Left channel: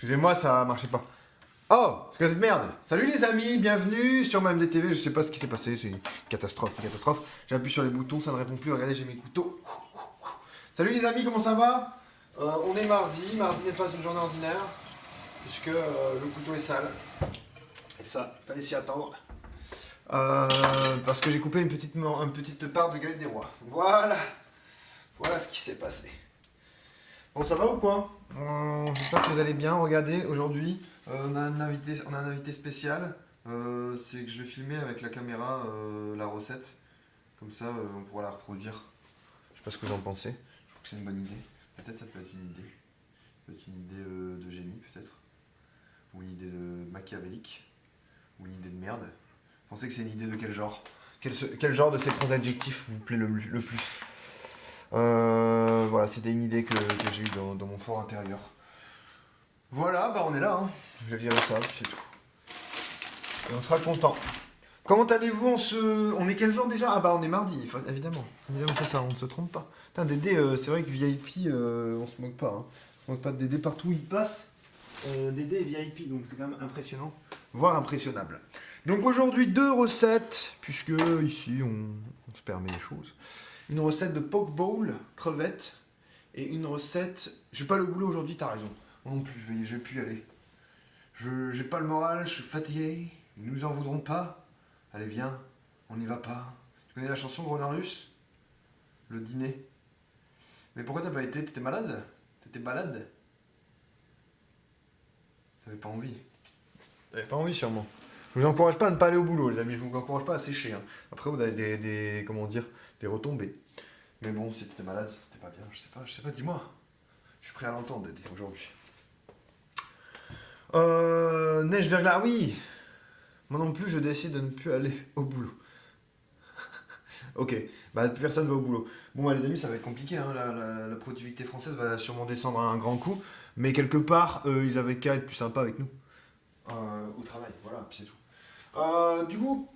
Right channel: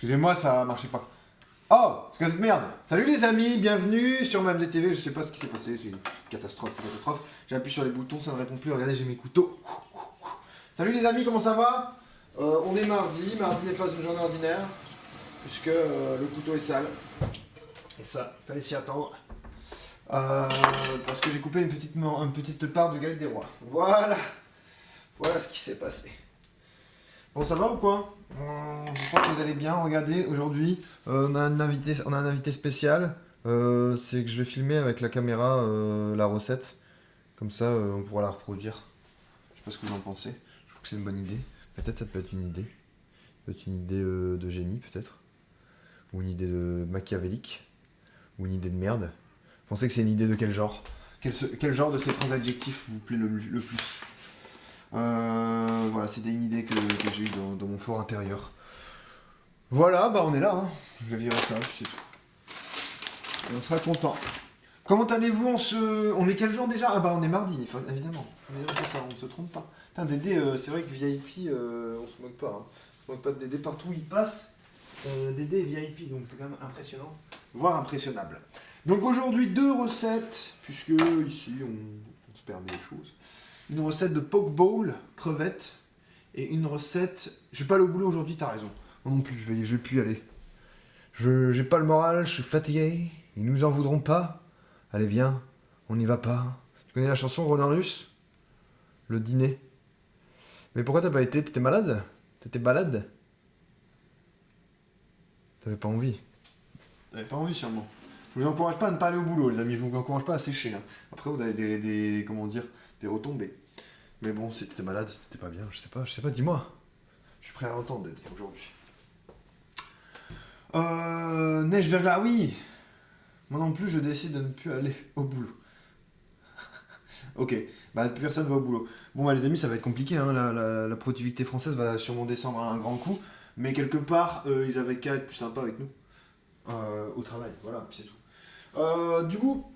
Excusez-moi, ça marchait pas. Oh, c'est quoi cette merde? Salut les amis, bienvenue sur ma MDTV. Je sais pas ce qui s'est passé, c'est une catastrophe, c'est une catastrophe. J'appuie sur les boutons, ça ne répond plus. Regardez, j'ai mes couteaux. Salut les amis, comment ça va? On est mardi. Mardi n'est pas une journée ordinaire, puisque le couteau est sale. Et ça, fallait s'y attendre. Parce que j'ai coupé une petite part de galette des rois. Voilà. Voilà ce qui s'est passé. Bon, ça va ou quoi? J'espère que vous allez bien. Regardez, aujourd'hui, on a un invité spécial. C'est que je vais filmer avec la caméra la recette. Comme ça, on pourra la reproduire. Je sais pas ce que vous en pensez. Je trouve que c'est une bonne idée. Peut-être ça peut être une idée. Peut-être une idée de génie, peut-être. Ou une idée de machiavélique. Ou une idée de merde. Vous pensez que c'est une idée de quel genre? Quel genre de ces trois adjectifs vous plaît le plus? Voilà, c'était une idée que j'ai eue dans mon fort intérieur. Voilà, bah on est là, hein. Je vais virer ça, c'est tout. Et on sera content. Comment allez-vous on est quel jour déjà? Ah bah on est mardi, évidemment. Évidemment, c'est ça, on ne se trompe pas. Putain, Dédé, c'est vrai que VIP, on se moque pas. Hein. On se moque pas de Dédé partout où il passe. Dédé est VIP, donc c'est quand même impressionnant, voire impressionnable. Donc aujourd'hui, 2 recettes, puisque ici on se permet les choses. Une recette de poke bowl, crevettes, et une recette... J'ai pas le boulot aujourd'hui, t'as raison. Moi non plus, je vais plus y aller. J'ai pas le moral, je suis fatigué, ils nous en voudront pas. Allez viens, on n'y va pas. Tu connais la chanson Ronan Russe? Le dîner. Mais pourquoi t'as pas été? T'étais malade? T'étais balade? T'avais pas envie? T'avais pas envie sûrement. Je vous encourage pas à ne pas aller au boulot, les amis, je vous encourage pas à sécher. Hein. Après vous avez des comment dire, des retombées. Mais bon, si t'étais malade, si t'étais pas bien, je sais pas, dis-moi. Je suis prêt à l'entendre, Dédé, aujourd'hui. Neige verglas, oui. Moi non plus, je décide de ne plus aller au boulot. Ok, bah plus personne va au boulot. Bon bah les amis, ça va être compliqué, hein. La productivité française va sûrement descendre à un grand coup. Mais quelque part, ils avaient qu'à être plus sympas avec nous. Au travail, voilà, puis c'est tout. Du coup,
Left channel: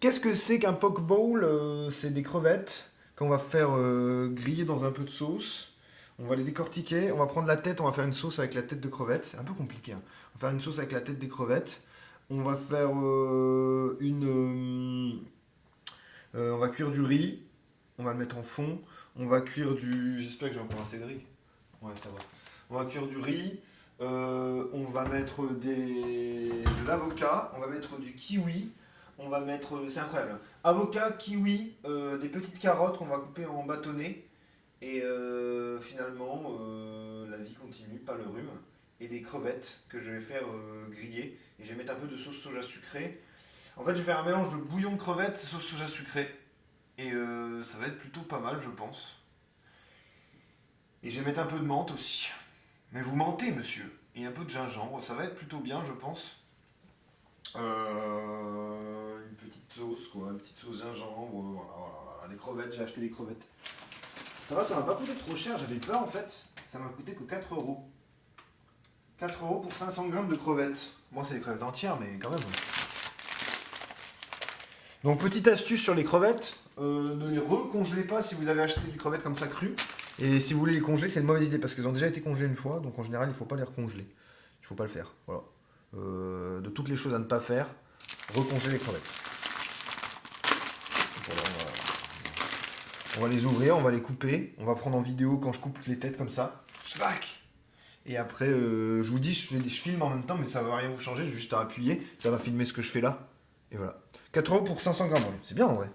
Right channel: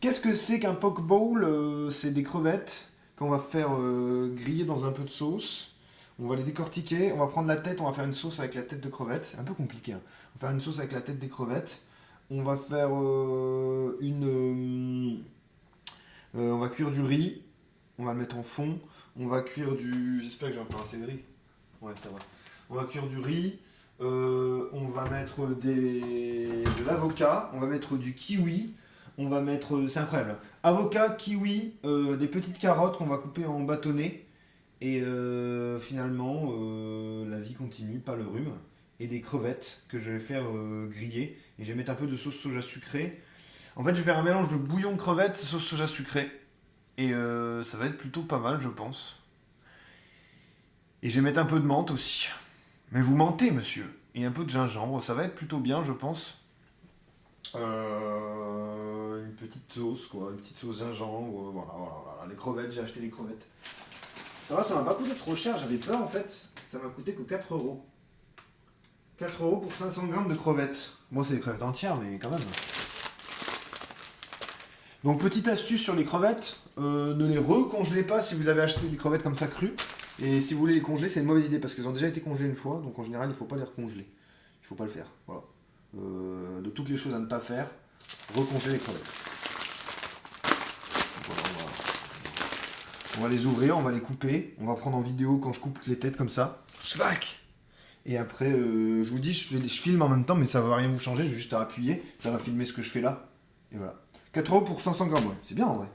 qu'est-ce que c'est qu'un poke bowl? C'est des crevettes qu'on va faire griller dans un peu de sauce. On va les décortiquer, on va prendre la tête, on va faire une sauce avec la tête de crevettes. C'est un peu compliqué. Hein. On va faire une sauce avec la tête des crevettes. On va faire on va cuire du riz. On va le mettre en fond. On va cuire du... J'espère que j'ai encore assez de riz. Ouais, ça va. On va cuire du riz. On va mettre de l'avocat. On va mettre du kiwi. On va mettre... C'est incroyable. Avocat, kiwi, des petites carottes qu'on va couper en bâtonnets. Et finalement, la vie continue par le rhume. Et des crevettes que je vais faire griller. Et je vais mettre un peu de sauce soja sucrée. En fait, je vais faire un mélange de bouillon de crevettes, sauce soja sucrée. Et ça va être plutôt pas mal, je pense. Et je vais mettre un peu de menthe aussi. Mais vous mentez, monsieur. Et un peu de gingembre. Ça va être plutôt bien, je pense. Une petite sauce, quoi. Une petite sauce gingembre. Voilà. Les crevettes, j'ai acheté les crevettes. Ça m'a pas coûté trop cher, j'avais peur en fait. Ça m'a coûté que 4 euros. 4 euros pour 500 grammes de crevettes. Moi, c'est des crevettes entières, mais quand même. Donc, petite astuce sur les crevettes, ne les recongelez pas si vous avez acheté des crevettes comme ça crues. Et si vous voulez les congeler, c'est une mauvaise idée parce qu'elles ont déjà été congelées une fois. Donc, en général, il ne faut pas les recongeler. Il ne faut pas le faire. Voilà. De toutes les choses à ne pas faire, recongeler les crevettes. Voilà, on va les ouvrir, on va les couper. On va prendre en vidéo quand je coupe les têtes comme ça. Schwack! Et après, je vous dis, je filme en même temps, mais ça va rien vous changer. J'ai juste à appuyer. Ça va filmer ce que je fais là. Et voilà. 4 euros pour 500 grammes, ouais. C'est bien en vrai.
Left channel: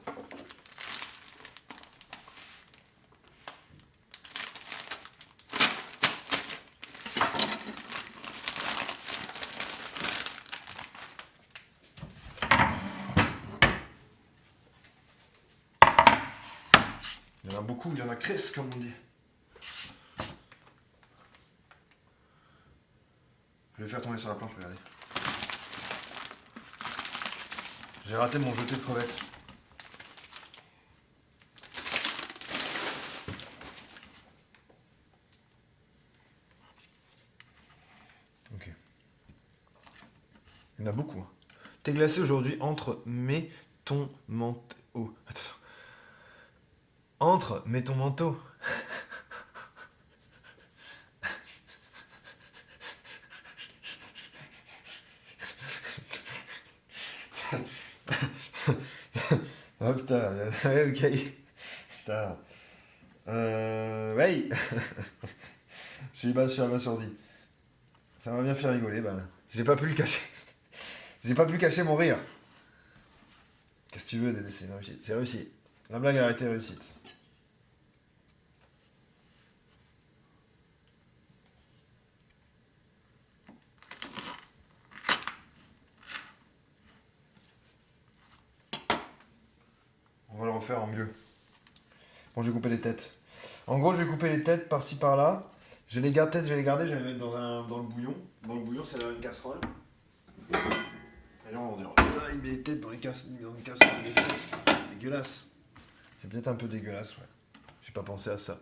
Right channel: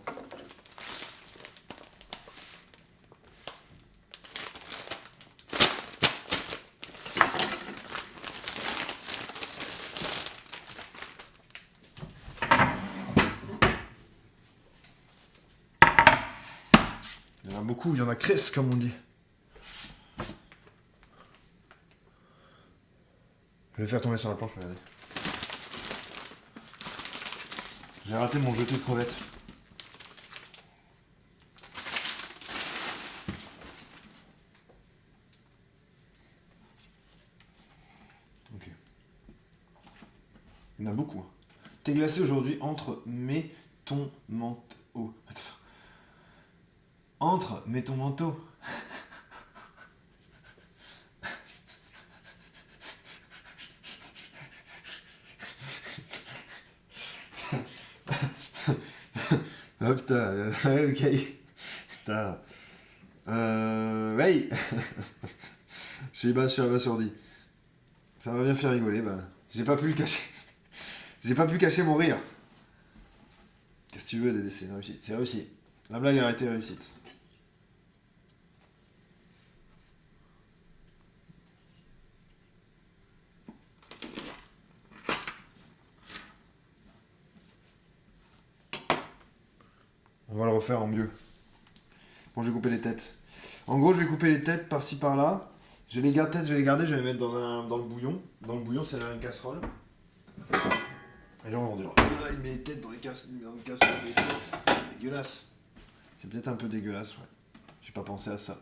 Il y en a beaucoup, il y en a cresse comme on dit. Je vais faire tomber sur la planche, regardez. J'ai raté mon jeté de crevettes. Ok. Il y en a beaucoup. Hein. T'es glacé aujourd'hui entre ton manteau. Oh, attends. Entre ton manteau. Ah putain, ok. Putain. Ouais. Je suis abasourdi. Ça m'a bien fait rigoler, ben. J'ai pas pu le cacher. J'ai pas pu cacher mon rire. Qu'est-ce que tu veux, Dédé, c'est réussi. C'est réussi. La blague a été réussite. On va le refaire en mieux. Bon, je vais couper les têtes. En gros, je vais couper les têtes par-ci par-là. Je vais les garder, je vais les mettre dans le bouillon. Dans le bouillon, c'est une casserole. Et là, on va dire, ah, il met les têtes dans les casseroles. C'est dégueulasse. C'est peut-être un peu dégueulasse, ouais. J'ai pas pensé à ça.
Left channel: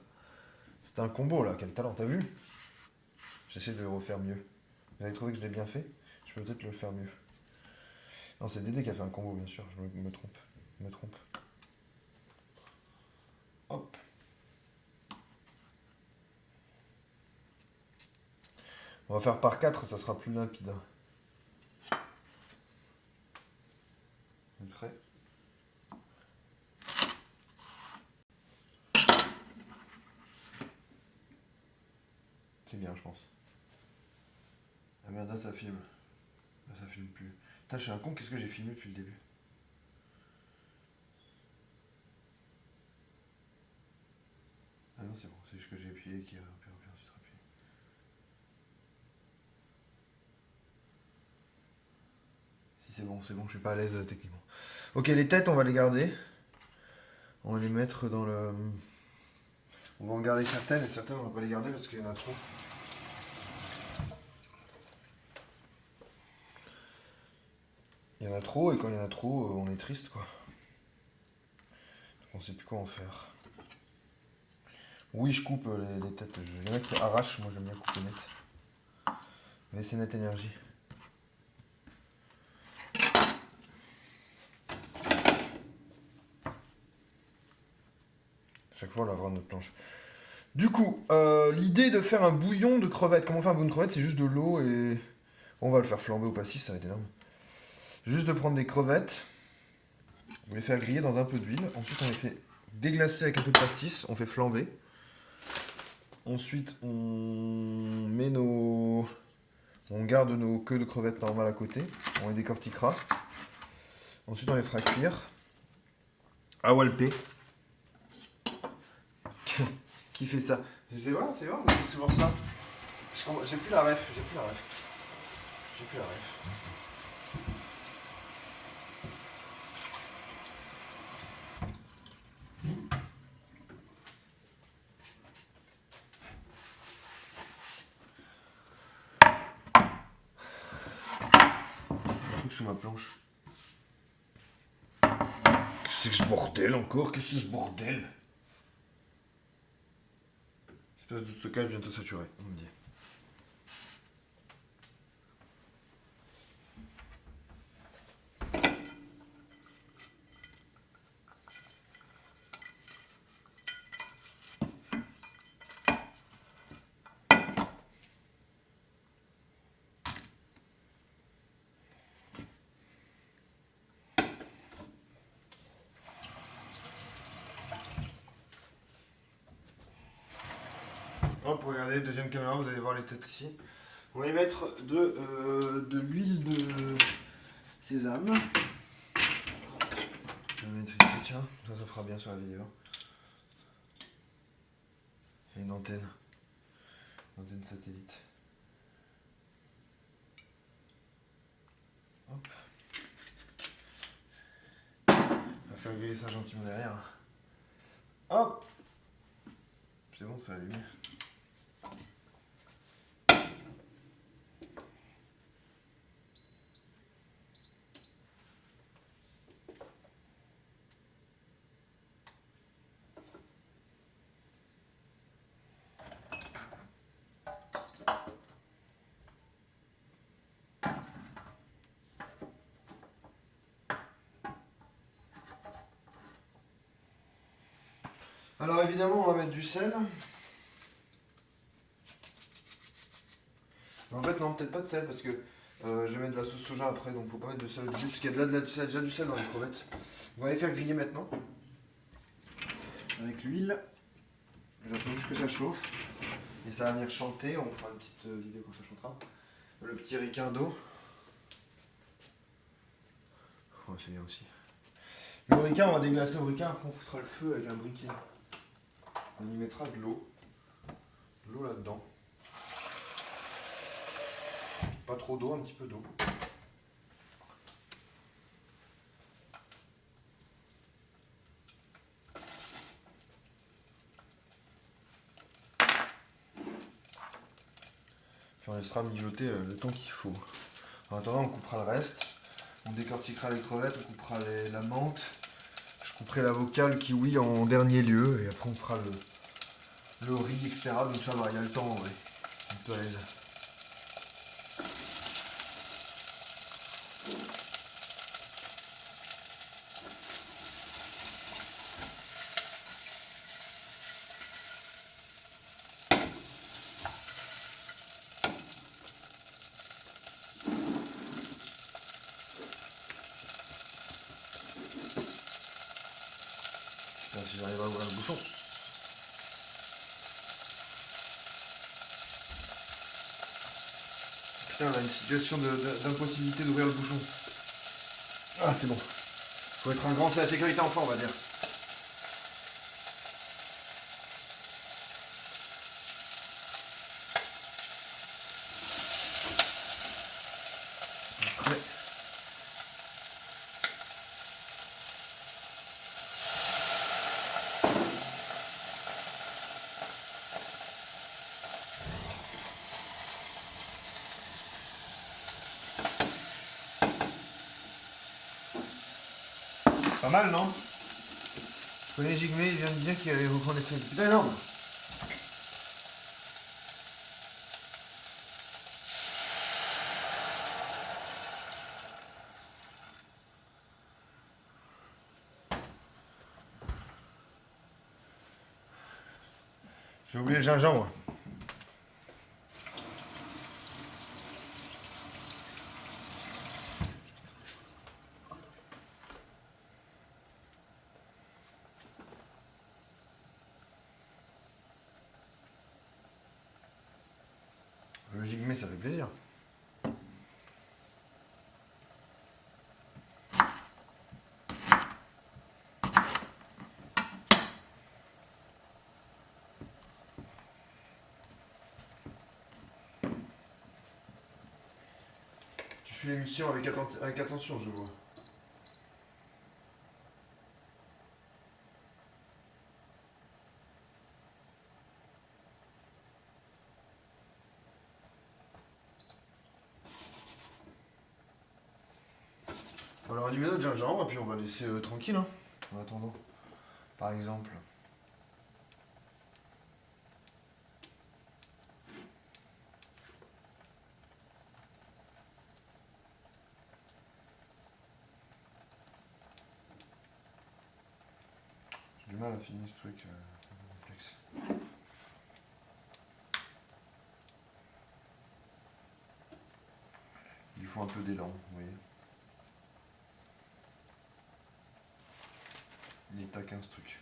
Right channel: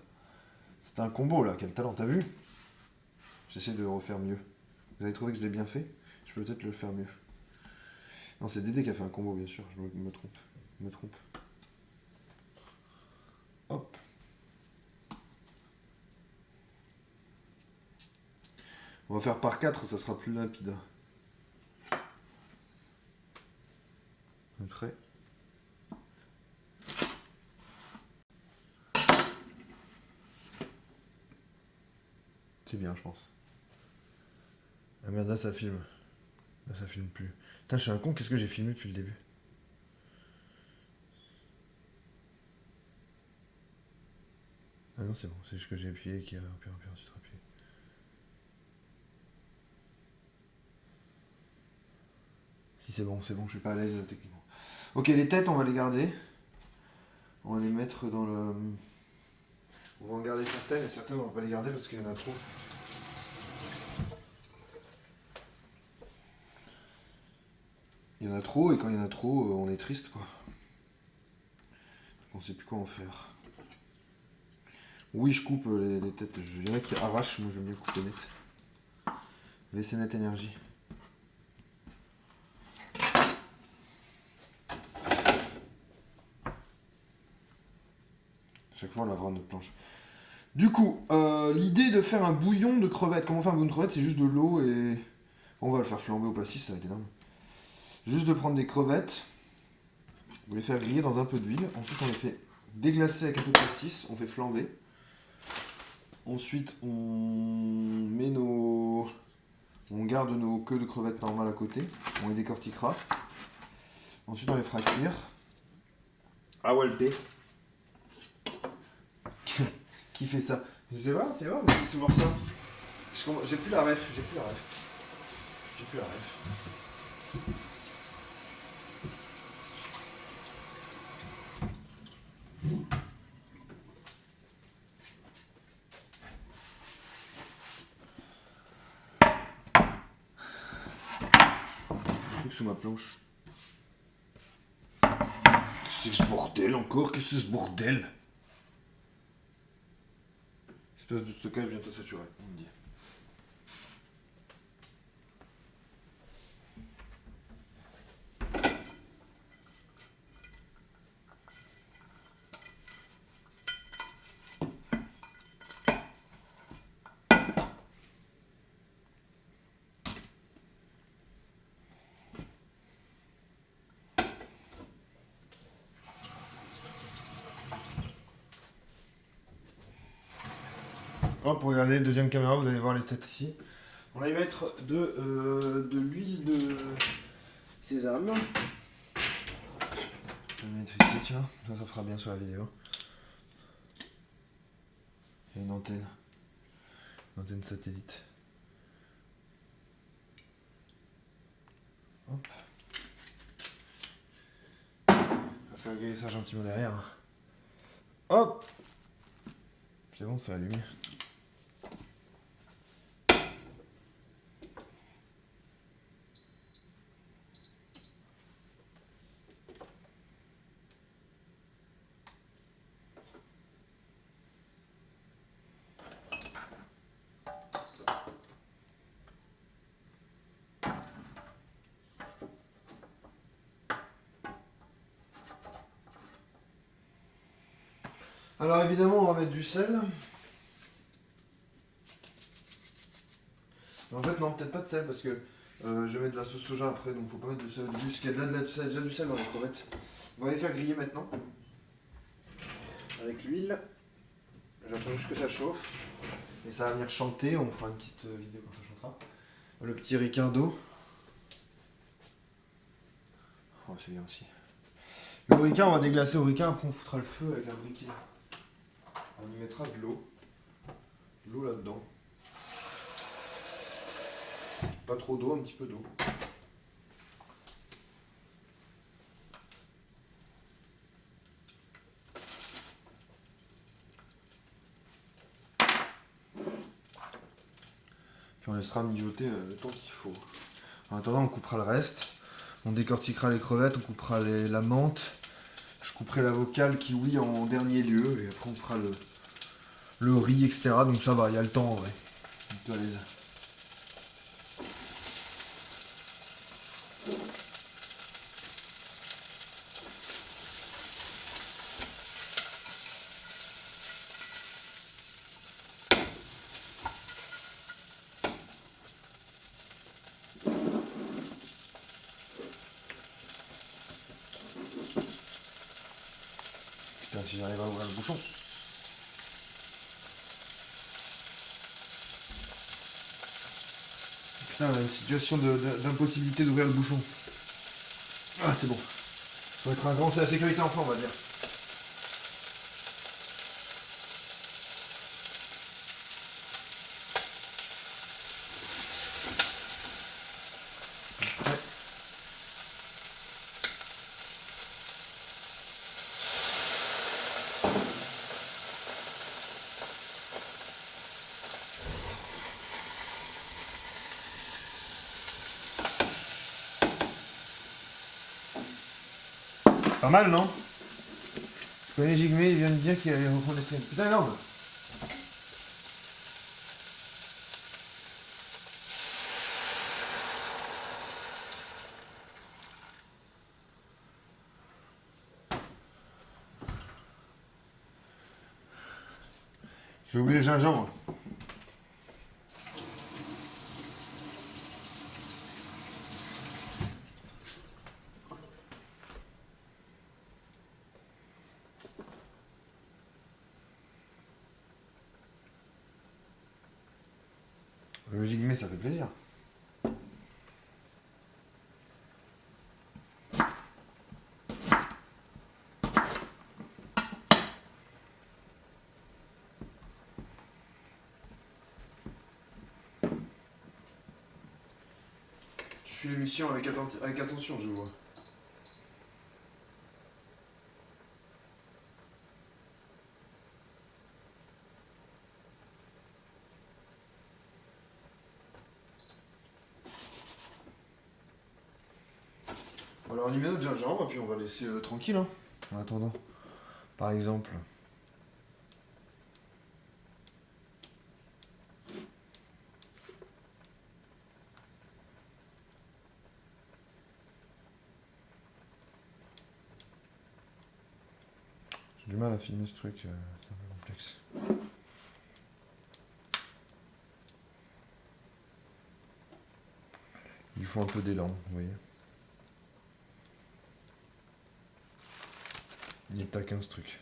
C'était un combo, là. Quel talent, t'as vu? J'essaie de le refaire mieux. Vous avez trouvé que je l'ai bien fait? Je peux peut-être le faire mieux. Non, c'est Dédé qui a fait un combo, bien sûr. Je me trompe. Je me trompe. Hop. On va faire par 4, ça sera plus limpide. Un trait. C'est bien, je pense. Ah merde, là ça filme. Là ça filme plus. Putain, je suis un con, qu'est-ce que j'ai filmé depuis le début? Ah non, c'est bon, c'est juste que j'ai appuyé et qu'il y a ensuite appuyé. Si c'est bon, je suis pas à l'aise techniquement. Ok, les têtes, on va les garder. On va les mettre dans le... On va en garder certaines et certaines on va pas les garder parce qu'il y en a trop. Il y en a trop et quand il y en a trop, on est triste quoi. On sait plus quoi en faire. Oui, je coupe les têtes. Les mecs qui arrachent, moi j'aime bien couper net. WC Net Énergie. Chaque fois on lavera notre planche. Du coup, l'idée de faire un bouillon de crevettes. Comment on fait un bouillon de crevettes? C'est juste de l'eau et... On va le faire flamber au pastis, ça va être énorme. Juste de prendre des crevettes, on les faire griller dans un peu d'huile. Ensuite, on les fait déglacer avec un peu de pastis, on fait flamber. Ensuite, on met nos... On garde nos queues de crevettes normales à côté. On les décortiquera. Ensuite, on les fera cuire. À Walpé. Qui fait ça? Je sais pas, c'est vrai, c'est voir ça. J'ai plus la ref, j'ai plus la ref. Sous ma planche. Qu'est-ce que c'est que ce bordel encore? Qu'est-ce que c'est ce bordel? L'espace de stockage bientôt saturé, on me dit. Hop, regardez, deuxième caméra, vous allez voir les têtes ici. On va y mettre de l'huile de sésame. Je vais mettre ici, tiens, ça fera bien sur la vidéo. Il y a une antenne satellite. Hop. On va faire griller ça gentiment derrière. Hop. C'est bon, ça a allumé. Alors évidemment, on va mettre du sel. En fait, non, peut-être pas de sel parce que je vais mettre de la sauce soja après, donc faut pas mettre de sel au début, parce qu'il y a déjà du sel dans les crevettes. On va les faire griller maintenant. Avec l'huile. J'attends juste que ça chauffe. Et ça va venir chanter. On fera une petite vidéo quand ça chantera. Le petit Ricardo. Oh, c'est bien aussi. Le ricain, on va déglacer au ricain. Après, on foutra le feu avec un briquet. On y mettra de l'eau. De l'eau là-dedans. Pas trop d'eau, un petit peu d'eau. Puis on laissera mijoter le temps qu'il faut. En attendant, on coupera le reste. On décortiquera les crevettes, on coupera la menthe. Je couperai la vocale kiwi en dernier lieu. Et après, on fera le riz, etc. Donc ça va, il y a le temps en vrai. On peut aller là. Là, si j'arrive à ouvrir le bouchon. Putain, une situation d'impossibilité d'ouvrir le bouchon. Ah, c'est bon. Faut être un grand, c'est la sécurité enfant, on va dire. Après. Pas mal, non? Je connais Jigme, il vient de dire qu'il allait reprendre les trucs. Putain, énorme! J'ai oublié le gingembre. Le Jigme, ça fait plaisir. Tu suis l'émission avec attention, je vois. Alors on y met notre gingembre et puis on va laisser tranquille hein, en attendant. Par exemple. J'ai du mal à filmer ce truc, c'est un peu complexe. Il faut un peu d'élan, vous voyez. Il est taquin ce truc.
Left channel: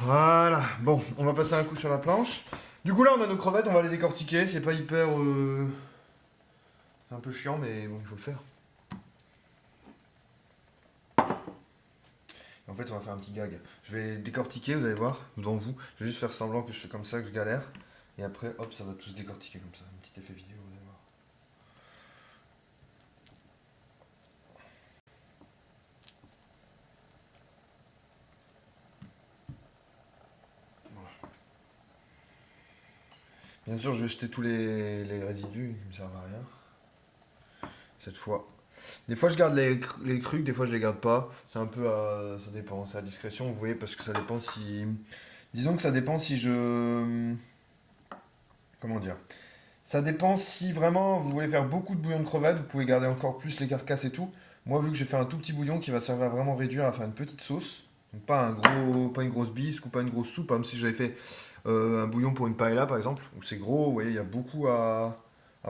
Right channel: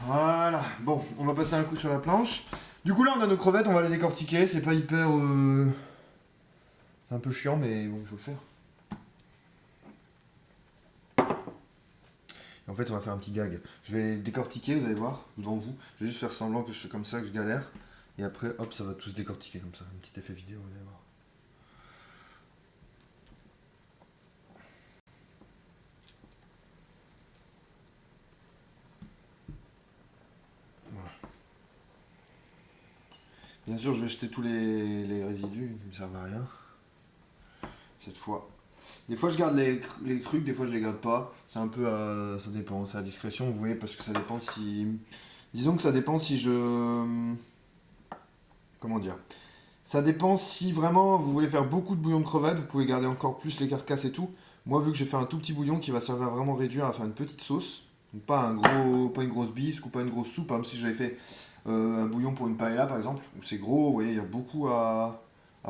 Voilà, bon, on va passer un coup sur la planche. Du coup là on a nos crevettes, on va les décortiquer, c'est pas hyper... C'est un peu chiant mais bon il faut le faire. En fait on va faire un petit gag. Je vais les décortiquer, vous allez voir, devant vous. Je vais juste faire semblant que je fais comme ça, que je galère. Et après hop ça va tous décortiquer comme ça, un petit effet vidéo, vous allez voir. Bien sûr, je vais jeter tous les résidus qui ne me servent à rien. Cette fois. Des fois, je garde les crucs, des fois, je les garde pas. C'est un peu à... ça dépend, c'est à discrétion, vous voyez, parce que ça dépend si... Disons que ça dépend si je... Comment dire? Ça dépend si vraiment vous voulez faire beaucoup de bouillon de crevettes, vous pouvez garder encore plus les carcasses et tout. Moi, vu que j'ai fait un tout petit bouillon qui va servir à vraiment réduire, à faire une petite sauce, donc pas une grosse bisque ou pas une grosse soupe, même si j'avais fait un bouillon pour une paella par exemple, où c'est gros, vous voyez, il y a beaucoup à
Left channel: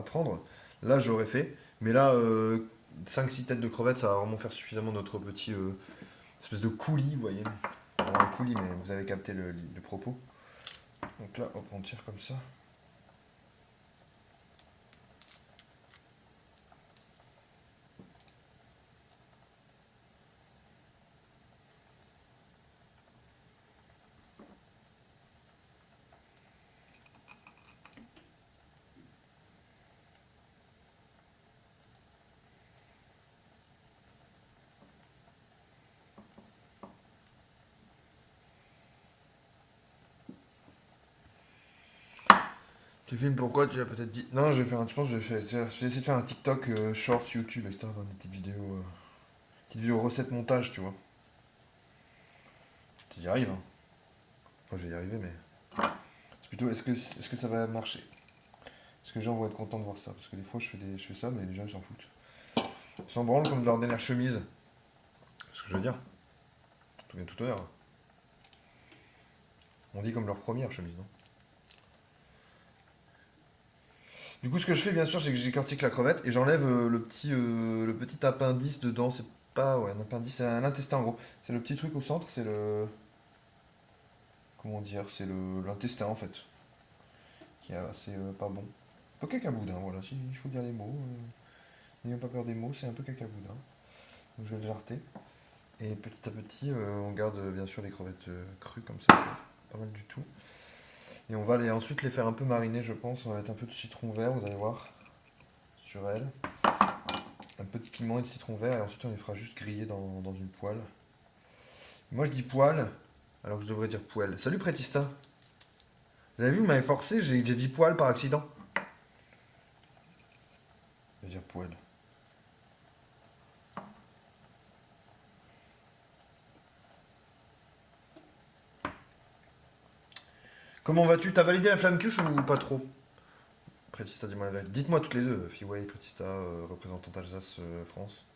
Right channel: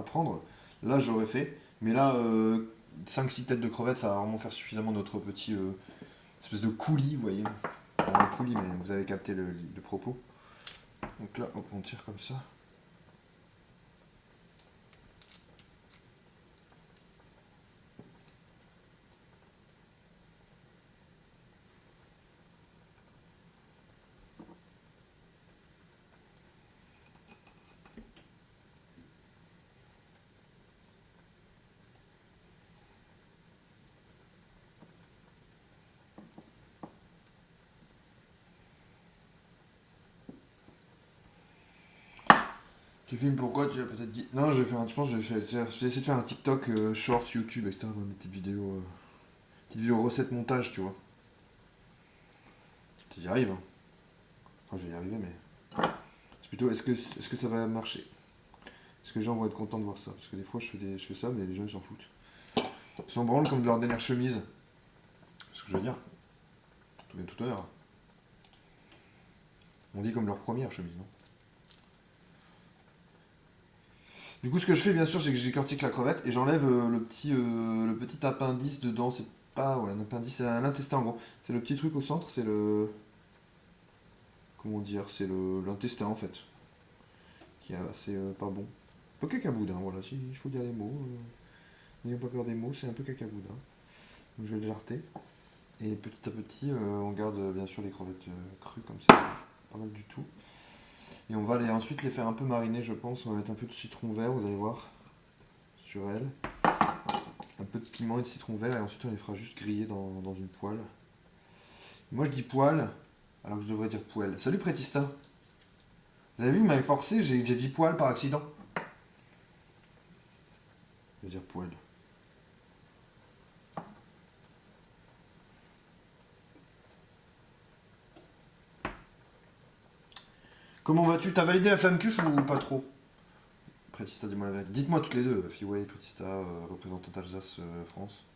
prendre. Là, j'aurais fait. Mais là, 5-6 têtes de crevettes, ça va vraiment faire suffisamment notre petit espèce de coulis, vous voyez. Pas un coulis, mais vous avez capté le propos. Donc là, hop, on tire comme ça. Tu filmes pourquoi? Tu as peut-être dit. Non, je vais faire un. Je pense que je vais essayer de faire un TikTok short YouTube, etc. Enfin, des petites vidéos recettes montage, tu vois. Si j'y arrive, hein. Moi, je vais y arriver, mais. C'est plutôt, est-ce que ça va marcher? Est-ce que les gens vont être contents de voir ça? Parce que des fois, je fais ça, mais les gens, ils s'en foutent. Ils s'en branlent comme de leur dernière chemise. C'est ce que je veux dire. Tout bien tout honneur. On dit comme leur première chemise, non? Du coup, ce que je fais, bien sûr, c'est que j'écortique la crevette et j'enlève le petit appendice dedans. C'est pas ouais, un appendice, c'est un intestin en gros. C'est le petit truc au centre, c'est le. Comment dire? C'est l'intestin en fait. Qui est assez pas bon. Un peu cacaboudin, voilà, il faut dire les mots. N'ayons pas peur des mots, c'est un peu cacaboudin. Donc je vais le jarter. Et petit à petit, on garde bien sûr les crevettes crues comme ça, c'est pas mal du tout. Et on va ensuite les faire un peu mariner, je pense. On va mettre un peu de citron vert, vous allez voir, sur elle. Un petit piment et de citron vert, et ensuite on les fera juste griller dans une poêle. Moi je dis poêle, alors que je devrais dire poêle. Salut Prétista. Vous avez vu, vous m'avez forcé, j'ai dit poêle par accident. Je vais dire poêle. Comment vas-tu? T'as validé la flamme cuche ou pas trop? Prétista, dis-moi la vérité. Dites-moi toutes les deux, Fiway, Prétista, représentante Alsace, France.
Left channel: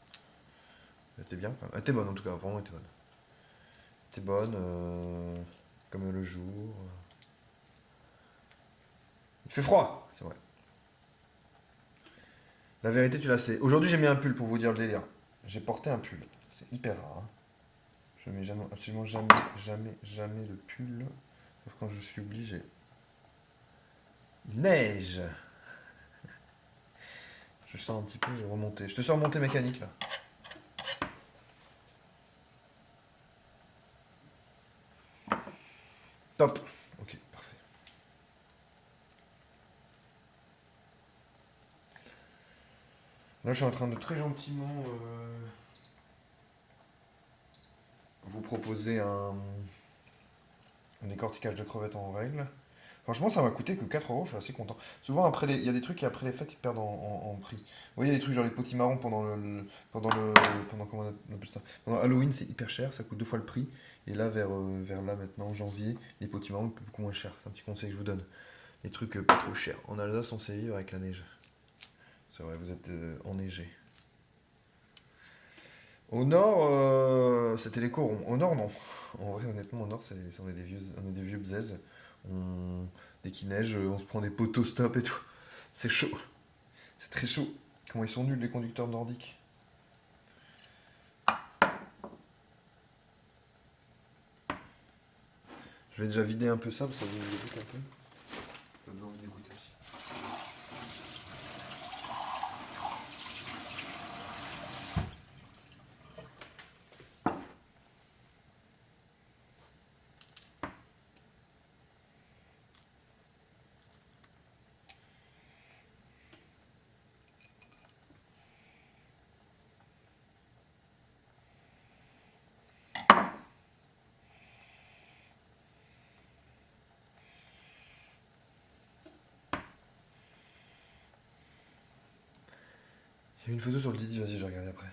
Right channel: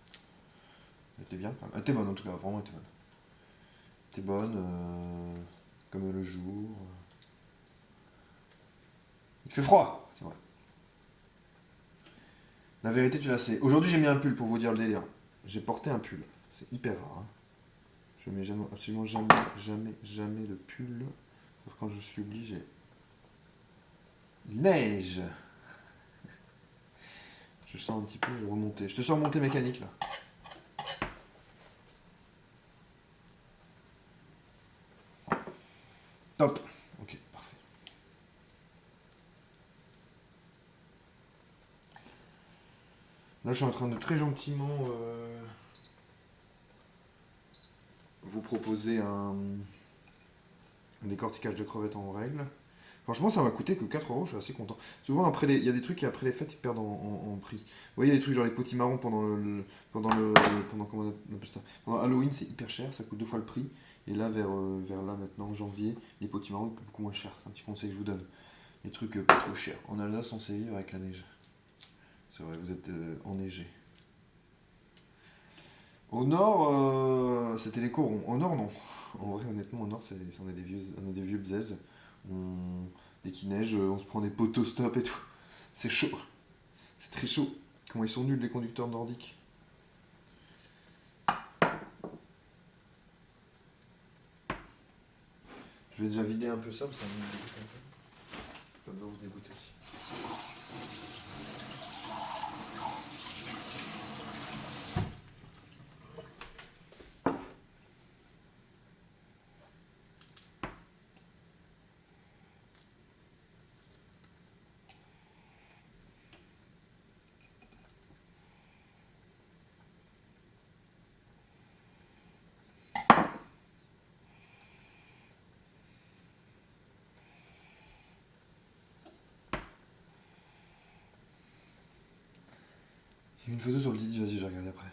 Elle était bien quand même. Elle était bonne en tout cas, vraiment elle était bonne. Elle était bonne, comme le jour. Il fait froid, c'est vrai. La vérité, tu la sais. Aujourd'hui, j'ai mis un pull pour vous dire le délire. J'ai porté un pull. C'est hyper rare, hein. Je mets absolument jamais, jamais, jamais le pull. Sauf quand je suis obligé. Il neige. Je sens un petit peu, je vais remonter. Je te sens remonter mécanique là. Top. Ok, parfait. Là, je suis en train de très gentiment vous proposer un décortiquage de crevettes en règle. Franchement, ça m'a coûté que 4 euros, je suis assez content. Souvent, il y a des trucs qui, après les fêtes, ils perdent en prix. Vous voyez, des trucs genre les potimarrons pendant comment on appelle ça? Pendant Halloween, c'est hyper cher, ça coûte 2 fois le prix. Et là, vers là, maintenant, en janvier, les potimarrons coûtent beaucoup moins cher. C'est un petit conseil que je vous donne. Les trucs pas trop chers. En Alsace, on sait vivre avec la neige. C'est vrai, vous êtes enneigé. Au nord, c'était les corons. Au nord, non. En vrai, honnêtement, au nord, on est des vieux bzaises. Dès qu'il neige, on se prend des poteaux stop et tout. C'est chaud. C'est très chaud. Comment ils sont nuls, les conducteurs nordiques. Je vais déjà vider un peu ça, parce que ça vous dégoûte un peu. Ça doit vous dégoûter aussi. Il y a une photo sur le Didi, vas-y, je vais regarder après.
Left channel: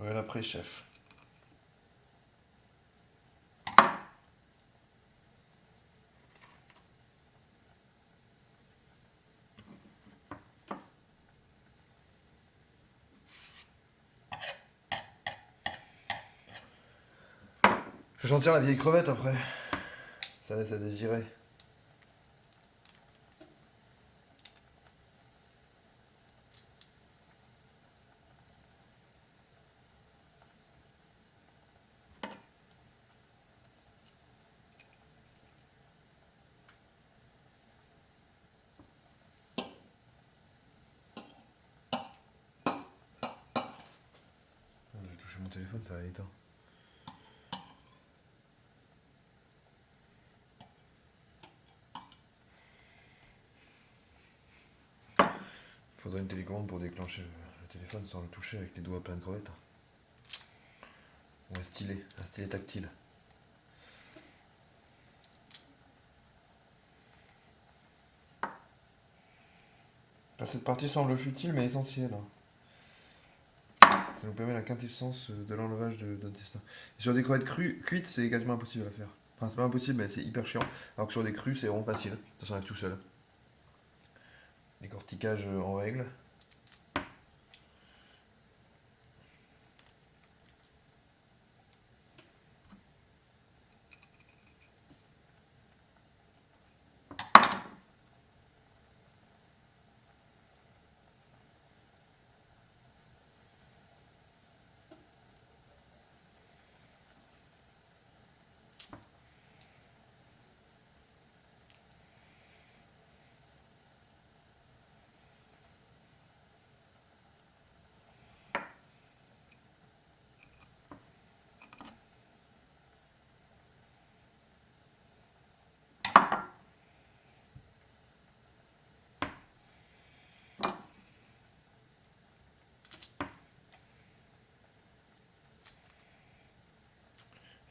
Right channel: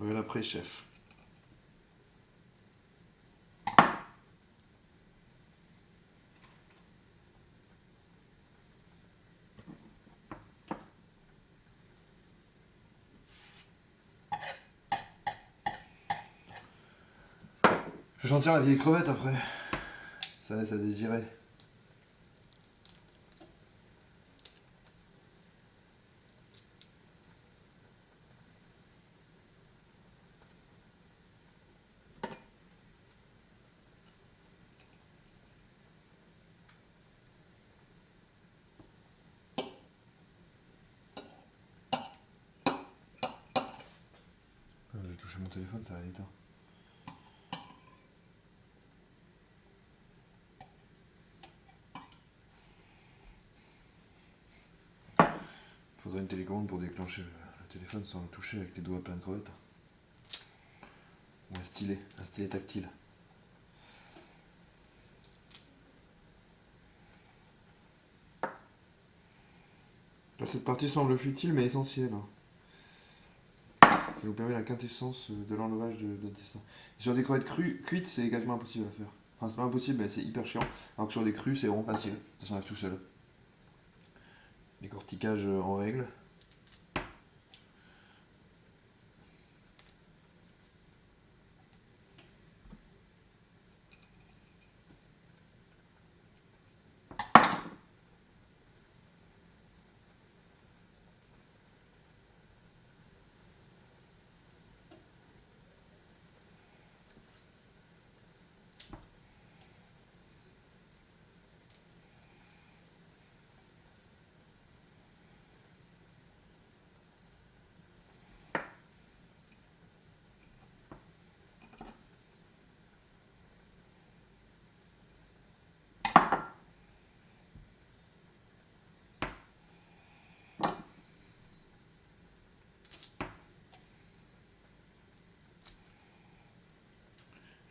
Regarde après, chef. Je vais sentir la vieille crevette après. Ça laisse à désirer. J'ai touché mon téléphone, ça a éteint. Faudrait une télécommande pour déclencher le téléphone sans le toucher avec les doigts pleins de crevettes. Ou un stylet tactile. Alors, cette partie semble futile mais essentielle. Ça nous permet la quintessence de l'enlevage de l'intestin. Sur des crevettes cuites, c'est quasiment impossible à faire. Enfin, c'est pas impossible, mais c'est hyper chiant. Alors que sur des crues, c'est vraiment facile. Ça s'enlève tout seul. Décortiquage en règle.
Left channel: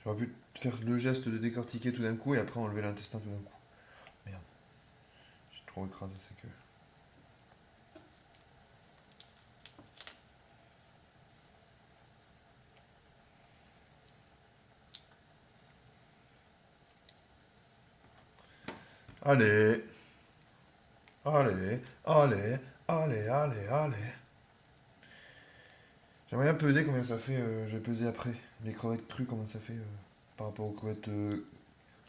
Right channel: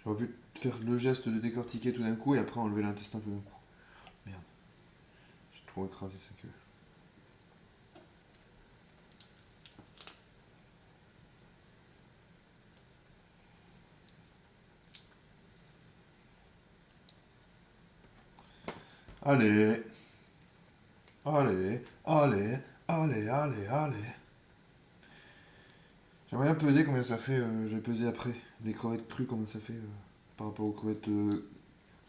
J'aurais pu faire le geste de décortiquer tout d'un coup et après enlever l'intestin tout d'un coup. Merde. J'ai trop écrasé sa queue. Allez. Allez. Allez. Allez. Allez. Allez. J'aimerais bien peser combien ça fait. Je vais peser après. Les crevettes crues, combien ça fait par rapport aux crevettes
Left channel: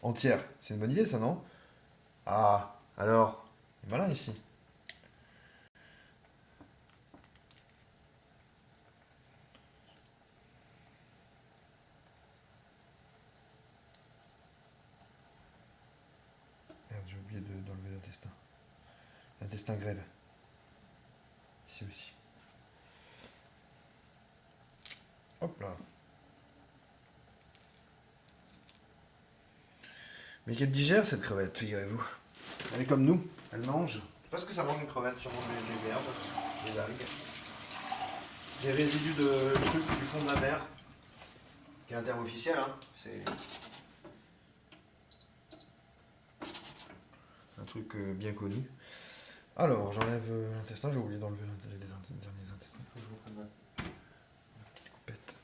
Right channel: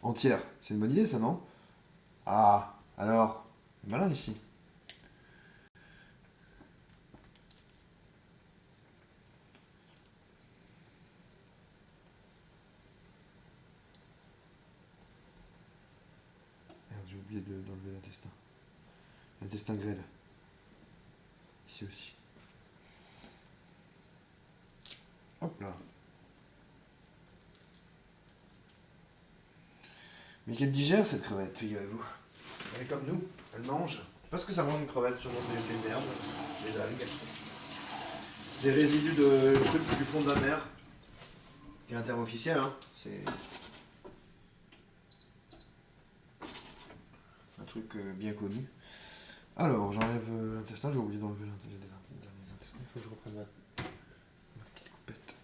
entières. C'est une bonne idée ça, non? Ah. Alors. Malin ici. Merde, j'ai oublié d'enlever l'intestin. L'intestin grêle. Ici aussi. Hop là. Mais qu'elle digère cette crevette, figurez-vous. Elle est comme nous, elle mange. Je sais pas ce que ça mange une crevette, sûrement des herbes, des algues. Des résidus de trucs du fond de la mer. Qui est un terme officiel, hein. C'est un truc bien connu. Alors, j'enlève l'intestin, j'ai oublié d'enlever les derniers intestins. Il faut que je reprenne ma petite coupette.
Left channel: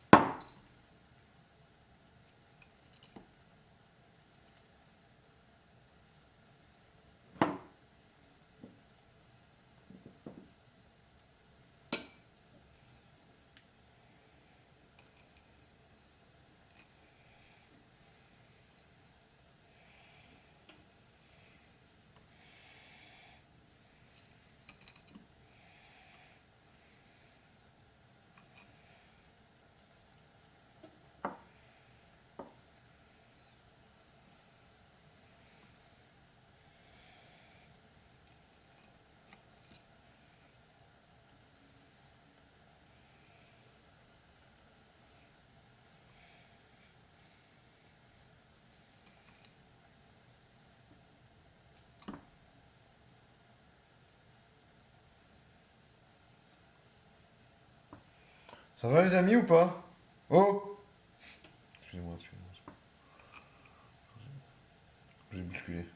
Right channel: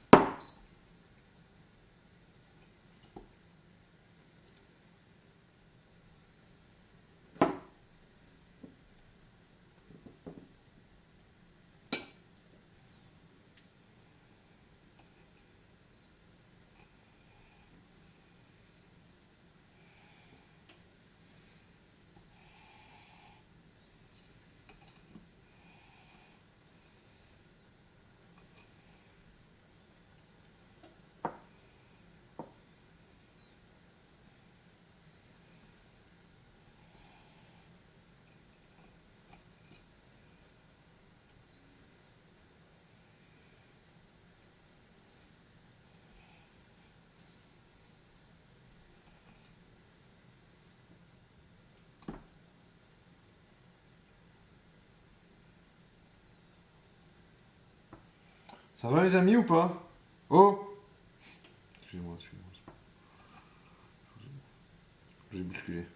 Ça va les amis ou pas? Oh! Excusez-moi, j'ai bousculé.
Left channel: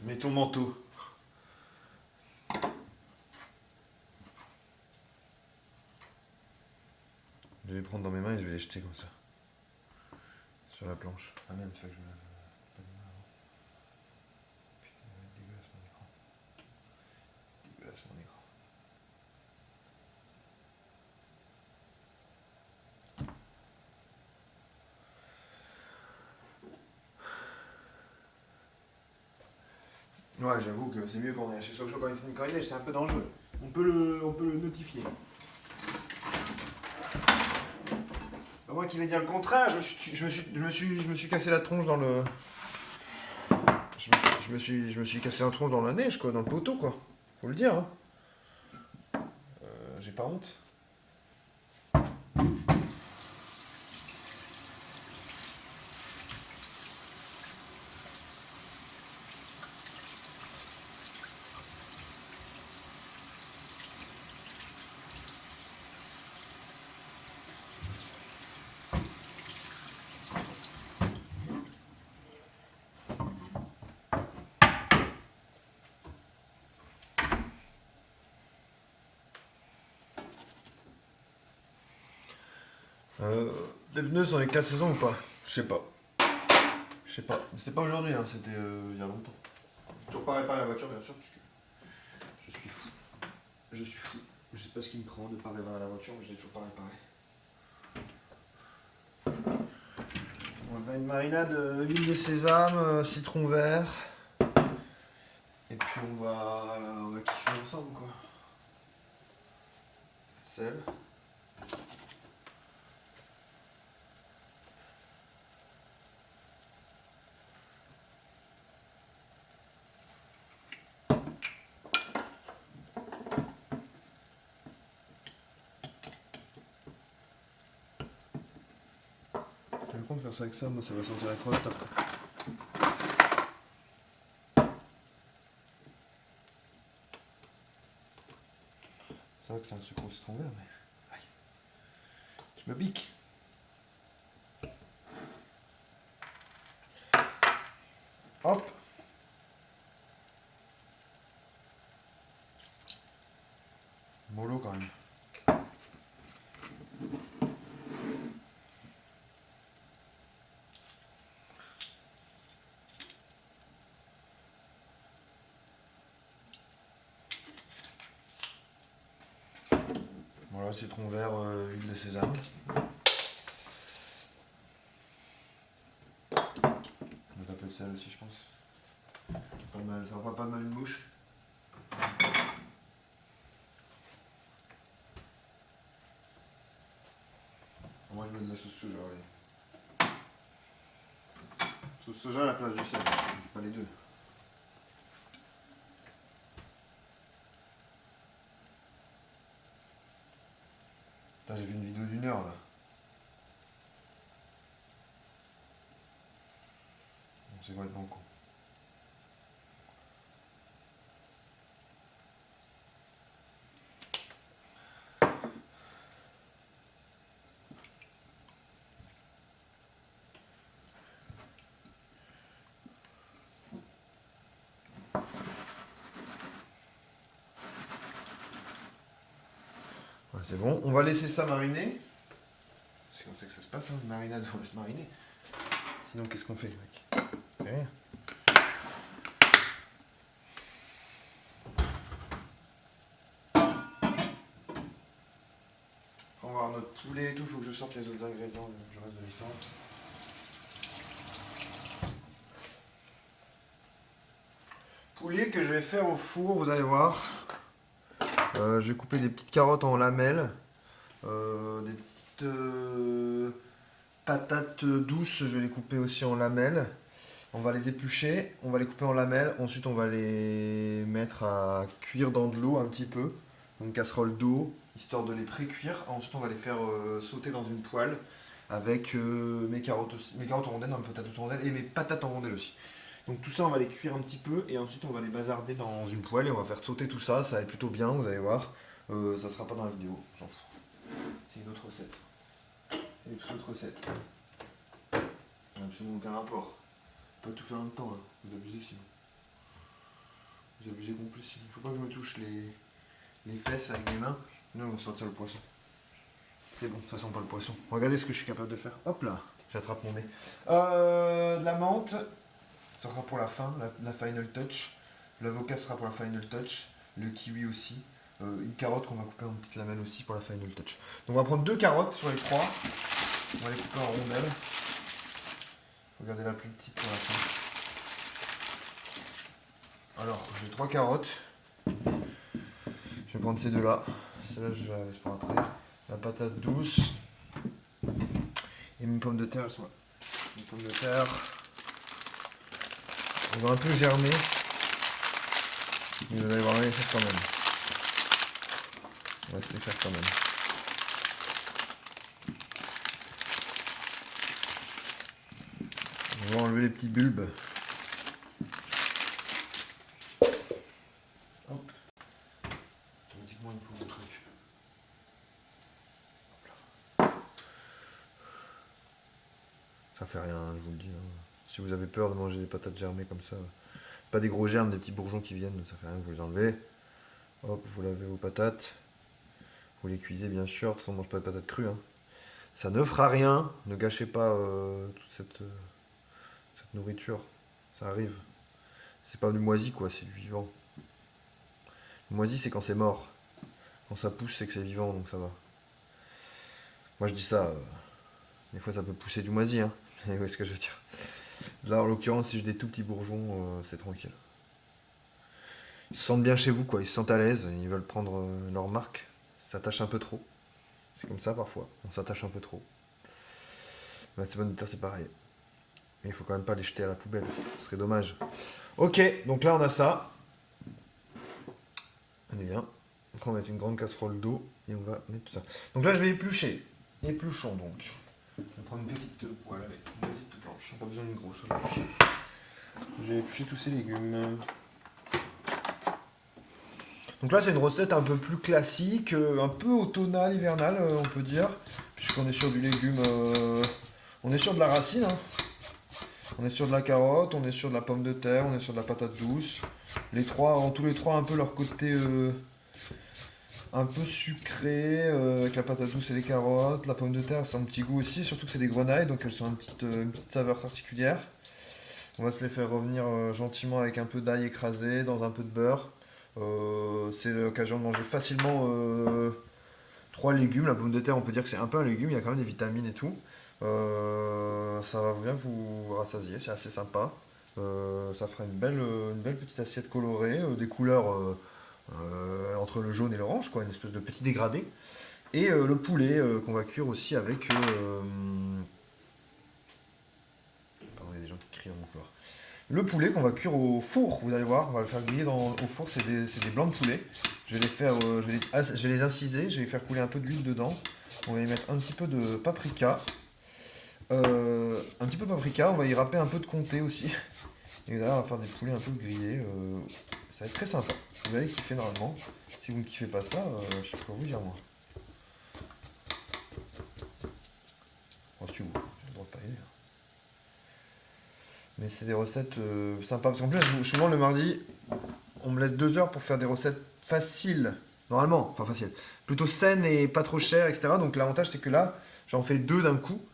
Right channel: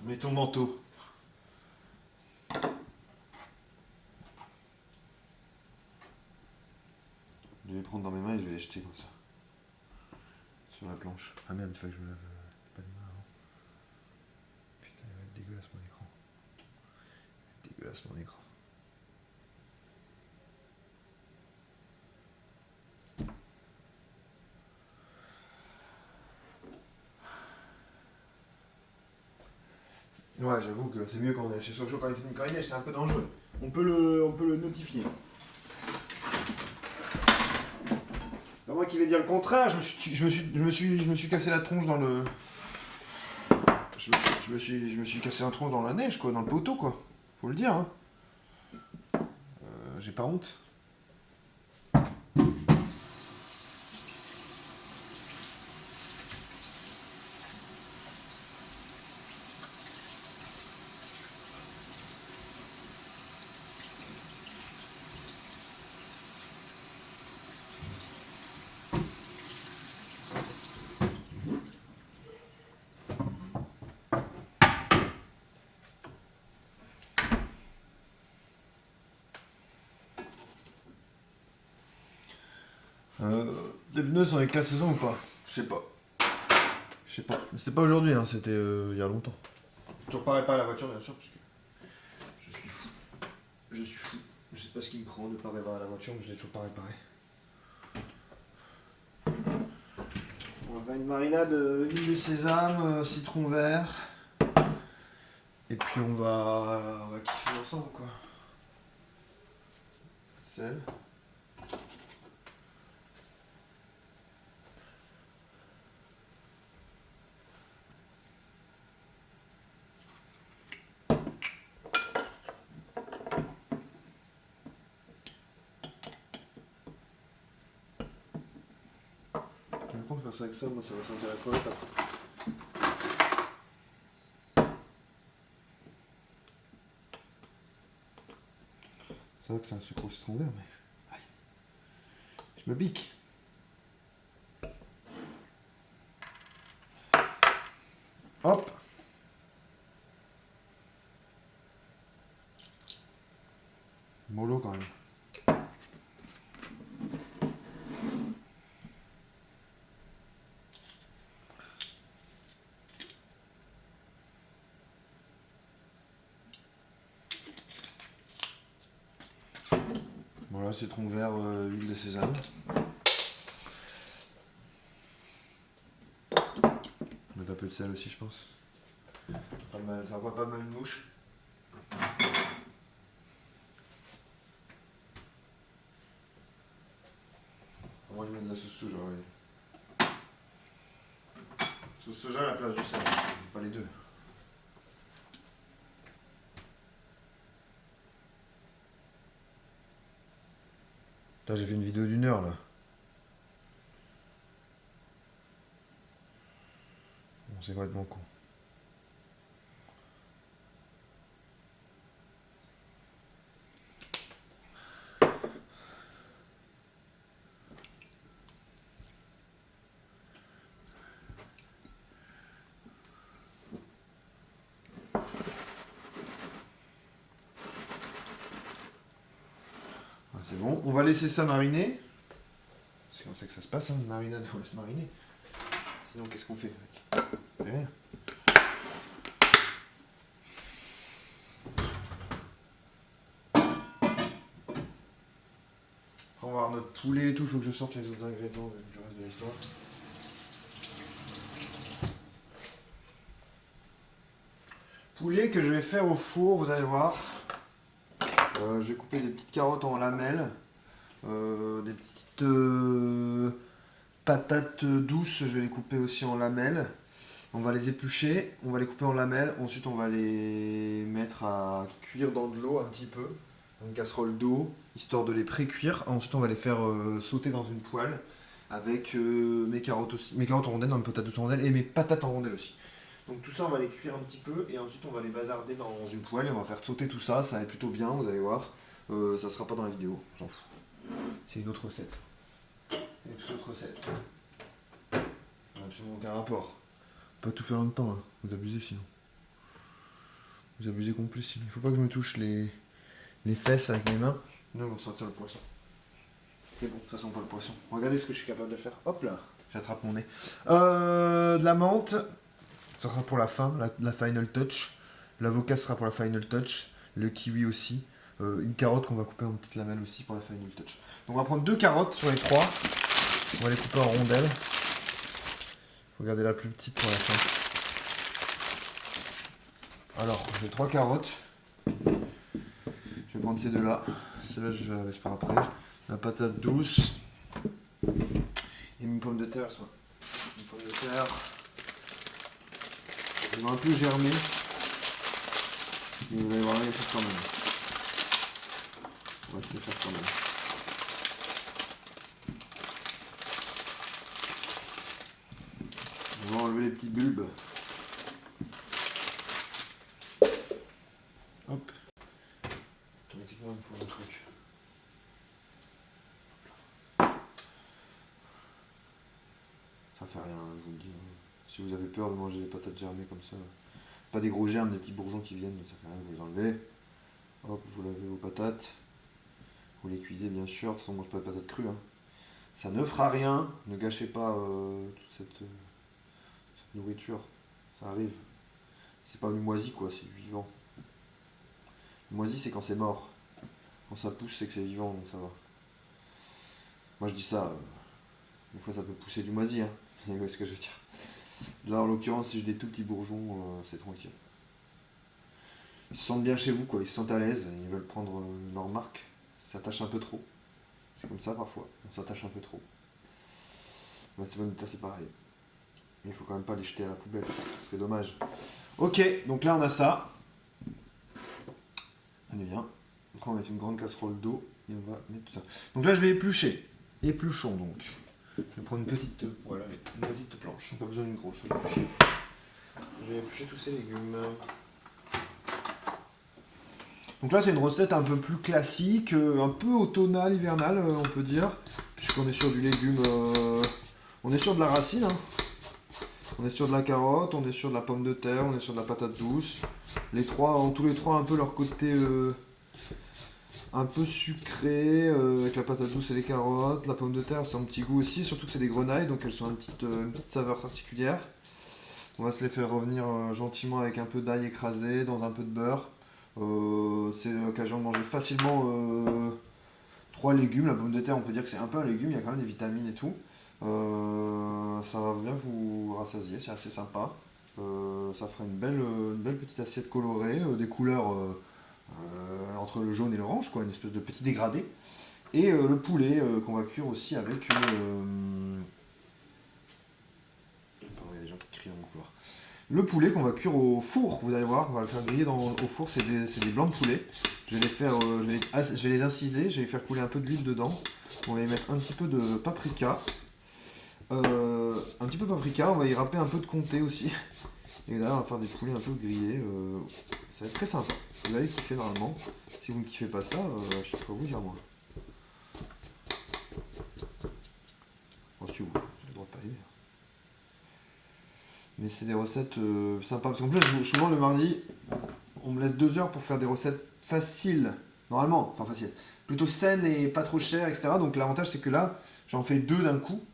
Mets ton manteau. jeté comme ça. Sur la planche. Ah merde, il faut que je me lave pas les mains avant. Putain, il va être dégueulasse mon écran. Dégueulasse mon écran. Ouais, j'avoue que c'est mieux quand on est chez Sochaux quand il neige, c'est un peu dangereux. On peut le notifier. Pas moi qui vais dire le contraire, je me suis cassé la tronche dans le. Je me suis cassé la tronche dans la neige, quoi, dans le poteau, quoi. Faut le dire, hein. J'ai pas honte. Les pneus sont les 4 saisons ou pas? Je sais pas. Je sais pas. Mais c'était pas aujourd'hui, hein, c'était il y a longtemps. Toujours pas réparer la voiture, bien sûr, puisque je suis fou. Je suis fou. Je sais pas ce qui me prend de pas réparer la voiture, mais je l'ai toujours pas réparé. On va faire une marinade huile de sésame, citron vert. Et puis on va kiffer ensemble, quoi. Sel. J'ai le coup de faire ça avec ça, moi ça va sentir la crevette après. C'est vrai que c'est un sucre au citron vert, mais. Aïe. Je me pique. Hop. Mollo quand même. Voilà, citron vert, huile de sésame. On va mettre un peu de sel aussi, je pense. Ça va pas mal une mouche. Moi je mets de la sauce soja, allez. Sauce soja à la place du sel, pas les deux. Là j'ai fait une vidéo d'1 heure là. Bon, c'est complètement con. Ouais, c'est bon, on va laisser ça mariner. C'est comme ça que ça se passe, hein, une marinade, on laisse mariner. Sinon qu'est-ce qu'on fait mec? On fait rien. On va voir notre poulet et tout, il faut que je sorte les autres ingrédients du reste de l'histoire. Poulet que je vais faire au four, vous allez voir. Je vais couper des petites carottes en lamelles. Des petites patates douces, je vais les couper aussi en lamelles. On va les éplucher, on va les couper en lamelles. Ensuite, on va les mettre à cuire dans de l'eau un petit peu. Une casserole d'eau, histoire de les pré-cuire. Ensuite, on va les faire sauter dans une poêle avec mes carottes aussi, mes carottes en rondelles, non, mes patates douces en rondelles et mes patates en rondelles aussi. Donc tout ça, on va les cuire un petit peu et ensuite on va les bazarder dans une poêle et on va faire sauter tout ça. Ça va être plutôt bien, vous allez voir. Ça sera pas dans la vidéo, on s'en fout. C'est une autre recette. Une toute autre recette. Absolument aucun rapport. Pas tout faire en même temps, hein. Vous abusez sinon. Vous abusez complet sinon. Il faut pas que je me touche les fesses avec mes mains. Sinon ils vont sortir le poisson. C'est bon, ça sent pas le poisson. Regardez ce que je suis capable de faire. Hop là, j'attrape mon nez. De la menthe, ça sera pour la fin, la final touch. L'avocat sera pour la final touch. Le kiwi aussi. Une carotte qu'on va couper en petites lamelles aussi pour la final touch. Donc on va prendre 2 carottes sur les 3. On va les couper en rondelles. Regardez la plus petite pour la fin. Alors, j'ai 3 carottes. Je vais prendre ces deux-là. Celle-là, je la laisse pour après. La patate douce. Et mes pommes de terre. Mes pommes de terre. Elles vont un peu germer. Mais vous allez voir, on va les faire quand même. On va se les faire quand même. On va enlever les petits bulbes. Hop. Automatiquement, il me faut un truc. Ça fait rien, je vous le dis. Hein. Si vous avez peur de manger des patates germées comme ça, pas des gros germes, des petits bourgeons qui viennent, ça fait rien, vous les enlevez. Hop, vous lavez vos patates. Vous les cuisez bien sûr, de toute façon on ne mange pas de patates crues. Hein. Ça ne fera rien, ne gâchez pas toute cette nourriture. Ça arrive. C'est pas du moisi quoi, c'est du vivant. Le moisi c'est quand c'est mort. Quand ça pousse c'est que c'est vivant, donc ça va. Moi je dis ça, des fois ça peut pousser du moisi, hein. Vous voyez ce que je veux dire. Là en l'occurrence si j'ai des tout petits bourgeons, c'est tranquille. Ils se sentent bien chez vous quoi, ils se sentent à l'aise, ils veulent prendre leur marque. Ça s'attache un peu trop. C'est comme ça parfois, on s'attache un peu trop. Ben, c'est bon, c'est pareil. Mais il faut quand même pas les jeter à la poubelle, ce serait dommage. Ok, donc là on a ça. On est bien. Après on va mettre une grande casserole d'eau et on va mettre tout ça. Donc là je vais éplucher. Épluchons donc. Je vais prendre une petite, voilà, une petite planche. Pas besoin d'une grosse. Je vais éplucher tous ces légumes. Donc là c'est une recette un peu plus classique, un peu automnale, hivernale on peut dire, puisqu'on est sur du légume, on est sur de la racine, hein. On est sur de la carotte, on est sur de la pomme de terre, on est sur de la patate douce. Les trois, en tous les trois un peu leur côté un peu sucré, avec la patate douce et les carottes. La pomme de terre c'est un petit goût aussi, surtout que c'est des grenailles, donc elles ont une petite saveur particulière. On va se les faire revenir gentiment avec un peu d'ail écrasé, dans un peu de beurre. C'est l'occasion de manger facilement 3 légumes. La pomme de terre, on peut dire que c'est un peu un légume, il y a quand même des vitamines et tout. Ça va bien vous rassasier, c'est assez sympa. Ça fera une belle petite assiette colorée, des couleurs entre le jaune et l'orange, quoi, une espèce de petit dégradé. Et le poulet qu'on va cuire aussi avec. Pardon, il y a des gens qui crient dans le couloir. Le poulet qu'on va cuire au four, vous allez voir, on va le faire griller au four, c'est des blancs de poulet. Je vais les faire, je vais les inciser, je vais faire couler un peu d'huile dedans. On va y mettre un petit peu de paprika. On va y râper un peu de comté aussi. Et là, on va faire des poulets un peu grillés. Ça va être très sympa. Vous allez kiffer normalement. Si vous ne kiffez pas ça, je sais pas quoi vous dire moi. Si vous, j'ai le droit de pas aider. Mais c'est des recettes sympas. Parce qu'en plus, souvent le mardi, on me laisse 2 heures pour faire des recettes faciles. Normalement, enfin faciles. Plutôt saines et pas trop chères, etc. Donc l'avantage, c'est que là, j'en fais 2 d'un coup.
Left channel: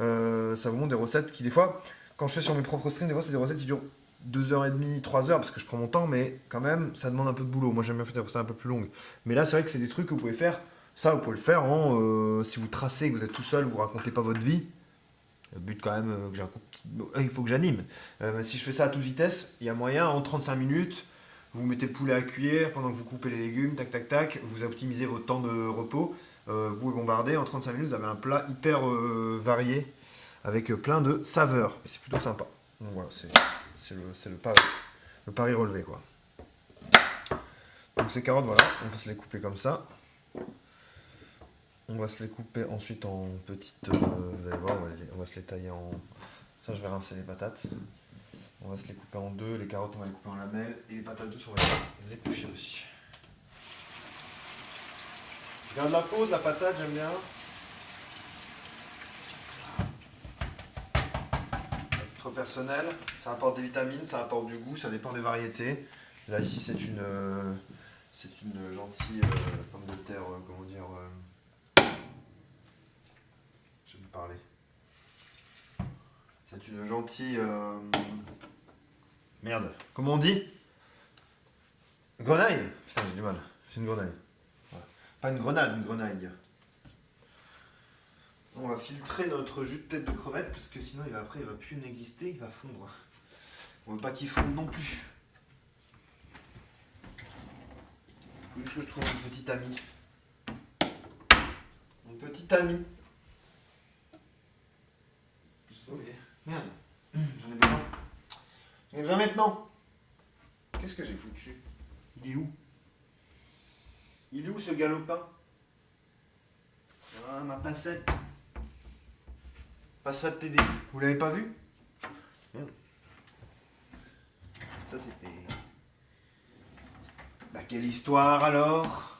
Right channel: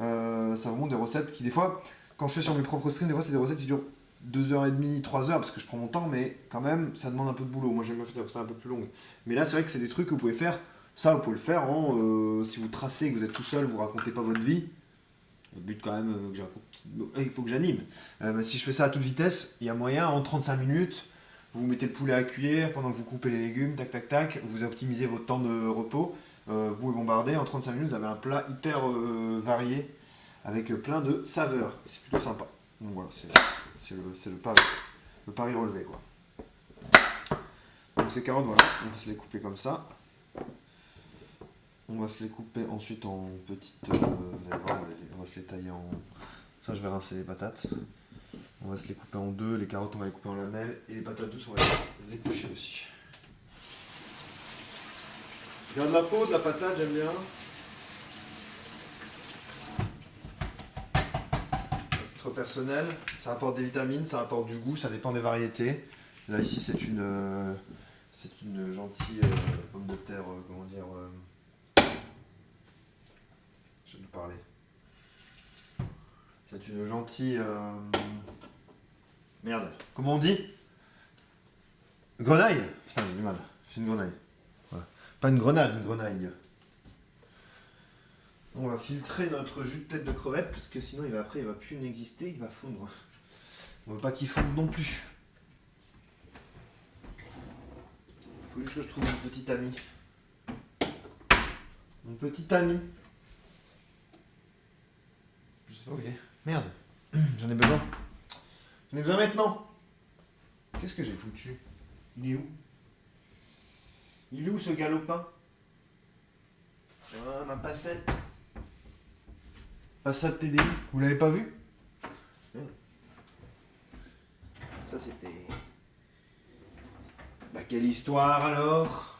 Ça vous montre des recettes qui, des fois, quand je fais sur mes propres streams, des fois, c'est des recettes qui durent 2h30, 3 heures, parce que je prends mon temps, mais quand même, ça demande un peu de boulot. Moi, j'aime bien faire des recettes un peu plus longues. Mais là, c'est vrai que c'est des trucs que vous pouvez faire. Ça, vous pouvez le faire si vous tracez, que vous êtes tout seul, vous racontez pas votre vie. Le but quand même, il faut que j'anime. Si je fais ça à toute vitesse, il y a moyen, en 35 minutes, vous mettez le poulet à cuire pendant que vous coupez les légumes, tac tac tac, vous optimisez votre temps de repos, vous pouvez bombarder, en 35 minutes vous avez un plat hyper varié, avec plein de saveurs. Et c'est plutôt sympa. Donc voilà, c'est le pari relevé quoi. Donc ces carottes, voilà, on va se les couper comme ça. On va se les couper ensuite en petites. Vous allez voir, on va se les tailler en. Ça, je vais rincer les patates. On va se les couper en 2. Les carottes, on va les couper en lamelles. Et les patates douces, on va les éplucher aussi. Je garde la peau de la patate, j'aime bien. À titre personnel, ça apporte des vitamines, ça apporte du goût, ça dépend des variétés. Là, ici, c'est une gentille pomme de terre, comment dire. parler. C'est une gentille... Merde. Comment on dit? Grenaille. Putain, j'ai du mal. C'est une grenaille. Voilà. Pas une grenade, une grenaille. On va filtrer notre jus de tête de crevette parce que sinon après il va plus n'exister, il va fondre. On veut pas qu'il fonde non plus. Il faut juste que je trouve mon petit ami. Mon petit ami. Je sais pas où il est. Merde. J'en ai besoin. J'en ai besoin maintenant. Qu'est-ce que j'ai foutu? Il est où? Il est où ce galopin? Ah, ma passette. Passat TDI. Vous l'avez pas vu? Merde. Ça c'était... Bah quelle histoire alors?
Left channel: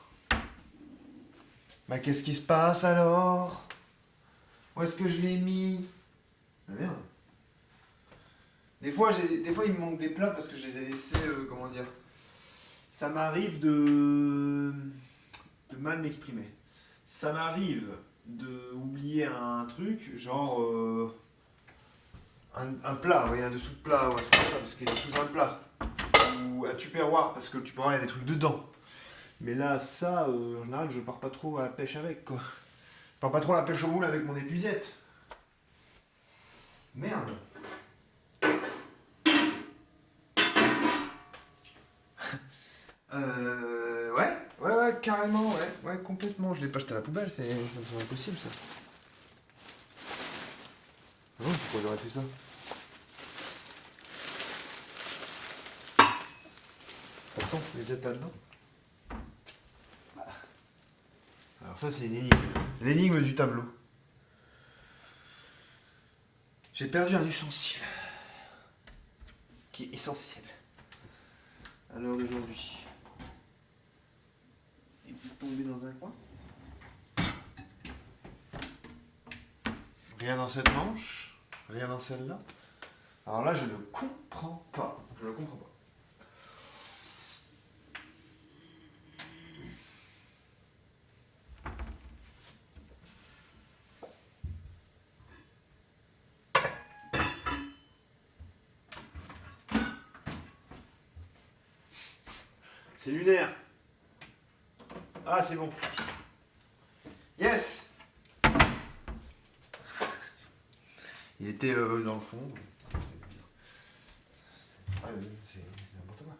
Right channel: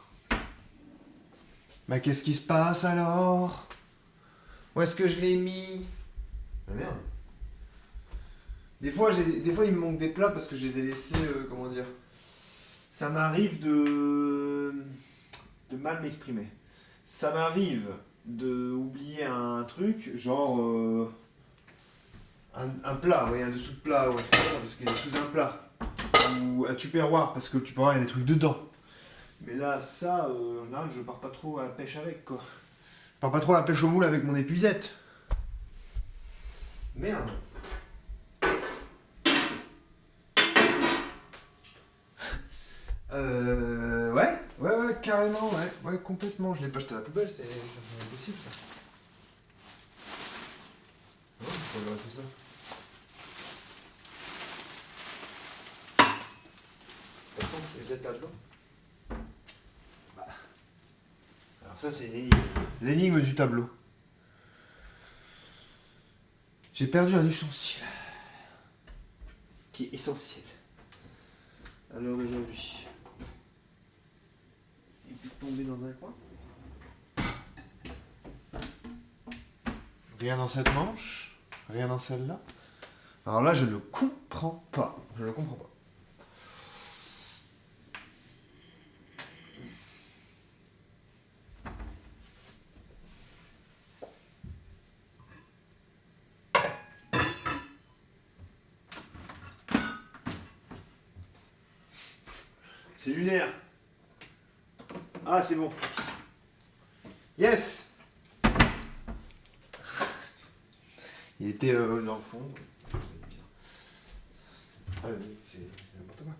Bah qu'est-ce qui se passe alors? Où est-ce que je l'ai mis? Ah merde. Des fois il me manque des plats parce que je les ai laissés, comment dire... Ça m'arrive de mal m'exprimer. Ça m'arrive de oublier un truc, genre un plat, ouais, un dessous de plat, ou un truc comme ça, parce qu'il est sous un plat. Ou un tupperware, parce que le tupperware, il y a des trucs dedans. Mais là, ça, en général, je pars pas trop à la pêche avec, quoi. Je pars pas trop à la pêche au moule avec mon épuisette. Merde. Ouais, carrément, ouais, complètement. Je l'ai pas jeté à la poubelle, c'est impossible, ça. Non, pourquoi j'aurais fait ça? De toute façon, c'est peut-être là-dedans. Bah. Alors ça, c'est l'énigme. L'énigme du tableau. J'ai perdu un ustensile. Qui est essentiel. À l'heure d'aujourd'hui. Il peut tomber dans un coin. Rien dans cette manche. Rien dans celle-là. Alors là, je ne comprends pas. Je ne comprends pas. C'est lunaire. Ah, c'est bon. Yes. Il était dans le fond. Ah oui, c'est n'importe quoi.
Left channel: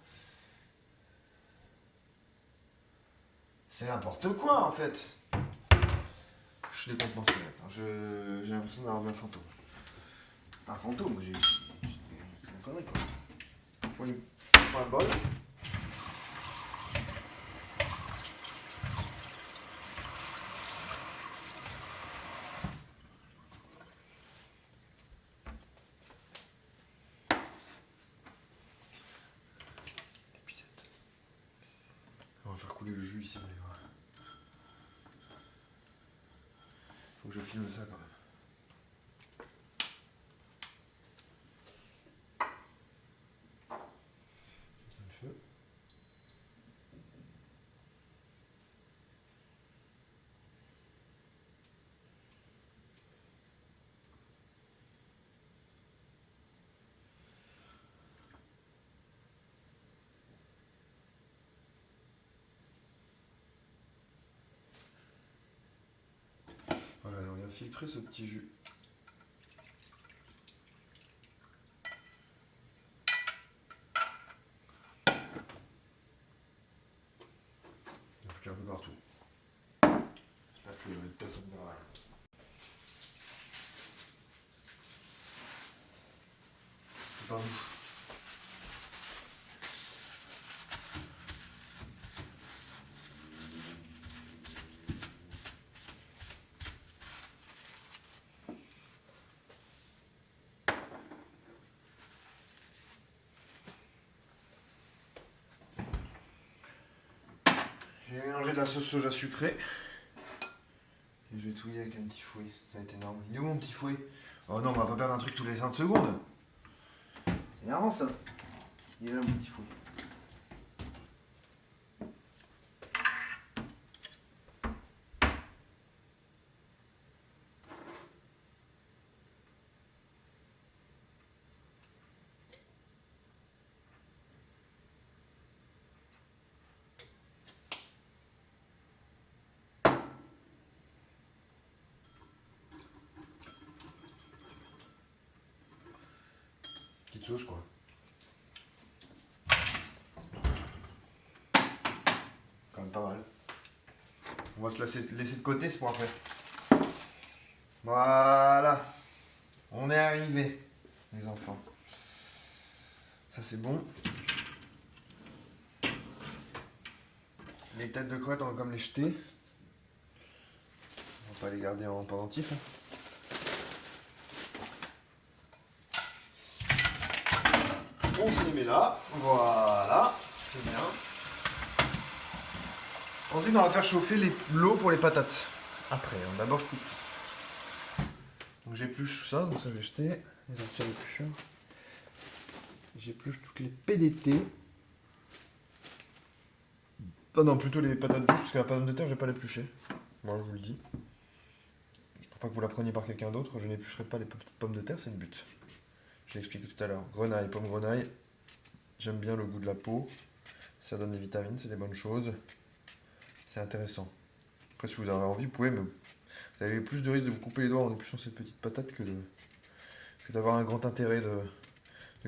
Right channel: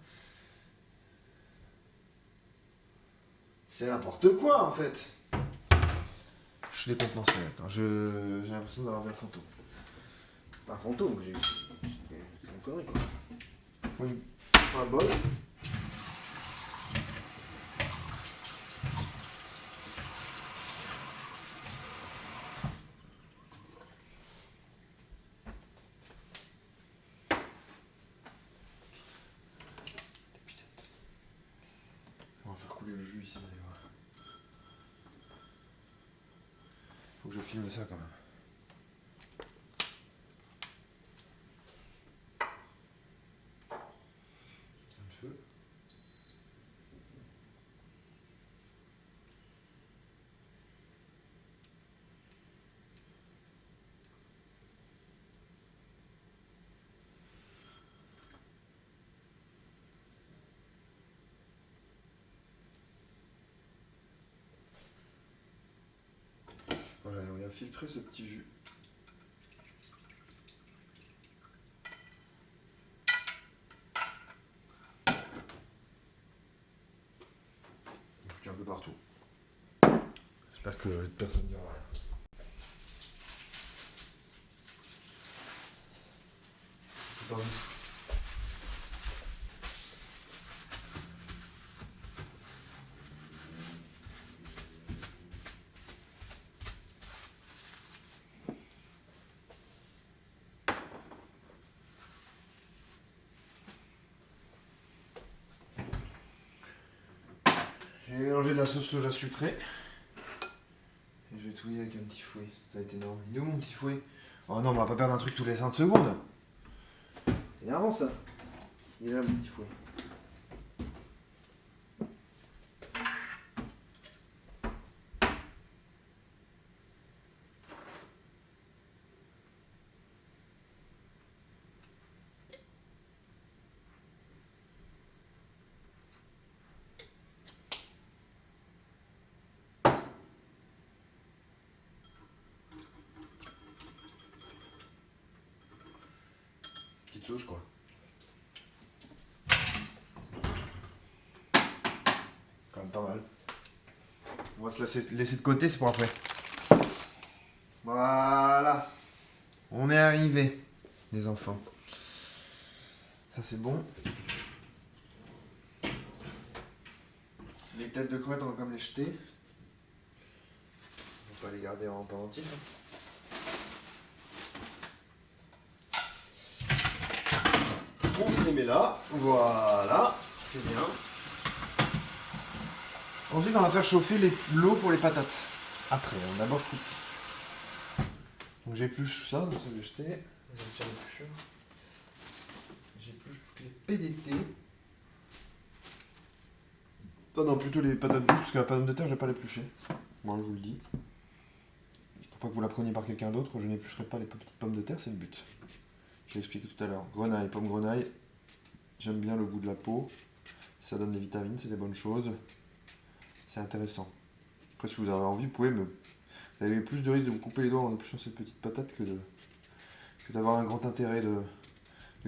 C'est n'importe quoi en fait. Je décontenance maintenant. J'ai l'impression d'avoir vu un fantôme. Pas un fantôme, c'est une connerie quoi. Faut un bol. On va faire couler le jus ici, vous allez voir. Faut que je filme ça quand même. Un feu. Voilà, on va filtrer ce petit jus. On fout un peu partout. J'espère que personne ne verra. C'est pas vous. J'ai mélangé de la sauce soja sucrée. Et je vais touiller avec un petit fouet. Ça va être énorme. Il est où mon petit fouet? Oh non, on va pas perdre un truc tous les 5 secondes. C'est énervant ça. Il est là mon petit fouet. pas mal. On va se laisser de côté, c'est pour après. Voilà. On est arrivé, les enfants. Ça c'est bon. Les têtes de crevettes, on va comme les jeter. On va pas les garder en pendentif. On se les met là. Voilà. C'est bien. Ensuite, on va faire chauffer l'eau pour les patates. Après, d'abord, je coupe. Donc j'épluche tout ça, donc ça je vais jeter. Les sortir l'éplucheur. J'épluche toutes les PDT. Ah non, plutôt les patates douces, parce que la patate de terre, je vais pas l'éplucher. Bon, je vous le dis. Pour pas que vous la preniez par quelqu'un d'autre, je n'éplucherai pas les petites pommes de terre, c'est le but. Je l'ai expliqué tout à l'heure. Grenaille, pomme grenaille. J'aime bien le goût de la peau. Ça donne des vitamines, c'est des bonnes choses. C'est intéressant. Après, si vous avez envie, vous pouvez, mais vous avez plus de risque de vous couper les doigts en épluchant cette petite patate que d'avoir un grand intérêt de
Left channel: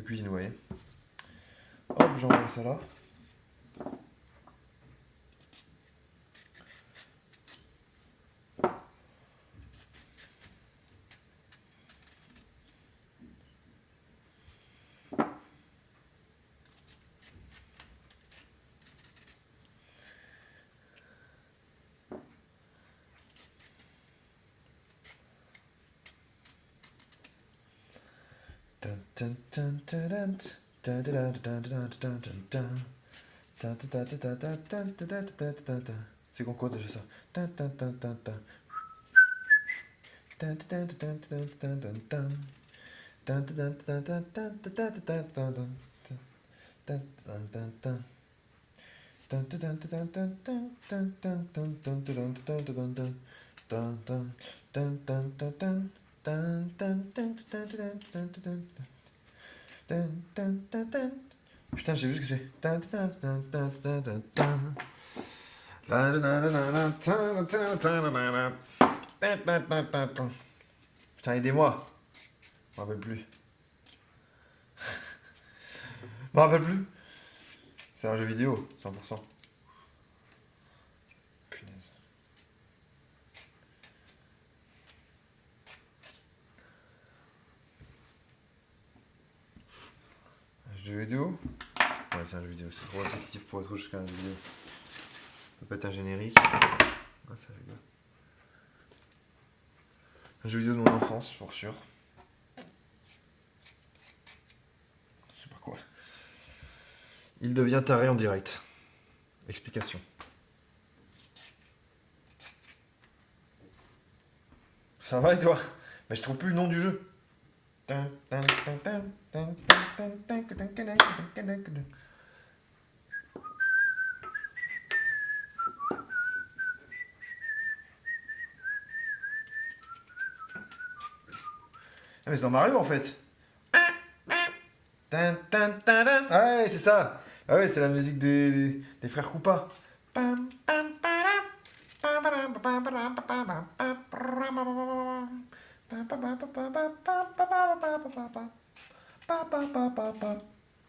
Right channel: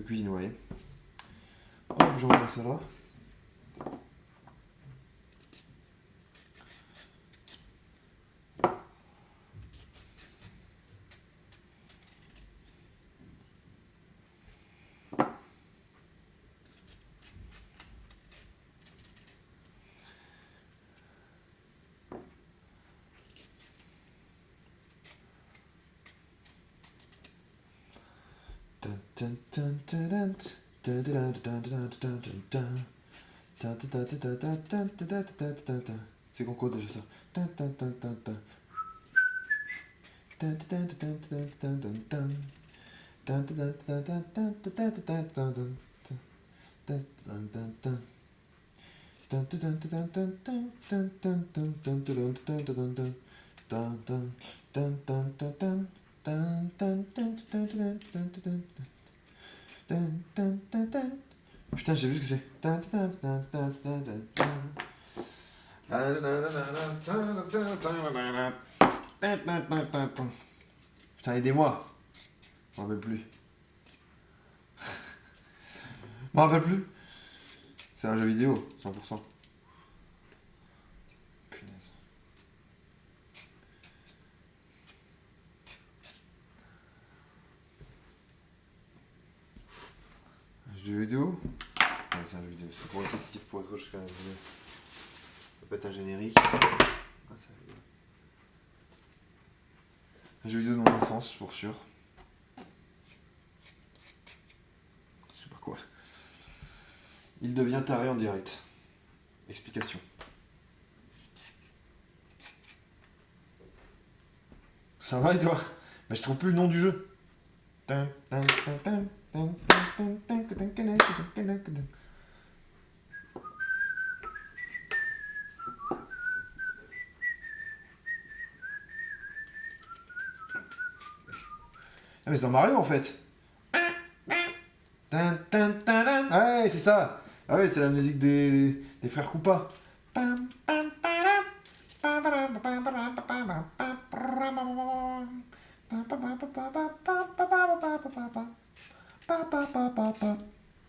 cuisine, vous voyez. Hop, j'envoie ça là. C'est quoi déjà ça? Putain, j'ai vu ce que c'est. Putain, aidez-moi. Je m'en rappelle plus. Je m'en rappelle plus. C'est un jeu vidéo, 100%. Punaise. Un jeu vidéo? Ouais, c'est un jeu vidéo. C'est trop répétitif pour être jusqu'à un jeu vidéo. Ça peut être un générique. Ah, ça rigole. Un jeu vidéo de mon enfance, pour sûr. Je sais pas quoi. Il devient taré en direct. Explication. Ça va et toi? Mais je trouve plus le nom du jeu. Ah mais c'est dans Mario en fait. Ah ouais, c'est ça. Ah ouais, c'est la musique des frères Koopa.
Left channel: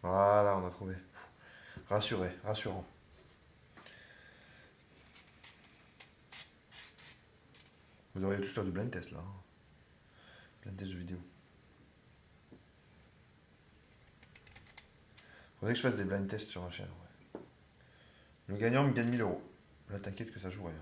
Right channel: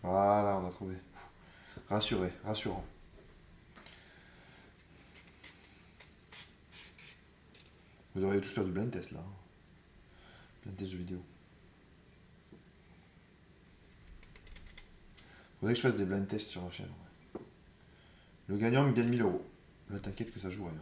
Voilà, on a trouvé. Rassuré, rassurant. Vous auriez tous faire du blind test là. Blind test de vidéo. Faudrait que je fasse des blind tests sur ma chaîne. Ouais. Le gagnant me gagne 1000 euros. Là, t'inquiète que ça joue rien.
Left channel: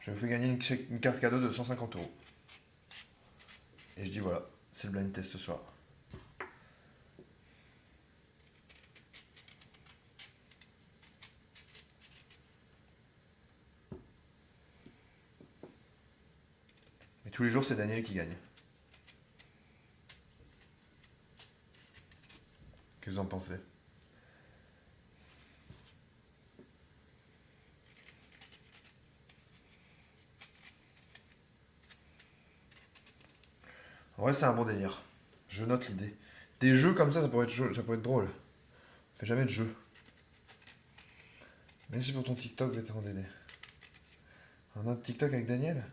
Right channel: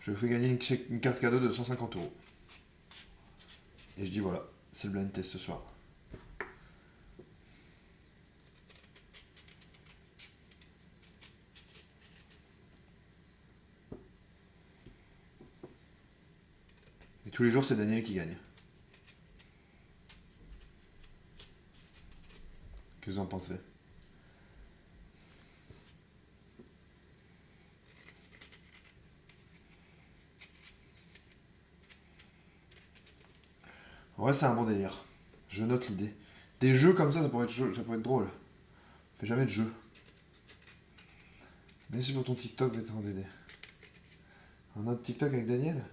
Je fais gagner une carte cadeau de 150 euros. Et je dis voilà, c'est le blind test ce soir. Et tous les jours, c'est Daniel qui gagne. Qu'est-ce que vous en pensez? En vrai, c'est un bon délire. Je note l'idée. Des jeux comme ça pourrait être drôle. On fait jamais de jeux. Merci pour ton TikTok, vétéran d'aider. Un autre TikTok avec Daniel?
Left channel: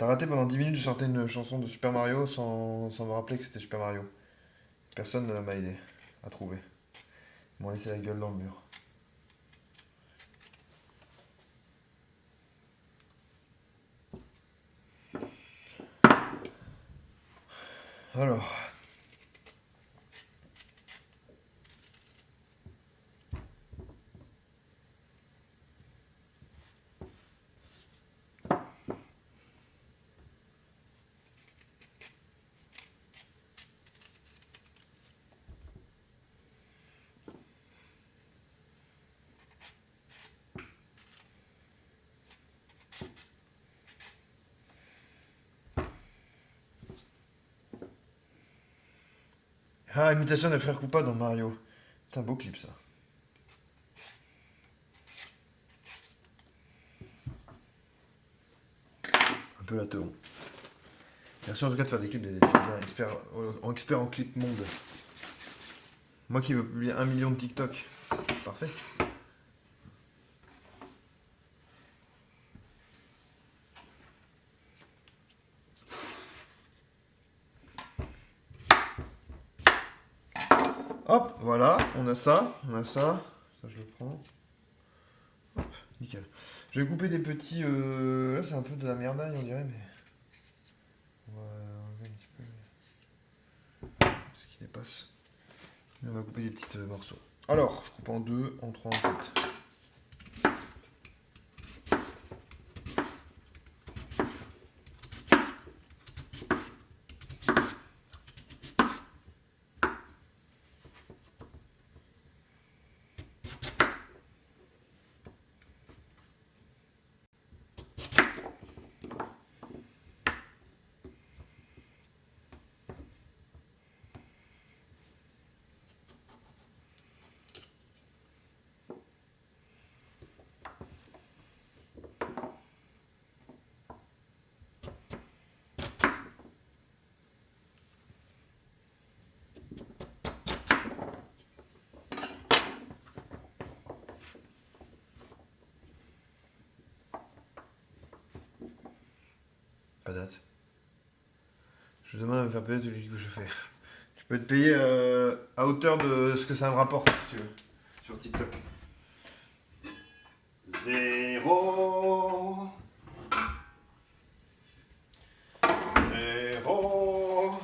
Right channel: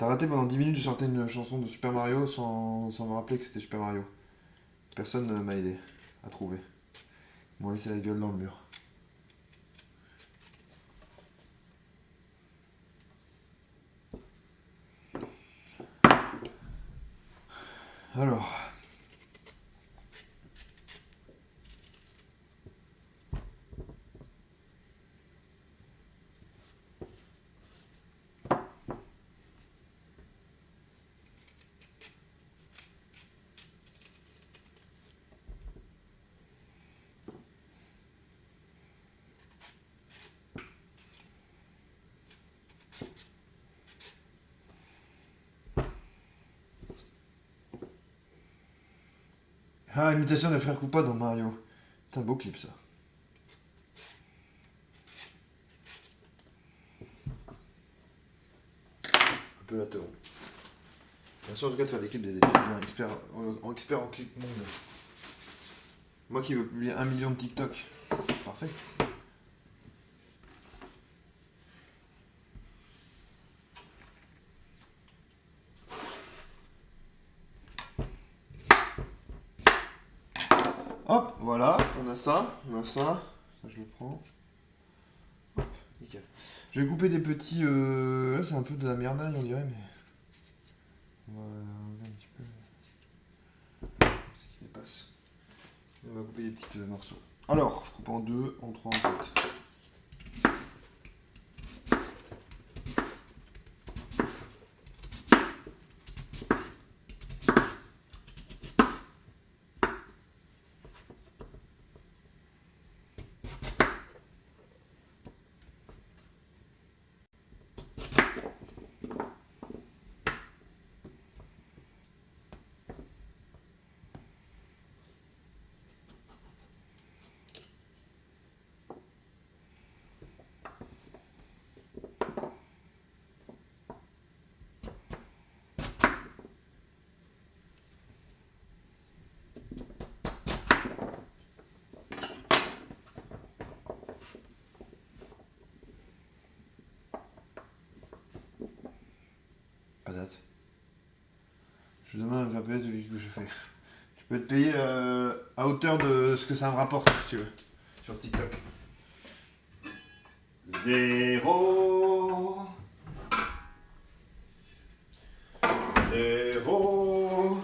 T'as raté pendant 10 minutes, j'ai chanté une chanson de Super Mario sans me rappeler que c'était Super Mario. Personne m'a aidé à trouver. Ils m'ont laissé la gueule dans le mur. Alors. Ah, imitation de Frère Koopa dans Mario. C'est un beau clip ça. Un peu la teau. Merci en tout cas de faire des clips des étudiants experts en clip monde. Moi qui veux publier 1 million de TikTok. Parfait. Hop, voilà, on a ça. Ça je le prends. Hop, nickel. Je vais couper des petits... Là c'est un peu de la merdaille on dirait, mais... On va enlever un petit peu ce qui dépasse. Et on va couper des petits morceaux. Alors, je coupe en 2, en 3, en 4. Pas date. Je demande à me faire payer celui que je fais. Tu peux être payé à hauteur de ce que ça me rapporte, si tu veux, sur TikTok. 0 0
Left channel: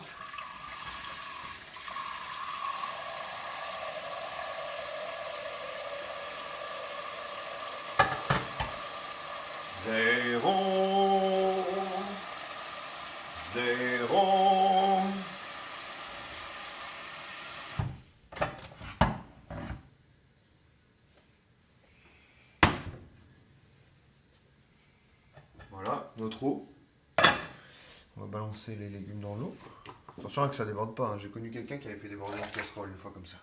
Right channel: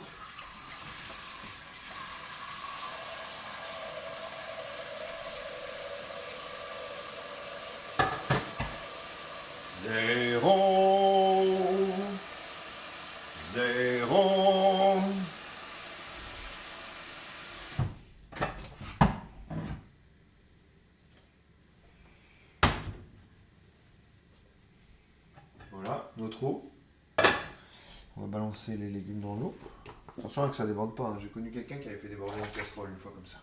0 Voilà, notre eau. On va balancer les légumes dans l'eau. Attention à que ça déborde pas, hein. J'ai connu quelqu'un qui avait fait déborder une casserole une fois comme ça.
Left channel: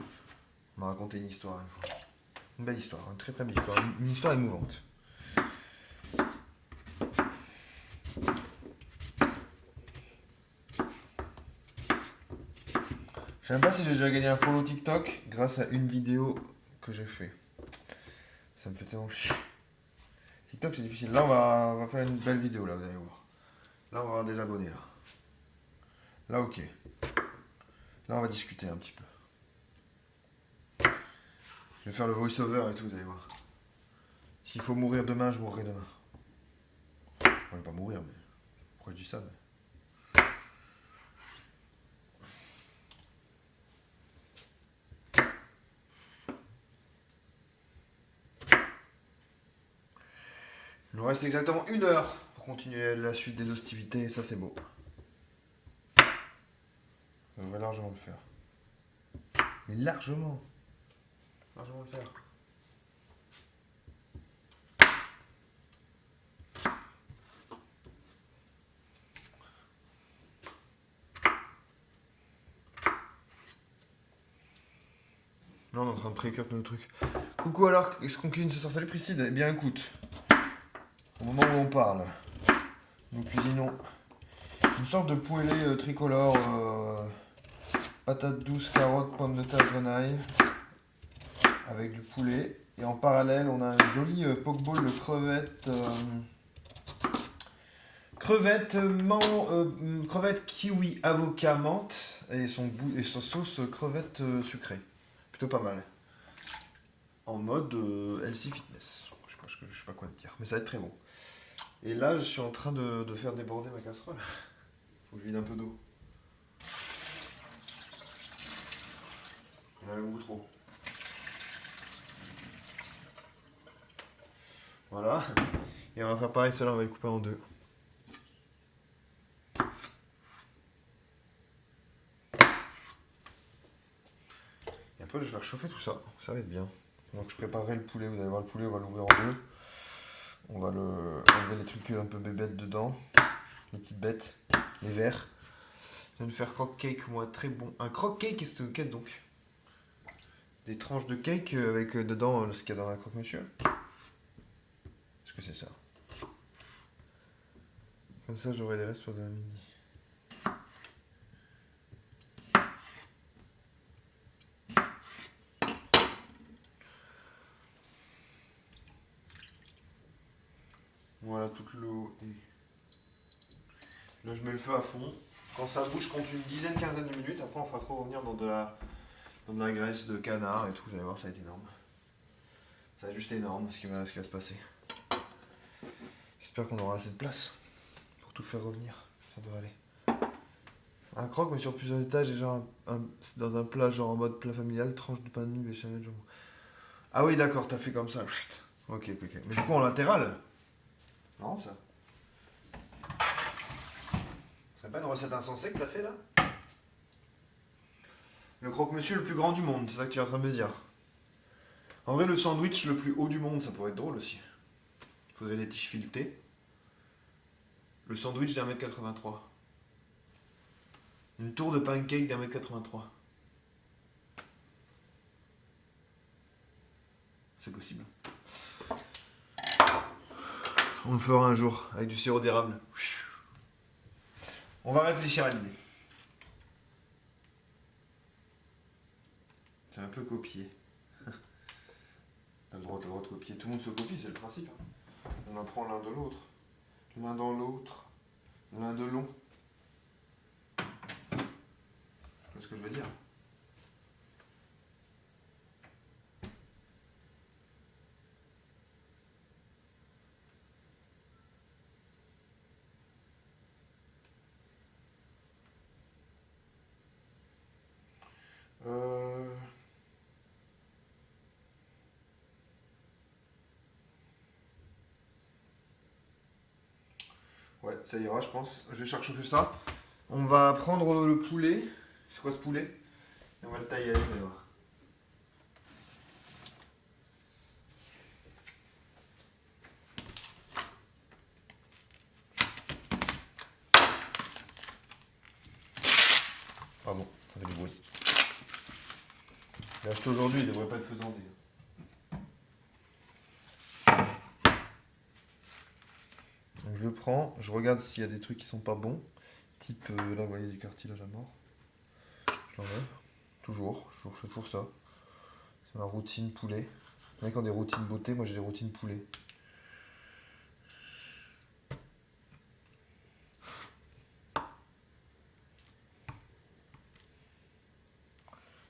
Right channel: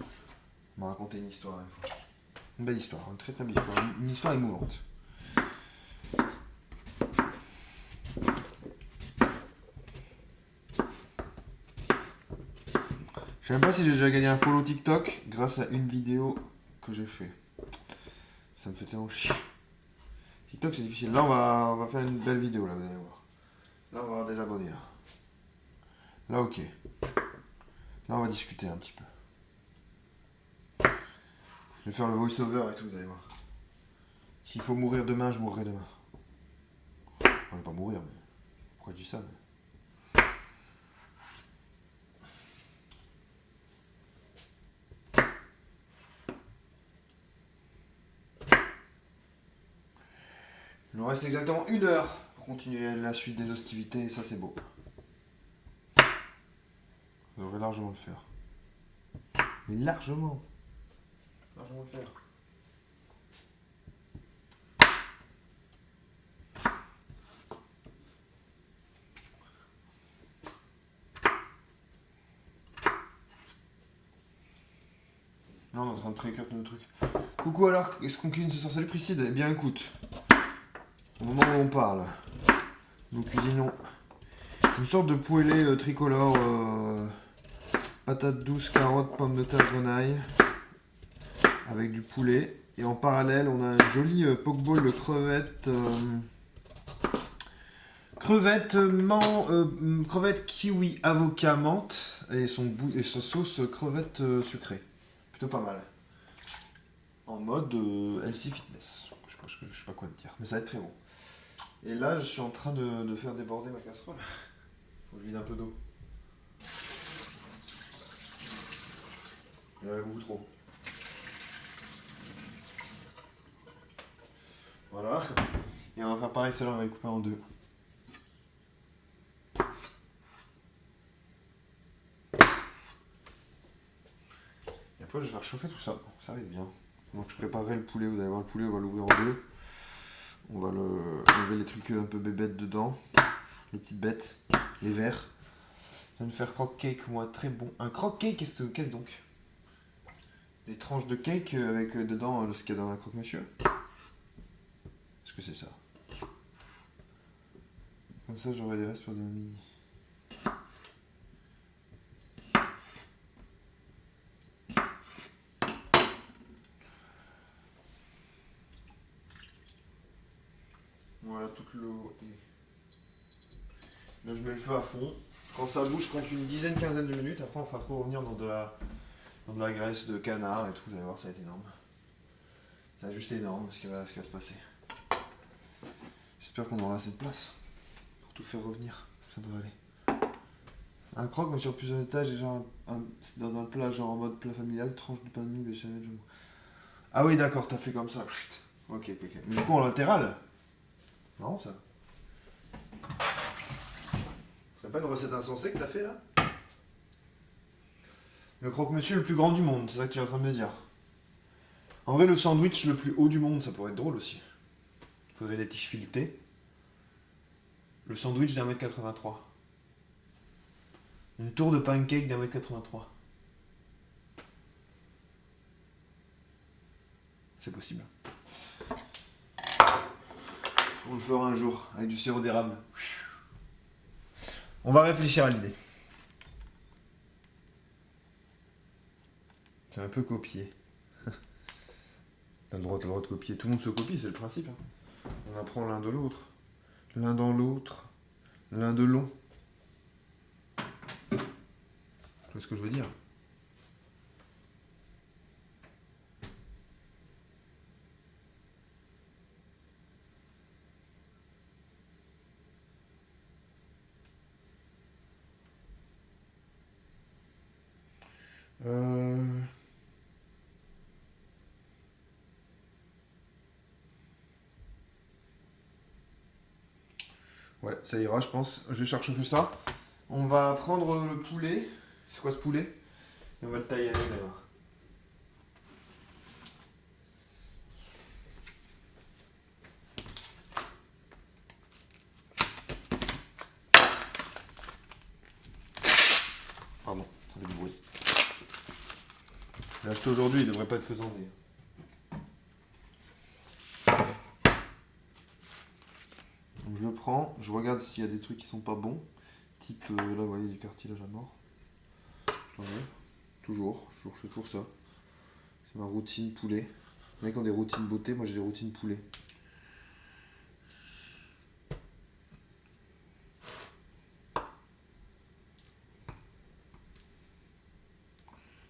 Il m'a raconté une histoire une fois. Une belle histoire, une très très belle histoire, une histoire émouvante. Je sais même pas si j'ai déjà gagné un follow TikTok grâce à une vidéo que j'ai fait. Ça me fait tellement chier. TikTok c'est difficile. Là on va faire une belle vidéo là, vous allez voir. Là on va avoir des abonnés là. Là ok. Là on va discuter un petit peu. Je vais faire le voice-over et tout, vous allez voir. S'il faut mourir demain, je mourrai demain. Enfin, je vais pas mourir, mais... Pourquoi je dis ça mais... Il nous reste exactement 1 heure pour continuer la suite des hostilités, et ça c'est beau. Ça devrait largement le faire. Mais largement. Largement le faire. Là on est en train de pré-cut nos trucs. Coucou alors, est-ce qu'on cuisine ce soir? Salut Priscide, eh bien écoute. Au moment où on parle, nous cuisinons une sorte de poêlée tricolore, patates douces, carottes, pommes de terre, grenaille, avec du poulet. Et en parallèle, on a un joli pokeball de crevettes, Crevette kiwi avocat menthe et son sauce crevette sucrée. Plutôt pas mal. En mode healthy fitness. Je sais pas quoi te dire, mais ça va être très bon. Et là, je suis en train de faire déborder ma casserole. Faut que je vide un peu d'eau. Il y en a beaucoup trop. Voilà. Et on va faire pareil, celle-là, on va les couper en deux. Et après, je vais faire chauffer tout ça. Ça va être bien. Donc, je préparerai le poulet. Vous allez voir le poulet, on va l'ouvrir en deux. On va enlever les trucs un peu bébêtes dedans. Les petites bêtes. Les verres. Je vais me faire croque cake, moi, très bon. Un croque cake, qu'est-ce donc? Des tranches de cake avec dedans ce qu'il y a dans un croque-monsieur. Est-ce que c'est ça? Comme ça, j'aurai des restes pour demain midi. Voilà, toute l'eau est... Là, je mets le feu à fond. Quand ça bouge, je compte une dizaine, quinzaine de minutes. Après, on fera trop revenir dans de la graisse de canard et tout. Vous allez voir, ça va être énorme. Ça va être juste énorme ce qui va se passer. J'espère qu'on aura assez de place pour tout faire revenir. Ça devrait aller. Un croque, mais sur plusieurs étages. Et genre c'est dans un plat, genre en mode plat familial. Tranche de pain de mie, béchamel, jambon. Ah oui, d'accord, t'as fait comme ça. Chut. Ok. Mais du coup, en latéral? Non, ça. C'est pas une recette insensée que t'as fait là? Le croque-monsieur le plus grand du monde, c'est ça que tu es en train de me dire. En vrai, le sandwich le plus haut du monde, ça pourrait être drôle aussi. Faudrait des tiges filetées. Le sandwich d'1m83. Une tour de pancake d'1m83. C'est possible. On le fera un jour avec du sirop d'érable. On va réfléchir à l'idée. J'ai un peu copié. T'as le droit de copier. Tout le monde se copie, c'est le principe. On apprend l'un de l'autre. L'un dans l'autre. L'un de long. Tu vois ce que je veux dire? Ouais, ça ira, je pense. Je vais chercher ça. On va prendre le poulet. C'est quoi ce poulet? Et on va le tailler avec, allez voir. Pardon, ça fait du bruit. Je l'ai acheté aujourd'hui, il devrait pas être faisandé. Donc je le prends, je regarde s'il y a des trucs qui sont pas bons. Type, là vous voyez du cartilage à mort. Je l'enlève. Je fais toujours ça. C'est ma routine poulet. Il y en a qui ont des routines beauté, moi j'ai des routines poulet.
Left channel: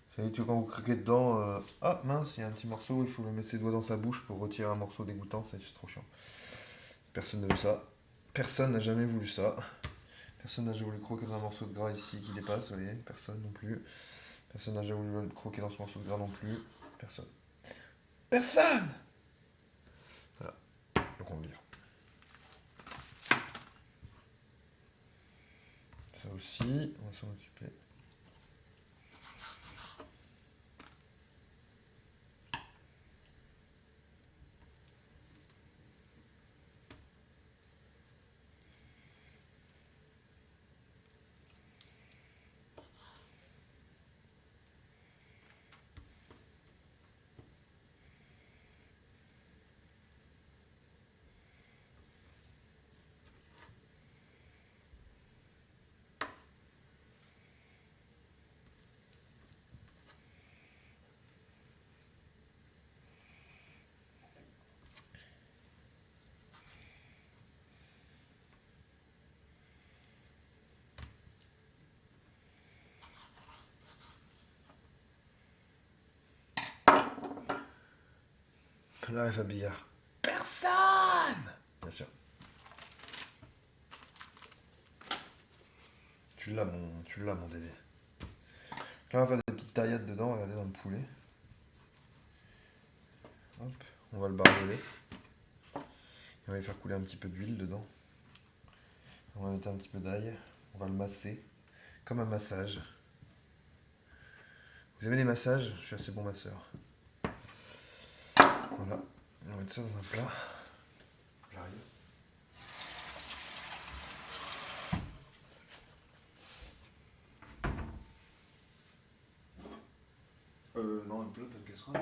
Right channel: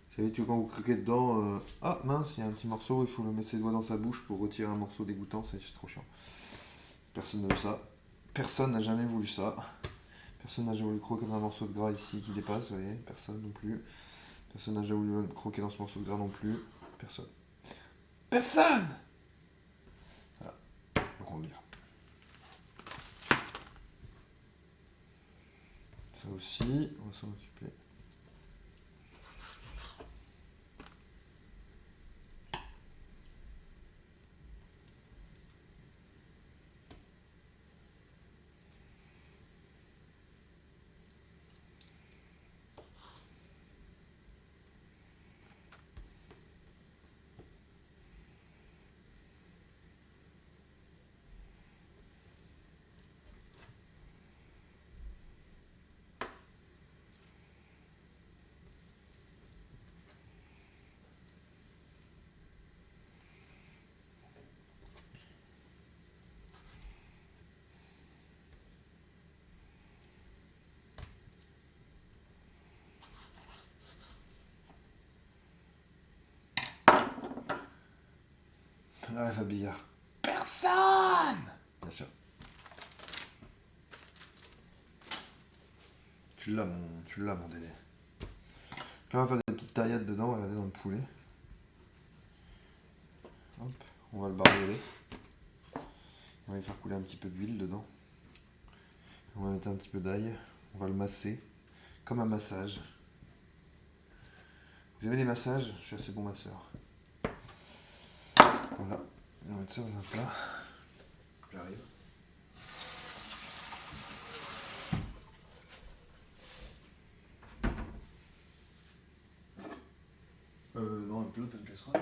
Vous savez que quand vous craquez dedans, ah mince, il y a un petit morceau, il faut le mettre ses doigts dans sa bouche pour retirer un morceau dégoûtant, c'est trop chiant. Personne n'a vu ça. Personne n'a jamais voulu ça. Personne n'a jamais voulu croquer dans un morceau de gras ici qui dépasse, vous voyez. Personne non plus. Personne n'a jamais voulu croquer dans ce morceau de gras non plus. Personne. Personne! Voilà. Donc on le vire. Ça aussi, on va s'en occuper. Fab Bigard? Personne! Bien sûr. Tu l'as mon Dédé. Là, on va faire des petites taillettes dedans, regardez, dans le poulet. Hop, on va le barbouler. On va y faire couler un petit peu d'huile dedans. On va mettre un petit peu d'ail. On va le masser, comme un massage. Vous aimez les massages? Je suis assez bon masseur. Voilà, on va mettre ça dans un plat. J'arrive. Non, un plat, pas une casserole.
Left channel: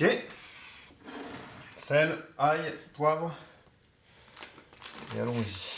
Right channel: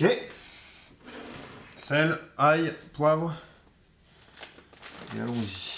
Ok. Sel, ail, poivre. Et allons-y.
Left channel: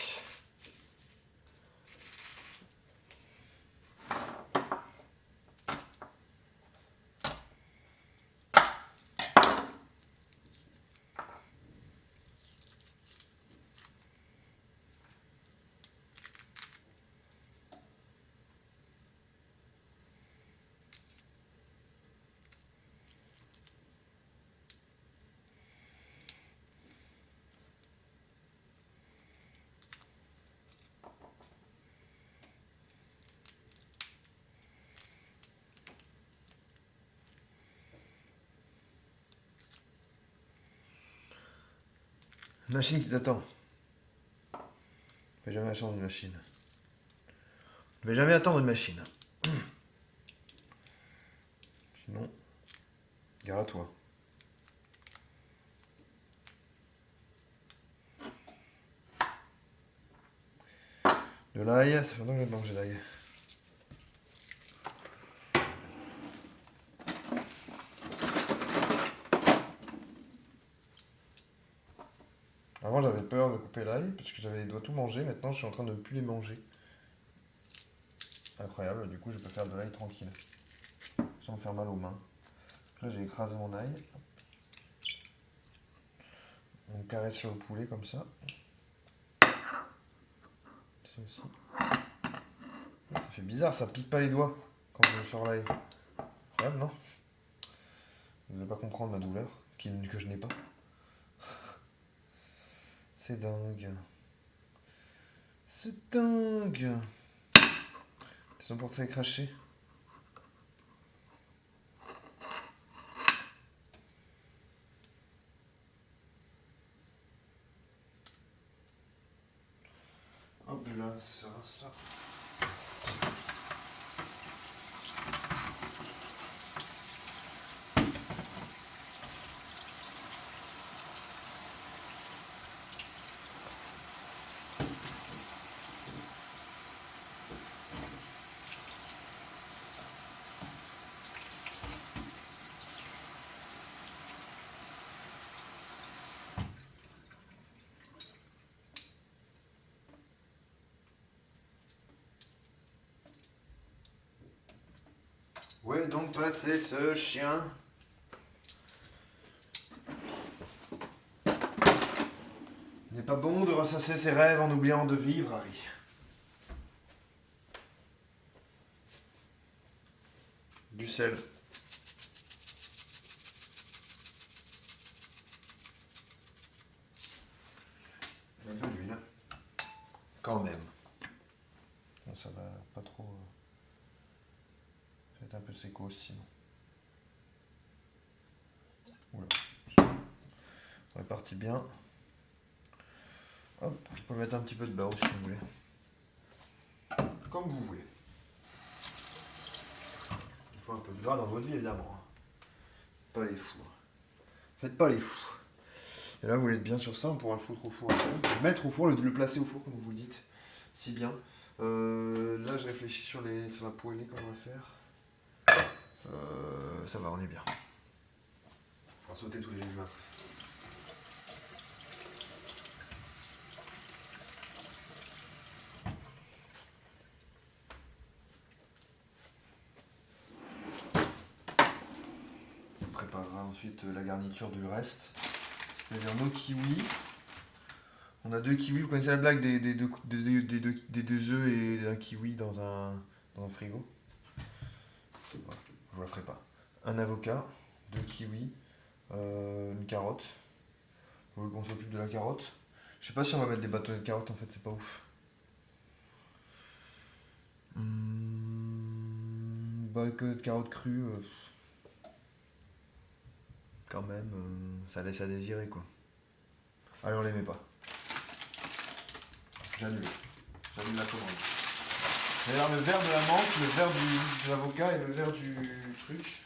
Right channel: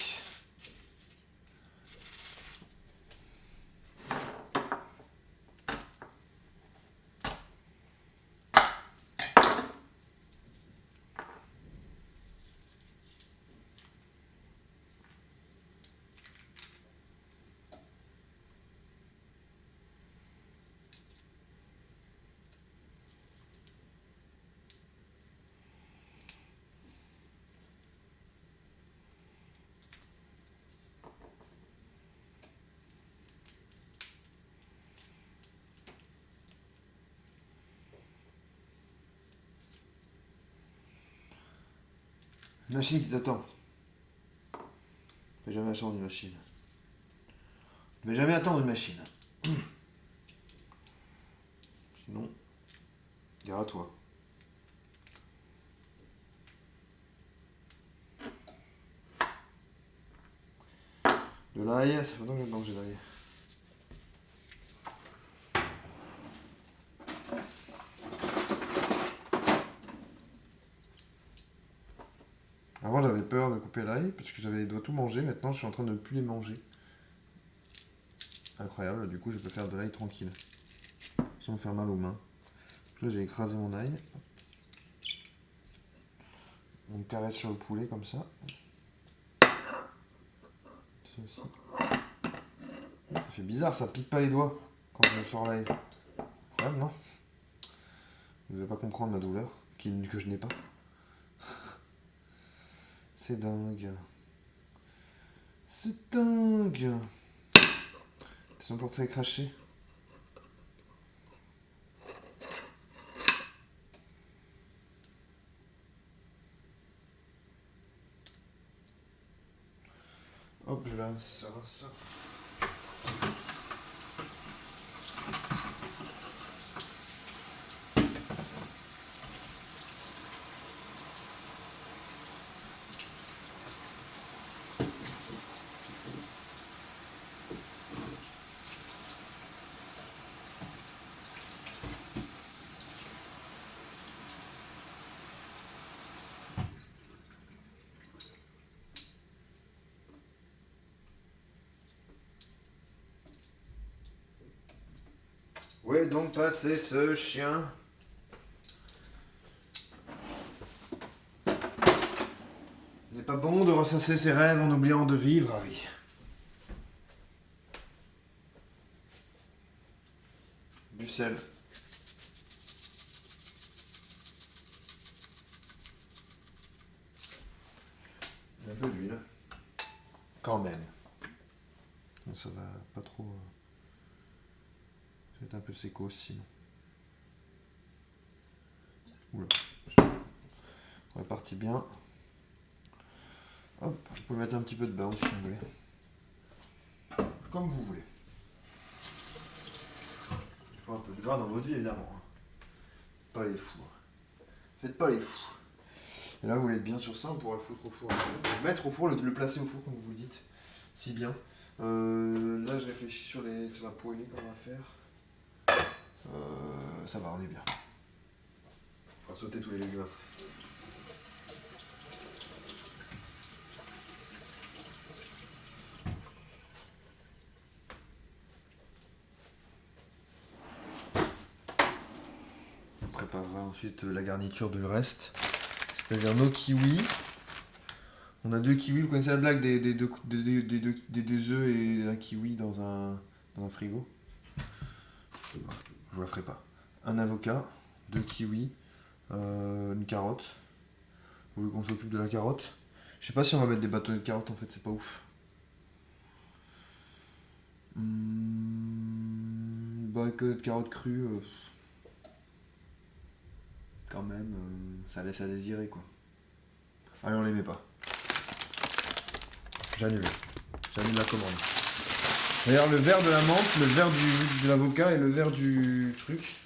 Machine qui t'attend. Ne vais jamais attendre une machine. Ne vais jamais attendre une machine. Sinon, gare à toi. De l'ail, ça fait longtemps que j'ai pas mangé d'ail. Avant j'avais peur de couper l'ail parce que j'avais les doigts tout mangés, maintenant je suis en train de ne plus les manger. Incroyable, du coup je peux faire de l'ail tranquille. Sans me faire mal aux mains. Là j'ai écrasé mon ail. On caresse sur le poulet comme ça. Ça aussi. Ça fait bizarre, ça pique pas les doigts quand je sors l'ail. Incroyable, non? Vous ne devez pas comprendre ma douleur, que je n'ai pas. C'est dingue. C'est dingue. Son portrait est craché. Hop là, ça va ça. Où est donc passé ce chien? Il n'est pas bon de ressasser ses rêves en oubliant de vivre, Harry. Du sel. Un peu d'huile. Quand même. Ça va pas trop... Ça va être un peu séco sinon. Oula. On est parti bien. Hop, on peut mettre un petit peu de beurre si vous voulez. Comme vous voulez. Il faut un peu de gras dans votre vie évidemment. Pas les fous. Faites pas les fous. Et là vous voulez être bien sur ça, on pourra le foutre au four. Le mettre au four, le placer au four comme vous le dites. Si bien. Là, je réfléchis sur la poêlée qu'on va faire. Ça va, on est bien. On va sauter tous les légumes après. On préparera ensuite la garniture du reste. C'est-à-dire nos kiwis. On a 2 kiwis, vous connaissez la blague des deux œufs et d'un kiwi dans un frigo? Je vous la ferai pas. Un avocat, 2 kiwis, une carotte. Vous voulez qu'on s'occupe de la carotte? Je sais pas si on va mettre des bâtonnets de carotte, en fait, c'est pas ouf. Bâtonnets de carotte crue, quand même, ça laisse à désirer, quoi. Allez, on les met pas. J'annule la commande. D'ailleurs, le verre de la menthe, le verre de l'avocat et le verre du truc.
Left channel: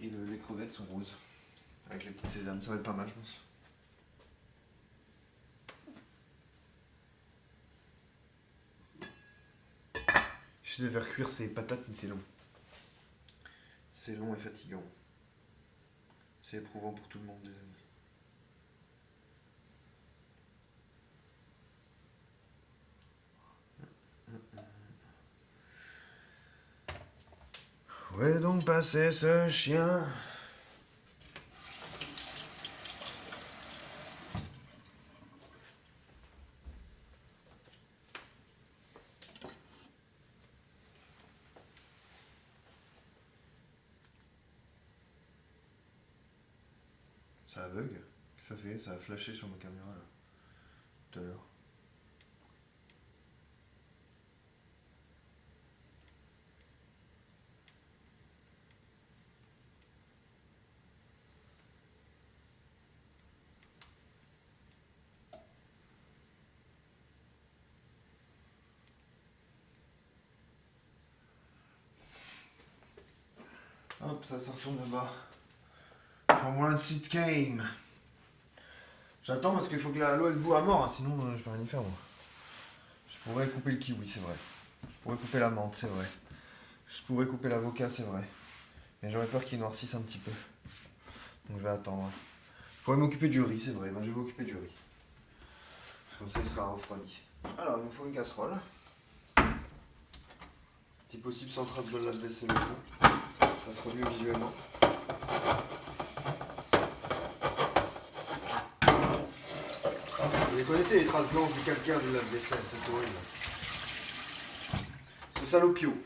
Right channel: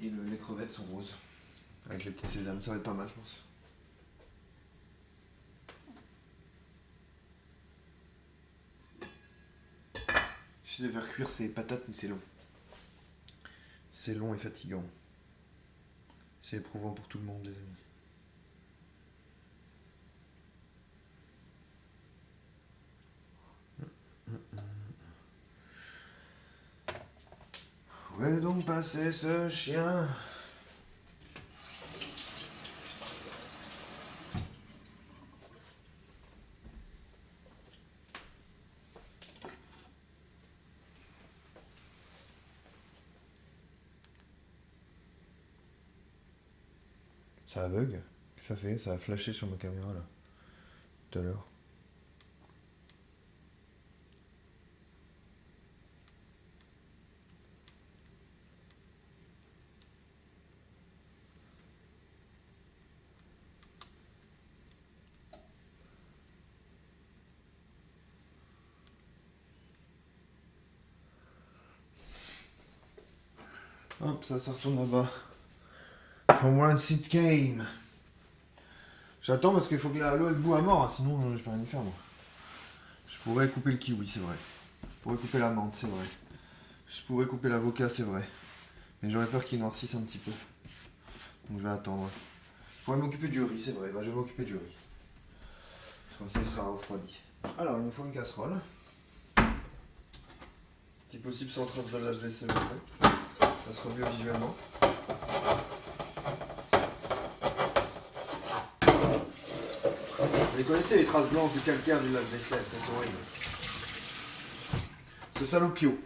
Et les crevettes sont roses. Avec les petites sésames, ça va être pas mal, je pense. J'essaie de faire cuire ces patates, mais c'est long. C'est long et fatigant. C'est éprouvant pour tout le monde, les amis. Où est donc passé ce chien? Ça a bug? Qu'est-ce que ça fait? Ça a flashé sur ma caméra là. Tout à l'heure. Hop, ça retourne là-bas. From one seat game. J'attends parce qu'il faut que l'eau elle bout à mort, hein, sinon je peux rien y faire moi. Je pourrais couper le kiwi, c'est vrai. Je pourrais couper la menthe, c'est vrai. Je pourrais couper l'avocat, c'est vrai. Mais j'aurais peur qu'il noircisse un petit peu. Donc je vais attendre. Je pourrais m'occuper du riz, c'est vrai. Bah, je vais m'occuper du riz. Parce que comme ça il sera refroidi. Alors il nous faut une casserole. Si possible sans trace de lave-vaisselle au fond. Ça sera mieux visuellement. Vous connaissez les traces blanches du calcaire du lave-vaisselle, ça c'est horrible. Ce salopio.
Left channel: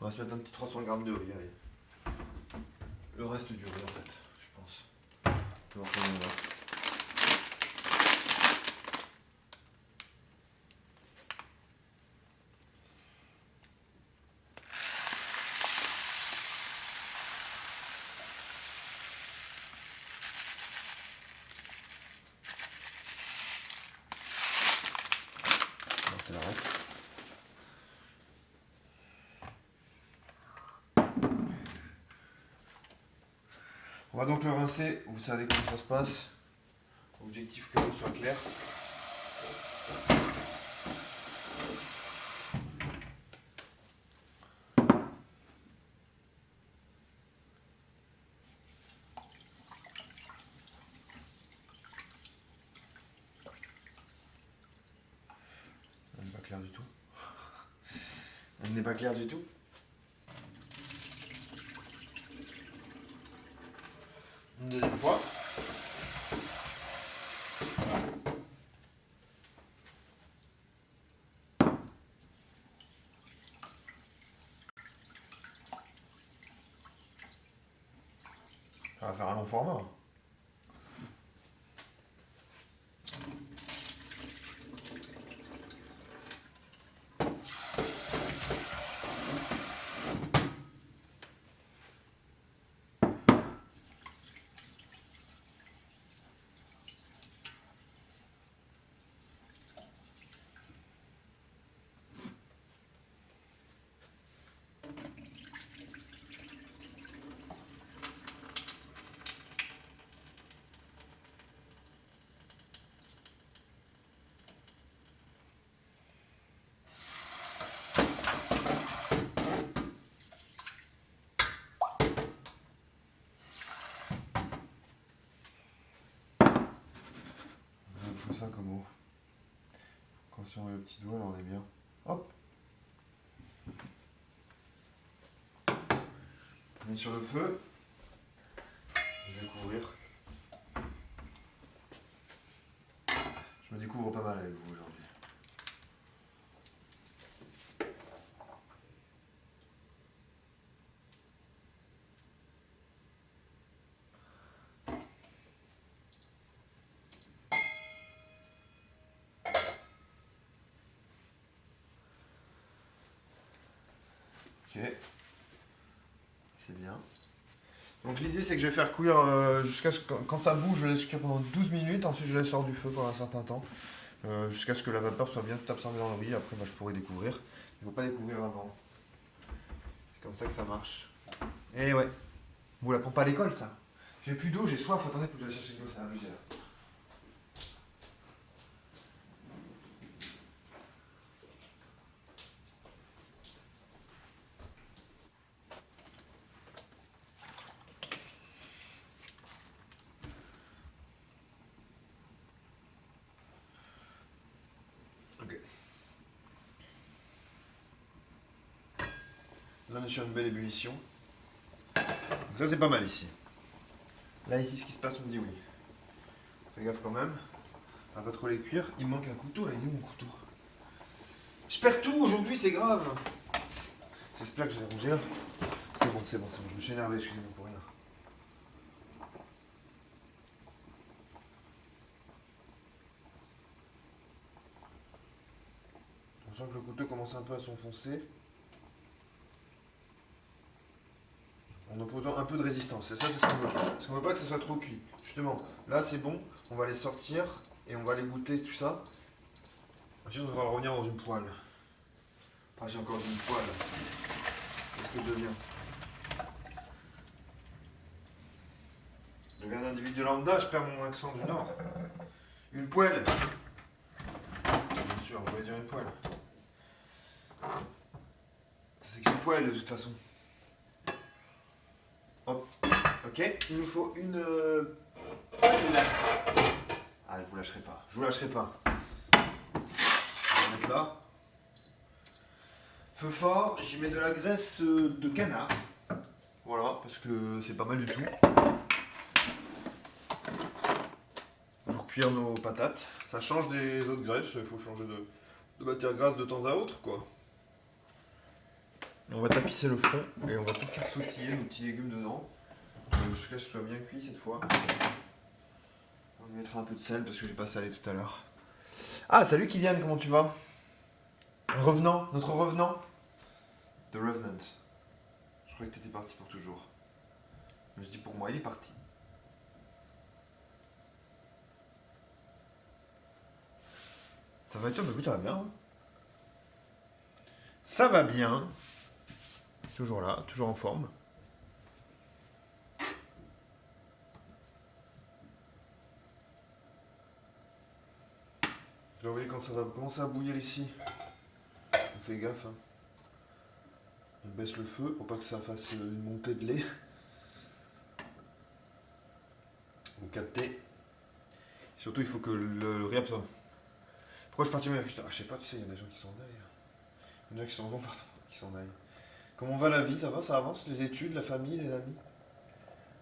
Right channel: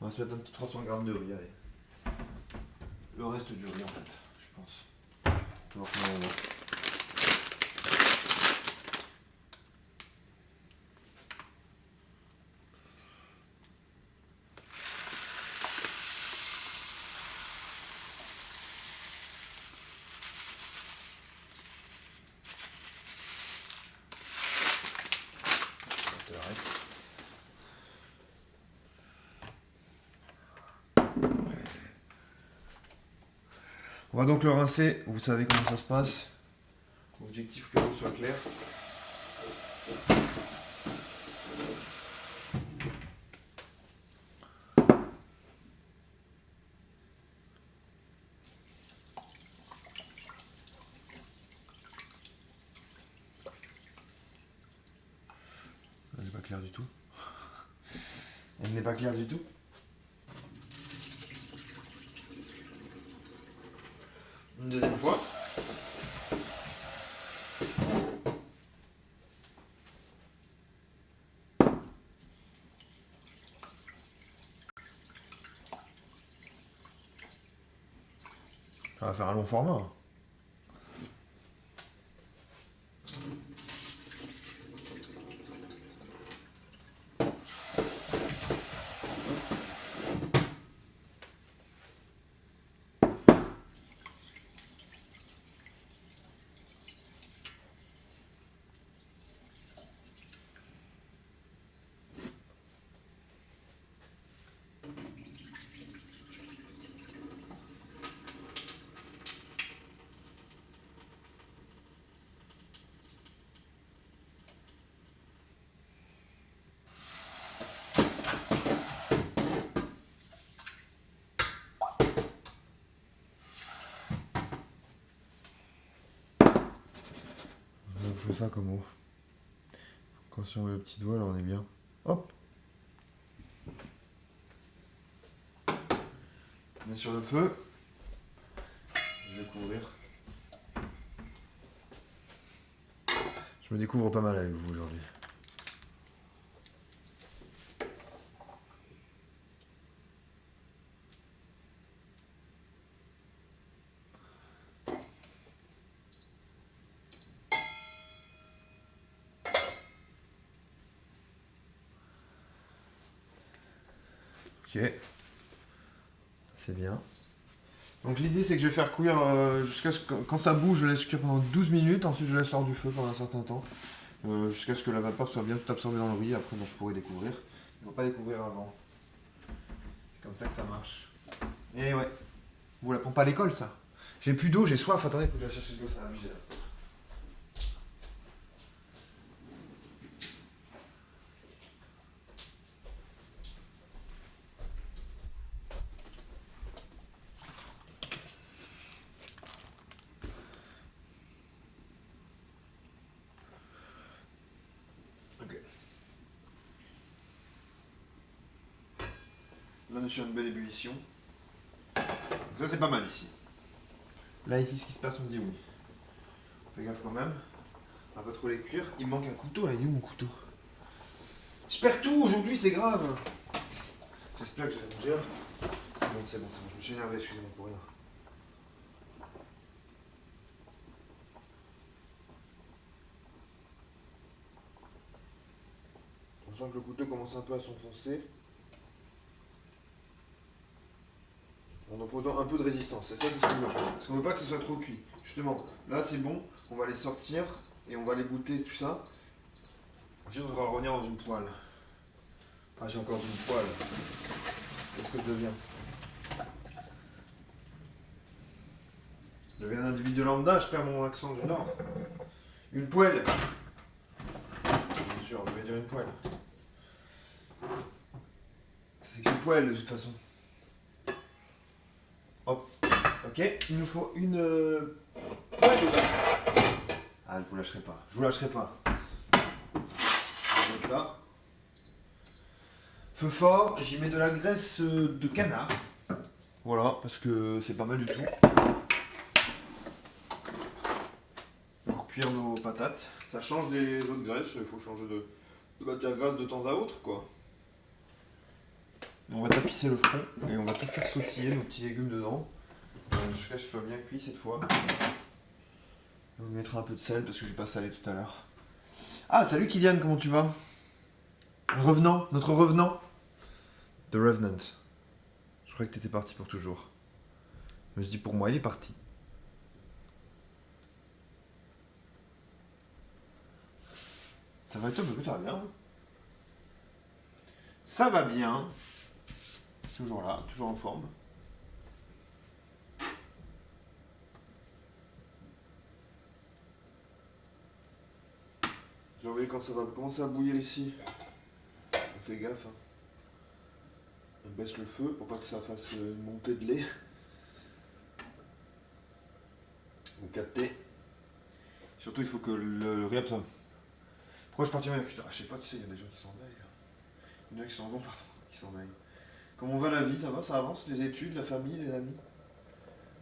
On va se mettre un petit 300 g de riz, allez. Le reste du riz en fait, je pense. On va voir comment on va. C'est le reste. On va donc le rincer, vous savez comment ça se passe. Objectif que l'eau soit claire. Il n'est pas clair du tout. Il n'est pas clair du tout. Une deuxième fois. Ça va faire un long format. ça comme eau. Quand si on met le petit doigt, là on est bien. Hop. Je mets sur le feu. Je vais couvrir. Je me découvre pas mal avec vous aujourd'hui. Ok. C'est bien. Donc l'idée c'est que je vais faire cuire jusqu'à ce que quand ça bouge, je laisse cuire pendant 12 minutes, ensuite je laisse hors du feu pendant un certain temps, jusqu'à ce que la vapeur soit bien tout absorbée dans le riz, après bah, je pourrai découvrir. Il ne faut pas découvrir avant. C'est comme ça que ça marche. Et ouais, vous l'apprend pas à l'école ça. J'ai plus d'eau, j'ai soif, attendez, il faut que j'aille chercher de l'eau, c'est abusé là. Ok. Là on est sur une belle ébullition. Donc ça c'est pas mal ici. Là ici ce qui se passe on me dit oui. Fais gaffe quand même. On va pas trop les cuire. Il me manque un couteau là, il est où mon couteau? Je perds tout aujourd'hui, c'est grave. J'espère que je vais rougir. C'est bon, c'est bon, c'est bon. Je me suis énervé, excusez-moi pour rien. On sent que le couteau commence un peu à s'enfoncer. En opposant un peu de résistance. Et ça, c'est ce qu'on veut. Parce qu'on veut pas que ça soit trop cuit. Justement, là c'est bon. On va les sortir et on va les goûter, tout ça. Ensuite, on va revenir dans une poêle. Ah, j'ai encore une poêle. Qu'est-ce que je deviens? Je deviens un individu lambda, je perds mon accent du Nord. Une poêle. Bien sûr, je voulais dire une poêle. C'est qu'une poêle de toute façon. Hop. Ok, il nous faut une poêle. Ah, je vous lâcherai pas. Je vous lâcherai pas. Je vais mettre là. Feu fort, j'y mets de la graisse de canard. Voilà, parce que c'est pas mal du tout. Pour cuire nos patates. Ça change des autres graisses, il faut changer de matière grasse de temps à autre, quoi. On va tapisser le fond et on va tout faire sautiller nos petits légumes dedans. Jusqu'à ce que ce soit bien cuit cette fois. On mettra un peu de sel parce que j'ai pas salé tout à l'heure. Ah, salut Kylian, comment tu vas? Revenant, notre revenant. The Revenant. Je croyais que t'étais parti pour toujours. Je me dis pour moi, il est parti. Ça va être bien, ça va bien. Ça va bien. Toujours là, toujours en forme. Vous voyez quand ça va commencer à bouillir ici. On fait gaffe. Hein. On baisse le feu pour pas que ça fasse une montée de lait. On capte. Surtout il faut que le riz absorbe. Pourquoi je suis parti? Putain, je sais pas, tu sais, il y a des gens qui s'en aillent. Il y en a qui s'en vont, pardon, qui s'en aillent. Comment va la vie? Ça va, ça avance? Les études, la famille, les amis?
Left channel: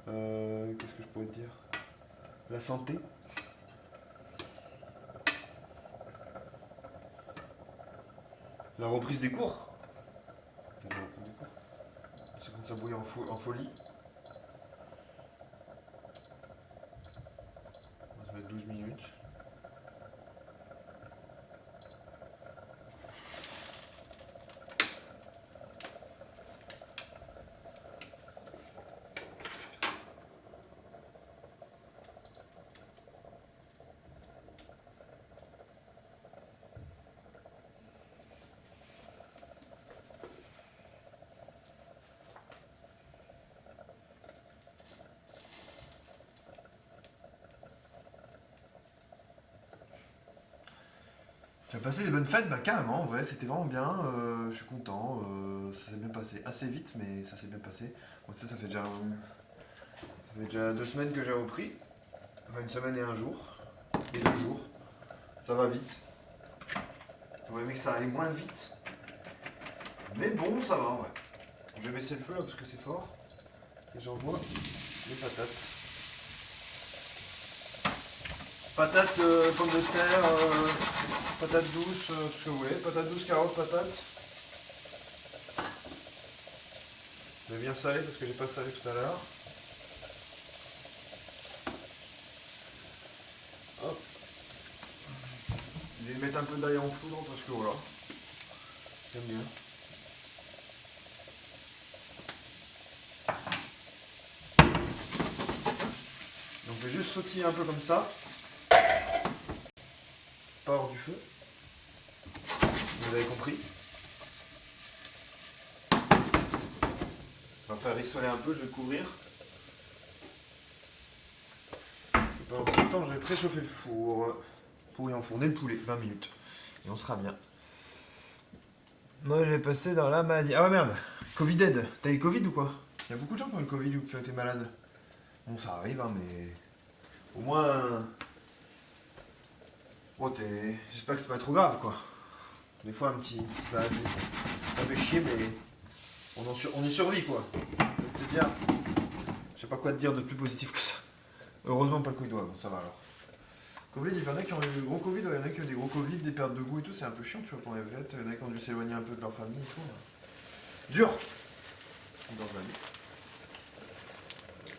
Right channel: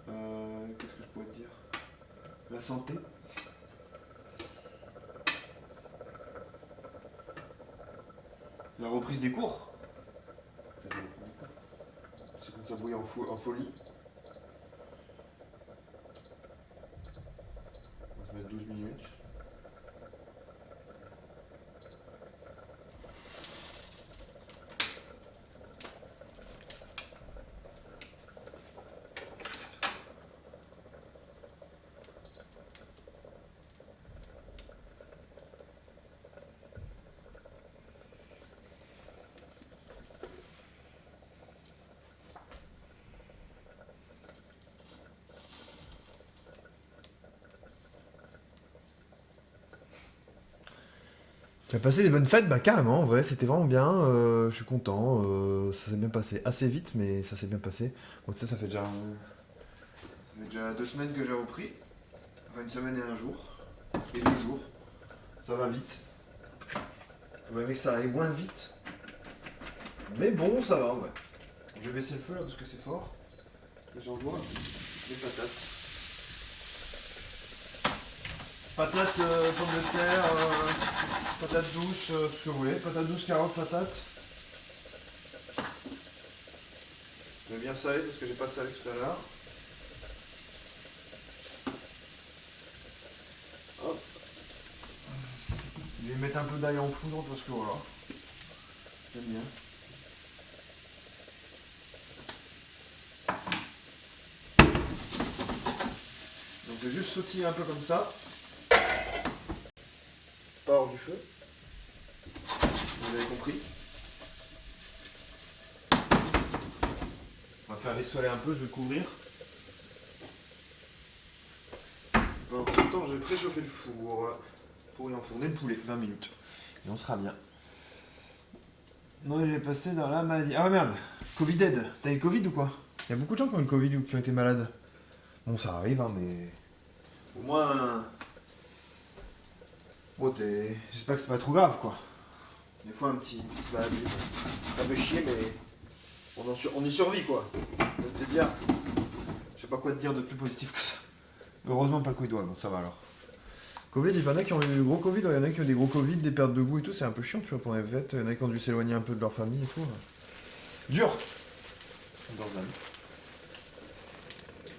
Qu'est-ce que je pourrais te dire? La santé? La reprise des cours? Ça commence à bouillir en folie. On va se mettre 12 minutes. Tu as passé des bonnes fêtes? Bah carrément, en vrai, c'était vraiment bien, je suis content, ça s'est bien passé, assez vite, mais ça s'est bien passé. Bon, ça fait déjà 2 semaines que j'ai repris, enfin une semaine et un jour, et 2 jours. Ça va vite. J'aurais aimé que ça aille moins vite. Mais bon, ça va, ouais. Je vais baisser le feu là parce que c'est fort. J'envoie les patates. Patates, pommes de terre, patates douces, tout ce que vous voulez. Patates douces, carottes, patates. Je vais bien saler parce que j'ai pas salé tout à l'heure. Hop. Je vais mettre un peu d'ail en poudre parce que voilà. J'aime bien. Donc je vais juste sautiller un peu comme ça. Pas hors du feu. Vous avez compris. On va faire rissoler un peu, je vais couvrir. Pendant ce temps, je vais préchauffer le four pour y enfourner le poulet. 20 minutes. Et on sera bien. Moi, je vais passer dans la maladie. Ah ouais, merde. Covid aide. T'as eu Covid ou quoi? Il y a beaucoup de gens qui ont eu le Covid ou qui ont été malades. Bon, ça arrive, hein, mais... Au moins... Bon, j'espère que c'est pas trop grave, quoi. Des fois, un petit... Ça fait chier, mais... On y survit, quoi. Je vais te dire... Je sais pas quoi te dire de plus positif que ça. Heureusement, pas le Covid, ouais, bon, ça va alors. Covid, il y en a qui ont eu des gros Covid, il y en a qui ont eu des gros Covid, des pertes de goût et tout, c'est un peu chiant, tu vois, pour les vêtements. Il y en a qui ont dû s'éloigner un peu de leur famille et tout. Dur. Dans la vie.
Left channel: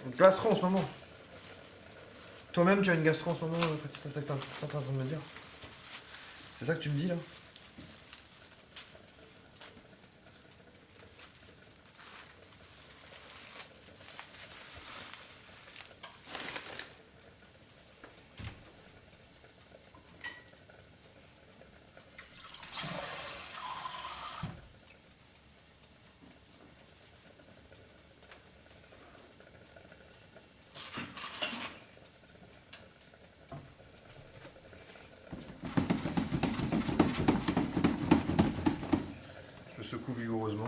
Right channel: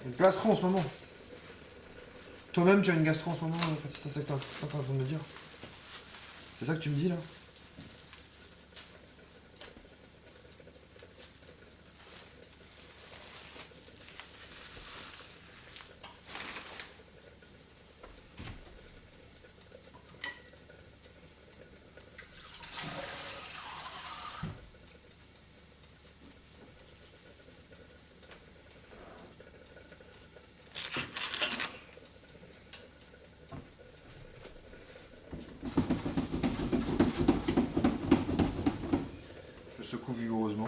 Une gastro en ce moment. Toi-même, tu as une gastro en ce moment, petit, c'est ça que t'es en train de me dire. C'est ça que tu me dis là? Je secoue vigoureusement.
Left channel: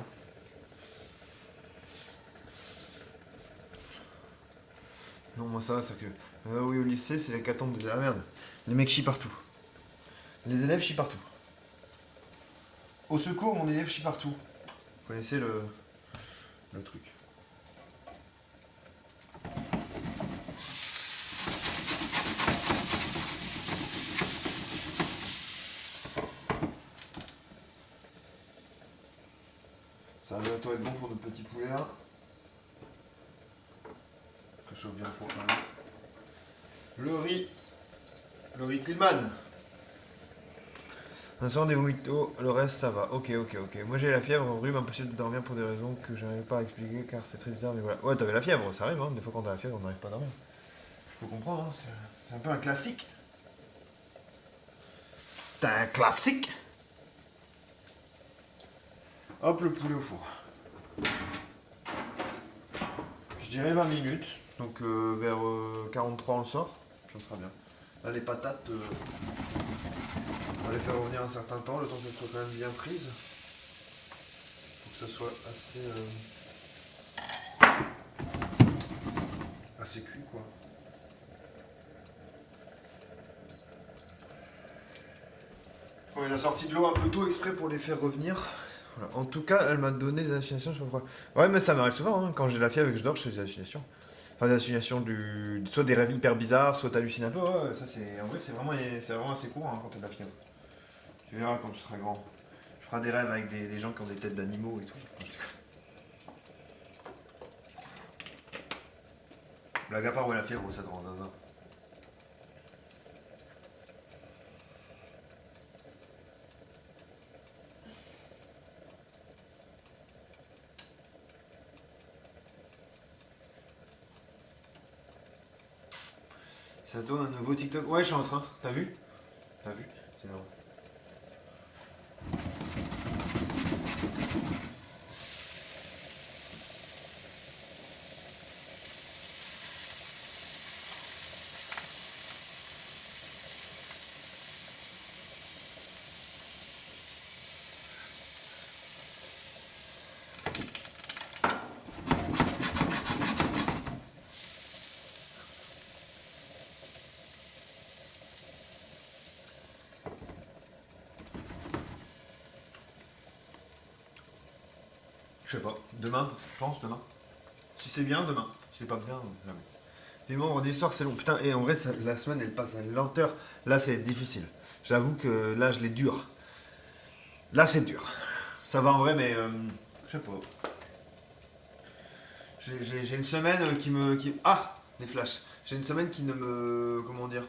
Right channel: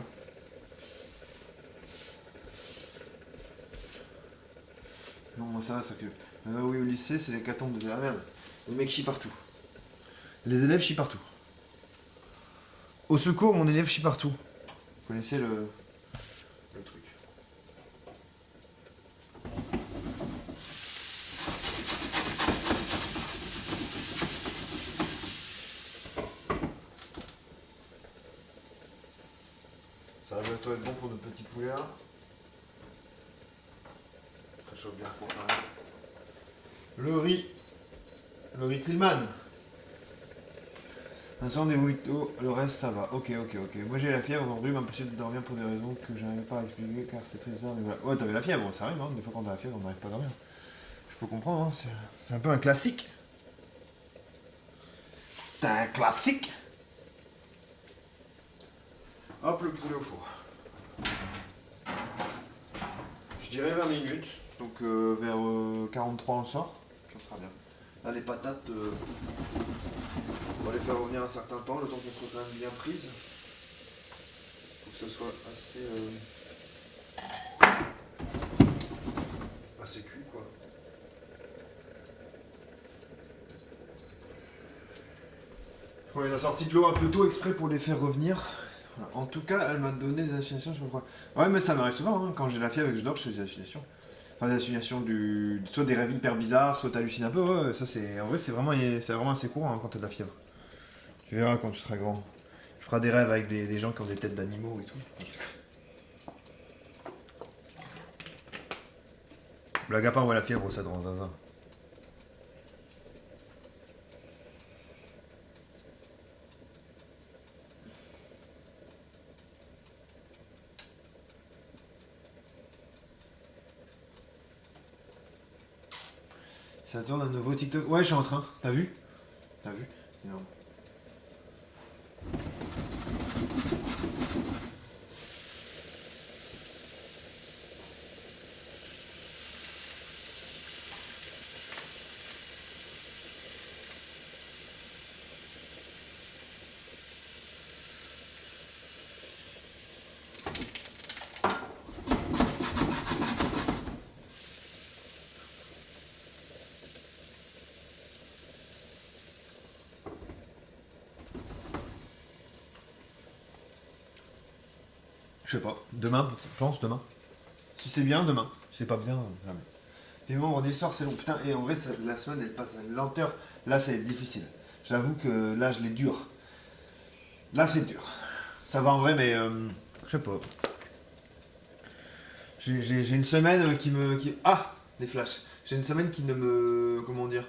Non, moi ça va, c'est que... oui, au lycée, c'est l'hécatombe des... Ah merde, les mecs chient partout. Les élèves chient partout. Au secours, mon élève chie partout. Vous connaissez le truc. Ça va bientôt être bon pour notre petit poulet là. Je chauffe bien le four quand même. Le riz Tillman. Vincent des Wito, le reste ça va. Ok. Moi j'ai la fièvre, rhume, impossible de dormir pour des raisons que je n'arrive pas à expliquer car c'est très bizarre, mais voilà. Ouais, t'avais la fièvre, ça arrive, hein. Des fois quand t'as la fièvre, on n'arrive pas à dormir. Je peux comprendre, hein. C'est un peu un classique. C'est un classique. Hop, le poulet au four. Je dirais 20 minutes, donc vers 43 on le sort, puis on sera bien. Là les patates, on va les faire revenir un certain temps, le temps qu'elles soient quand même bien prises. Faut que ça soit assez cuit quoi. Bon, il a sorti de l'eau un peu tôt exprès pour les faire revenir. Voilà. En tout cas, elle m'a donné des hallucinations, je sais pas pourquoi. Ouais, mais ça m'arrive souvent, hein. Quand j'ai la fièvre et que je dors, je fais des hallucinations. Enfin, des hallucinations soit des rêves hyper bizarres, soit t'hallucines un peu. Ouais, ça c'est. En vrai, c'est vraiment assez courant hein, quand t'as de la fièvre. Tu verras quand tu seras grand. Tu feras des rêves avec des gens qui ont des têtes d'animaux et tout. Blague à part, ouais, la fièvre, ça te rend zinzin. Ça tourne un nouveau TikTok. Ouais, je suis en train. T'as vu? T'as vu? C'est énorme. Je sais pas. Demain, je pense, demain. Si c'est bien, demain. Si c'est pas bien, jamais. Les membres d'histoire, c'est long. Putain, et en vrai, la semaine, elle passe à une lenteur. Là, c'est difficile. J'avoue que là, je l'ai dur. Là, c'est dur. Ça va en vrai, mais je sais pas. J'ai une semaine qui me... Ah, des flashs. J'ai une semaine qui ne me... Comment dire?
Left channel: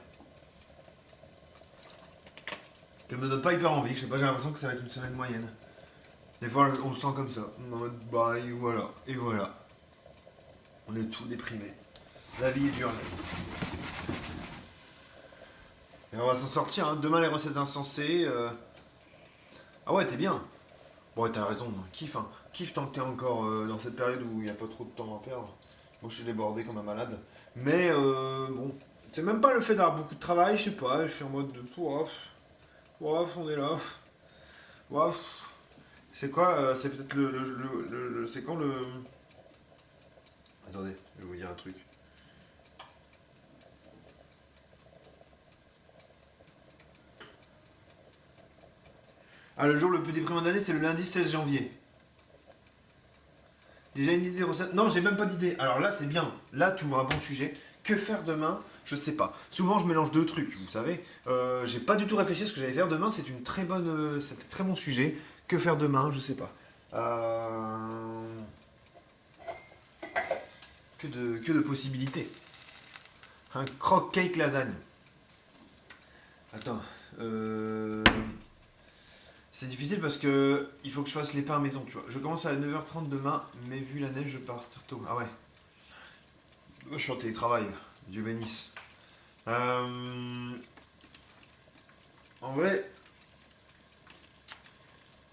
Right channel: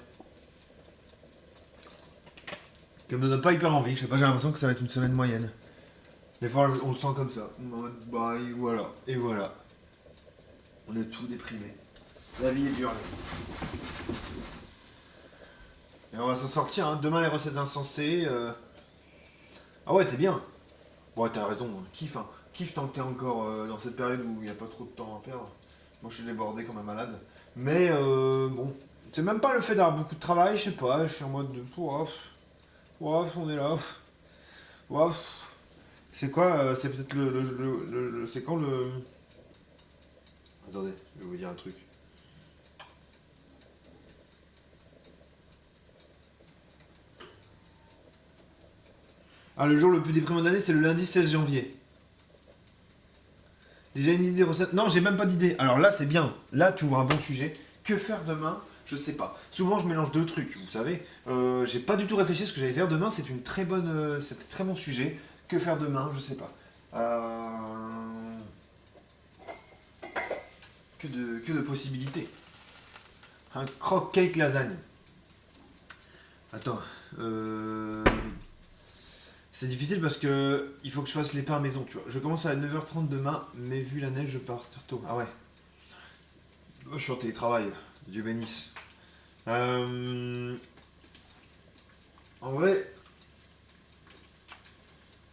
Qui me donne pas hyper envie. Je sais pas, j'ai l'impression que ça va être une semaine moyenne. Des fois, on le sent comme ça. Bah, et voilà. Et voilà. On est tous déprimés. La vie est dure, là. Et on va s'en sortir, hein. Demain, les recettes insensées. Ah ouais, t'es bien. Bon, ouais, t'as raison. Kiffe, hein. Kiffe tant que t'es encore dans cette période où il n'y a pas trop de temps à perdre. Moi, je suis débordé comme un malade. Mais bon, c'est même pas le fait d'avoir beaucoup de travail, je sais pas. Je suis en mode de. Ouaf, ouaf, on est là. Ouaf. C'est quoi c'est peut-être c'est quand le. Attendez, je vais vous dire un truc. Ah, le jour le plus déprimant de l'année, c'est le lundi 16 janvier. Déjà une idée de recette? Non, j'ai même pas d'idée. Alors là, c'est bien. Là, tu ouvres un bon sujet. Que faire demain? Je sais pas. Souvent, je mélange deux trucs, vous savez. J'ai pas du tout réfléchi à ce que j'allais faire demain. C'est une très bonne, c'est un très bon sujet. Que faire demain? Je sais pas. Que de possibilités. Un croque cake lasagne. Attends. C'est difficile parce que il faut que je fasse les pains à maison, tu vois. Je commence à 9h30 demain, mais vu la neige, je pars tôt. Ah ouais. Je suis en télétravail. Dieu bénisse. En vrai,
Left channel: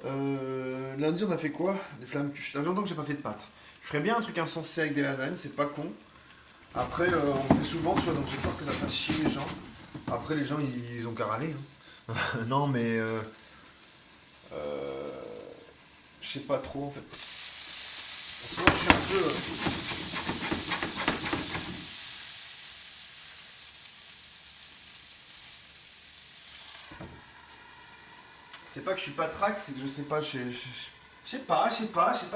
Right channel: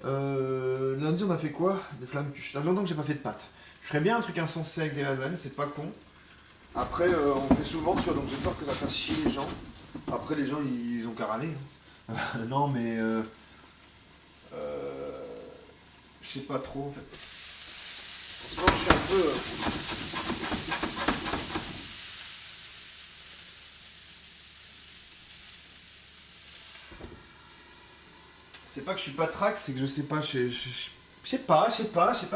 lundi on a fait quoi? Des flammes cuches. Ça fait longtemps que j'ai pas fait de pâtes. Je ferais bien un truc insensé avec des lasagnes, c'est pas con. Après, on fait souvent, tu vois, donc j'ai peur que ça fasse chier les gens. Après, les gens, ils ont qu'à râler. Hein. Non, mais je sais pas trop en fait. Non, je suis un peu. C'est pas que je suis pas track, c'est que je sais pas, je sais pas, il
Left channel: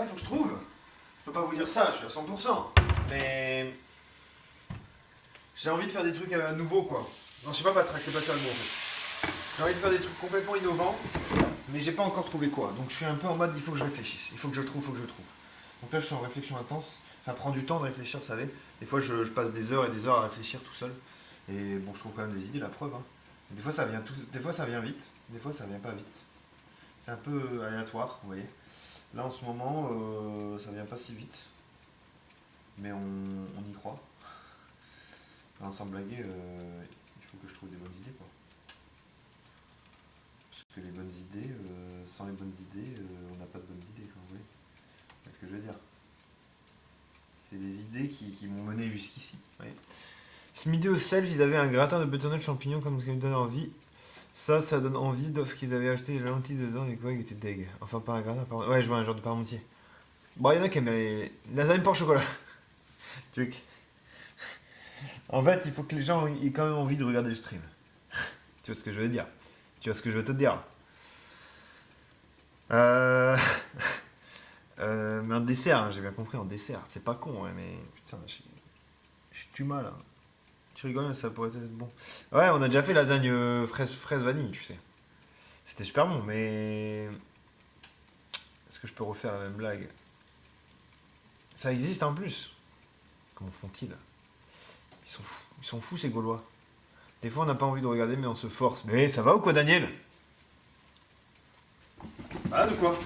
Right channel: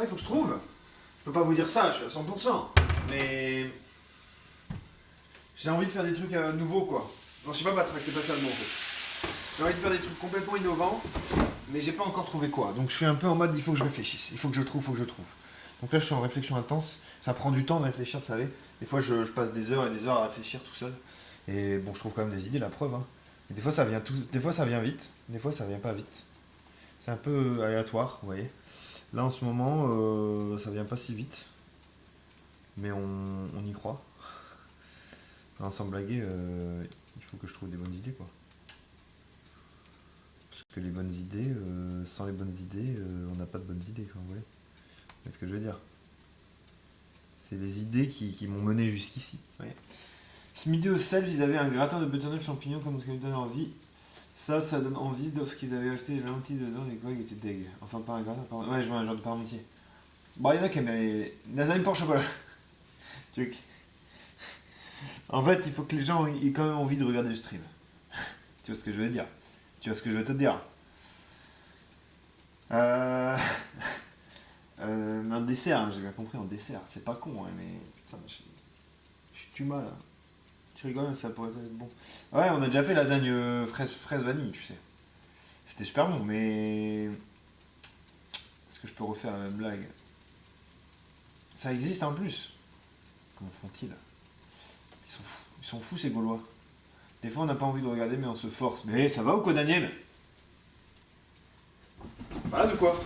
faut que je trouve. Je peux pas vous dire ça, je suis à 100%. Mais j'ai envie de faire des trucs nouveaux quoi. Non, je sais pas ma track, c'est pas ça le mot en fait. J'ai envie de faire des trucs complètement innovants, mais j'ai pas encore trouvé quoi. Donc je suis un peu en mode il faut que je réfléchisse, il faut que je trouve, Donc là je suis en réflexion intense, ça prend du temps de réfléchir, vous savez. Des fois je passe des heures et des heures à réfléchir tout seul. Et bon, je trouve quand même des idées, la preuve. Hein. Et des fois ça vient des fois ça vient vite, des fois ça vient pas vite. C'est un peu aléatoire, vous voyez. Là en ce moment, ça vient pas si vite, mais on y croit. Enfin, sans blaguer, il faut que je trouve des bonnes idées quoi. Parce que les bonnes idées, sans les bonnes idées, on n'a pas de bonnes idées, quoi, vous voyez. C'est ce que je veux dire. C'est les idées qui m'ont mené jusqu'ici. Ouais. Ce midi au self, ils avaient un gratin de butternut champignons comme ça me donne envie. Ça donne envie, sauf qu'ils avaient acheté les lentilles dedans, les quoi, qui étaient deg. Enfin, pas un gratin, ouais, je vois un genre de parmentier. Bon, il y en a qui aiment les lasagnes pour chocolat. Truc. En fait, il faut que les gens aient quand même envie de regarder le stream. Tu vois ce que je veux dire? Tu vois ce que je veux te dire? Mais un dessert, hein, j'ai bien compris, un dessert. C'est pas con, hein, mais putain, j'ai du mal. Hein. Tu rigoles, ça pourrait être bon. Ouais, on a déjà fait lasagne fraise vanille, tu sais. C'était super bon, mais est-ce que je peux refaire la même blague? Ça existe en plus. Comment font-ils? Ils sont fous ces Gaulois. Des fois on n'a pas envie de regarder mais on se force. Mais ça va ou quoi Daniel? Ah de quoi?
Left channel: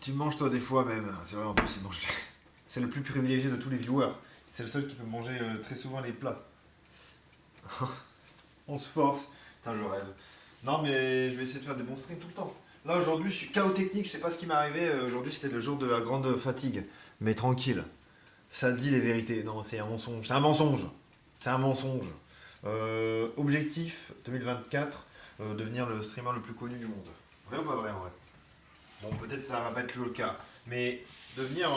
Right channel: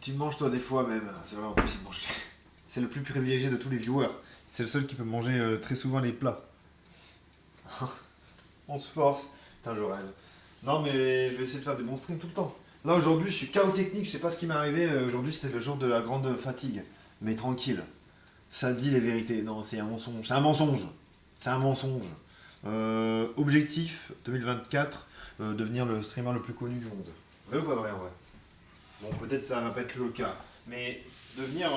Tu manges toi des fois même. C'est vrai en plus il mange. C'est le plus privilégié de tous les viewers. C'est le seul qui peut manger très souvent les plats. On se force. Putain je rêve. Non mais je vais essayer de faire des bons streams tout le temps. Là aujourd'hui je suis chaos technique, je sais pas ce qui m'est arrivé. Aujourd'hui c'était le jour de la grande fatigue. Mais tranquille. Ça dit les vérités. Non c'est un mensonge. C'est un mensonge. C'est un mensonge. Objectif 2024, devenir le streamer le plus connu du monde. Vrai ou pas vrai en vrai? Bon peut-être ça va pas être le cas. Mais devenir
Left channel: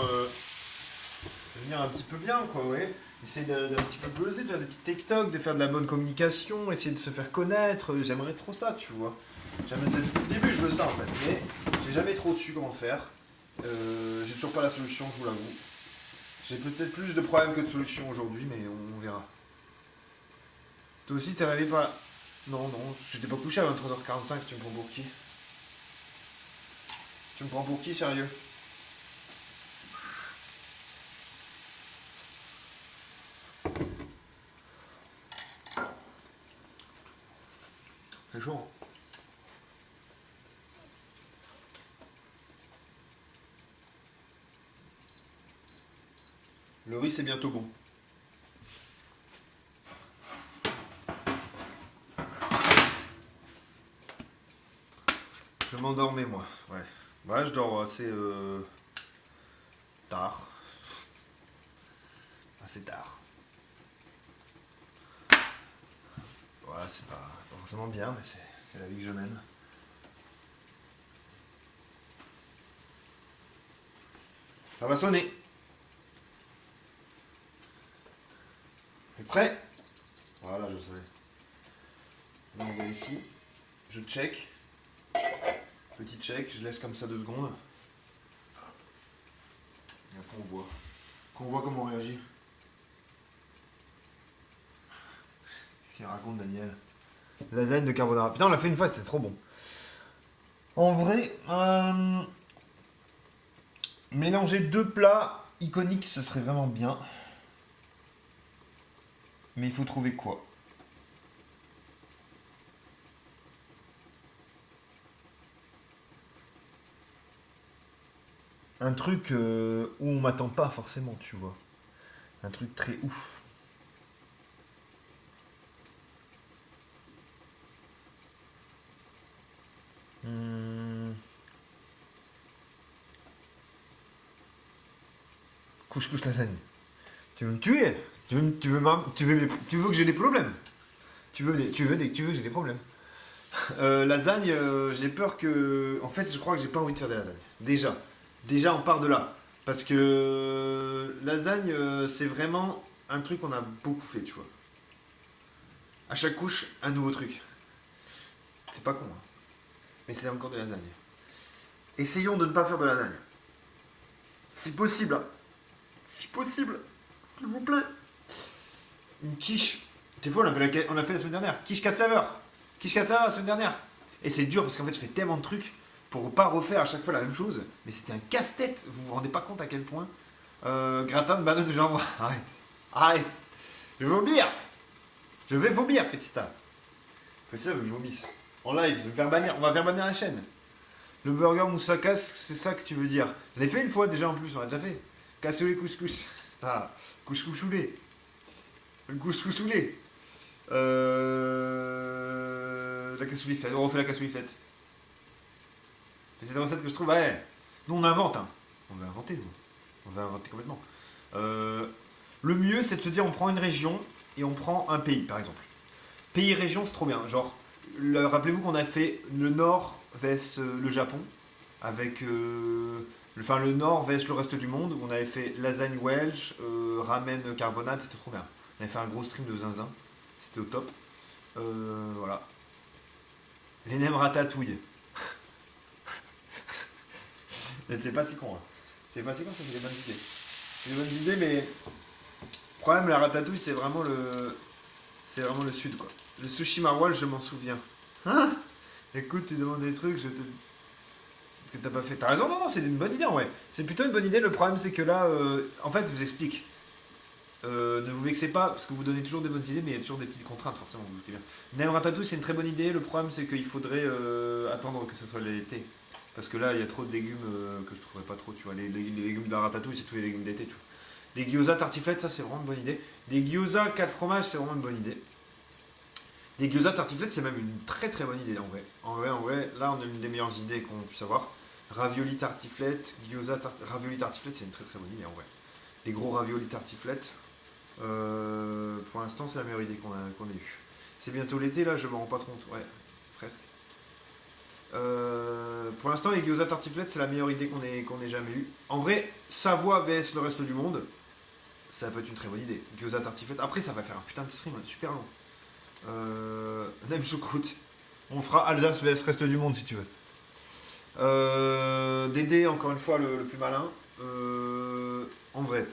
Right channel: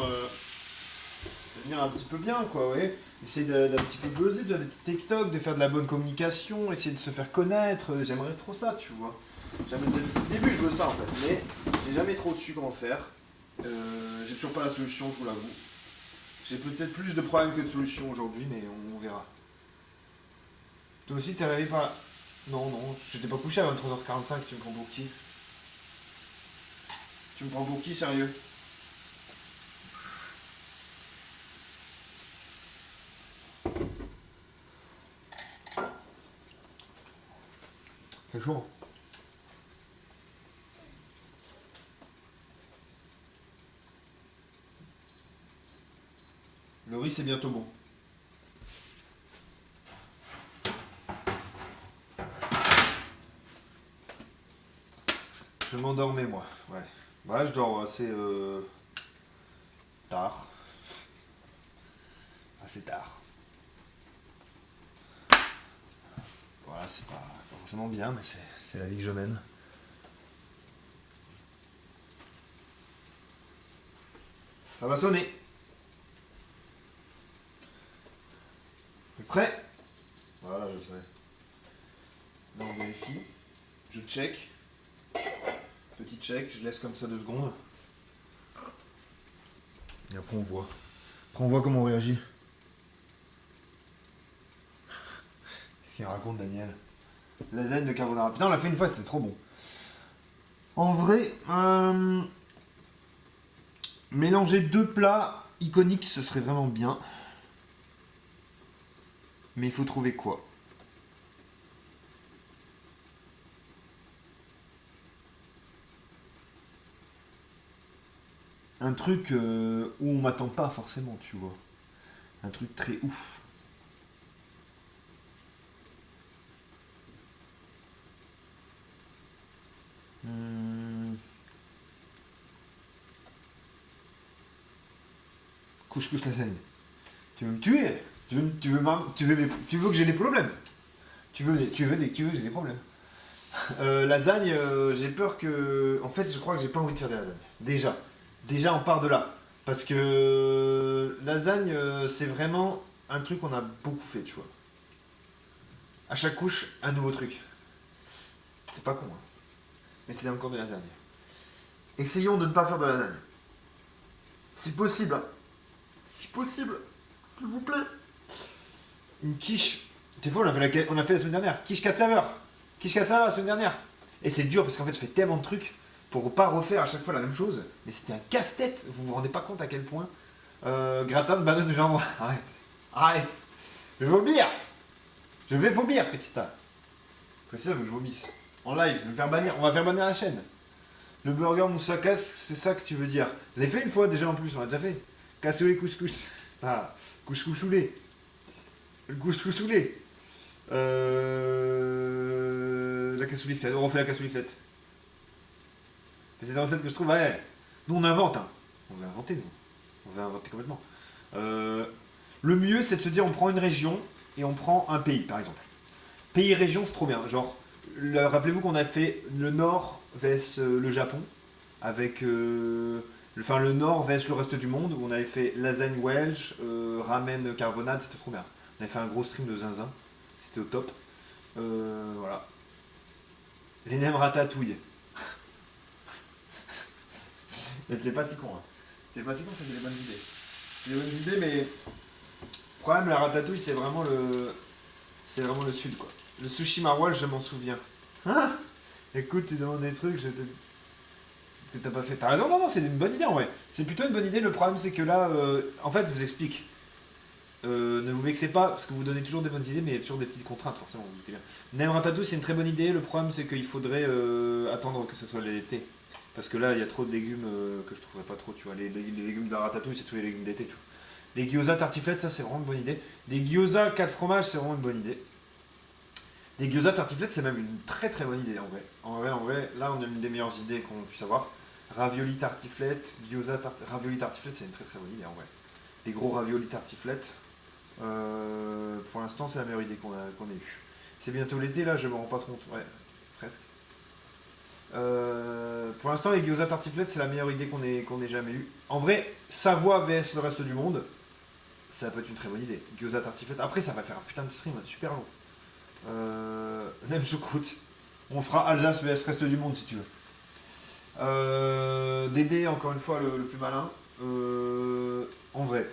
un petit peu bien quoi ouais. essayer d'un petit peu buzzer, de faire des petits TikTok, de faire de la bonne communication, essayer de se faire connaître. J'aimerais trop ça, tu vois. Au début, je veux ça en fait, mais j'ai jamais trop su comment faire. J'ai toujours pas la solution, je vous l'avoue. J'ai peut-être plus de problèmes que de solutions aujourd'hui, mais on verra. Toi aussi, t'es arrivé par là? Non, non, j'étais pas couché à 23h45, tu me prends pour qui? Tu me prends pour qui, sérieux? C'est chaud. Le riz, c'est bientôt bon. Je m'endormais, moi. Ouais. Ouais, je dors assez tard. Assez tard. Voilà, c'est pas forcément bien, mais c'est la vie que je mène. Ça va sonner. T'es prêt? Voilà, je savais. Là, on vérifie. Je check. Petit check, je laisse comme ça 2 secondes. Et après on voit. Après on voit comment on réagit. Qu'est-ce qu'il raconte Daniel? Lasagne de carbonara. Putain, on l'a fait une fois, c'était trop bon. En vrai, mélanger 2 plats iconiques, ce serait vraiment bien. Mais il faut trouver quoi? Un truc où on m'attend pas forcément, tu vois. Un truc très ouf. Hum, Couscous lasagne. Tu veux me tuer? Tu veux que j'ai des problèmes? Tu veux que j'ai des problèmes? Lasagne, j'ai peur que. En fait, je crois que j'ai pas envie de faire des lasagnes. Déjà, on part de là. Parce que lasagne, c'est vraiment un truc qu'on a beaucoup fait, tu vois. À chaque couche, un nouveau truc. C'est pas con, hein. Mais c'est encore de lasagne. Essayons de ne pas faire de lasagne. Si possible, hein. Si possible, s'il vous plaît. Une quiche. Des fois, on a fait la semaine dernière. Quiche 4 saveurs. Quiche 4 saveurs la semaine dernière. Et c'est dur parce qu'en fait, je fais tellement de trucs pour pas refaire à chaque fois la même chose. Mais c'était un casse-tête. Vous vous rendez pas compte à quel point. Gratin de banane de jambon. Arrête. Arrête. Je vais vomir. Je vais vomir, Petita. Petita veut que je vomisse. En live, je vais me faire bannir. On va faire bannir la chaîne. Le burger moussaka, c'est ça que tu veux dire. Je l'ai fait une fois déjà en plus, on l'a déjà fait. Cassoulet couscous. Ah, couscous soulé. Le couscous soulé. La cassoulet faite. On refait la cassoulet faite. C'est une recette que je trouve, ouais. Nous on invente, hein. On va inventer, nous. On va inventer complètement. Le mieux, c'est de se dire, on prend une région et on prend un pays, par exemple. Pays-région, c'est trop bien. Genre, rappelez-vous qu'on a fait le nord vs le Japon, avec le nord vs le reste du monde, où on avait fait lasagne welsh, ramen carbonade, c'était trop bien. On avait fait un gros stream de zinzin, c'était au top. Voilà. Les nems ratatouille. Mais c'est pas si con, hein. C'est pas si con, c'est des bonnes idées. C'est des bonnes idées, mais le problème, la ratatouille, c'est vraiment le. C'est vraiment le sud, quoi. Le sushi maroilles, je m'en souviens. Hein? Écoute, tu demandes des trucs, que t'as pas fait. T'as raison, non, non, c'est une bonne idée en vrai. C'est plutôt une bonne idée. Le problème, c'est que là, en fait, je vous explique. Ne vous vexez pas, parce que vous donnez toujours des bonnes idées, mais il y a toujours des petites contraintes, forcément, vous doutez bien. Nem ratatouille, c'est une très bonne idée. Le problème, c'est qu'il faudrait attendre que ce soit l'été. Parce que là, il y a trop de légumes que je trouverais pas trop, tu vois. Les légumes de la ratatouille, c'est tous les légumes d'été, tu vois. Les gyoza tartiflettes, ça, c'est vraiment une bonne idée. Les gyoza 4 fromages, c'est vraiment une bonne idée. Les gyoza tartiflettes, c'est même une très très bonne idée en vrai. En vrai, là on a une des meilleures idées qu'on puisse avoir. Ravioli tartiflette, ravioli tartiflette, c'est une très très bonne idée en vrai. Des gros ravioli tartiflette, pour l'instant c'est la meilleure idée qu'on ait eue. C'est bientôt l'été là, je me rends pas compte, ouais, presque. Pour l'instant les gyoza tartiflette, c'est la meilleure idée qu'on ait jamais eue. En vrai, Savoie vs le reste du monde, Ça peut être une très bonne idée. Gyoza tartiflette. Après, ça va faire un putain de stream super long. Même choucroute. On fera Alsace vs reste du monde si tu veux. Dédé, encore une fois, le plus malin. En vrai.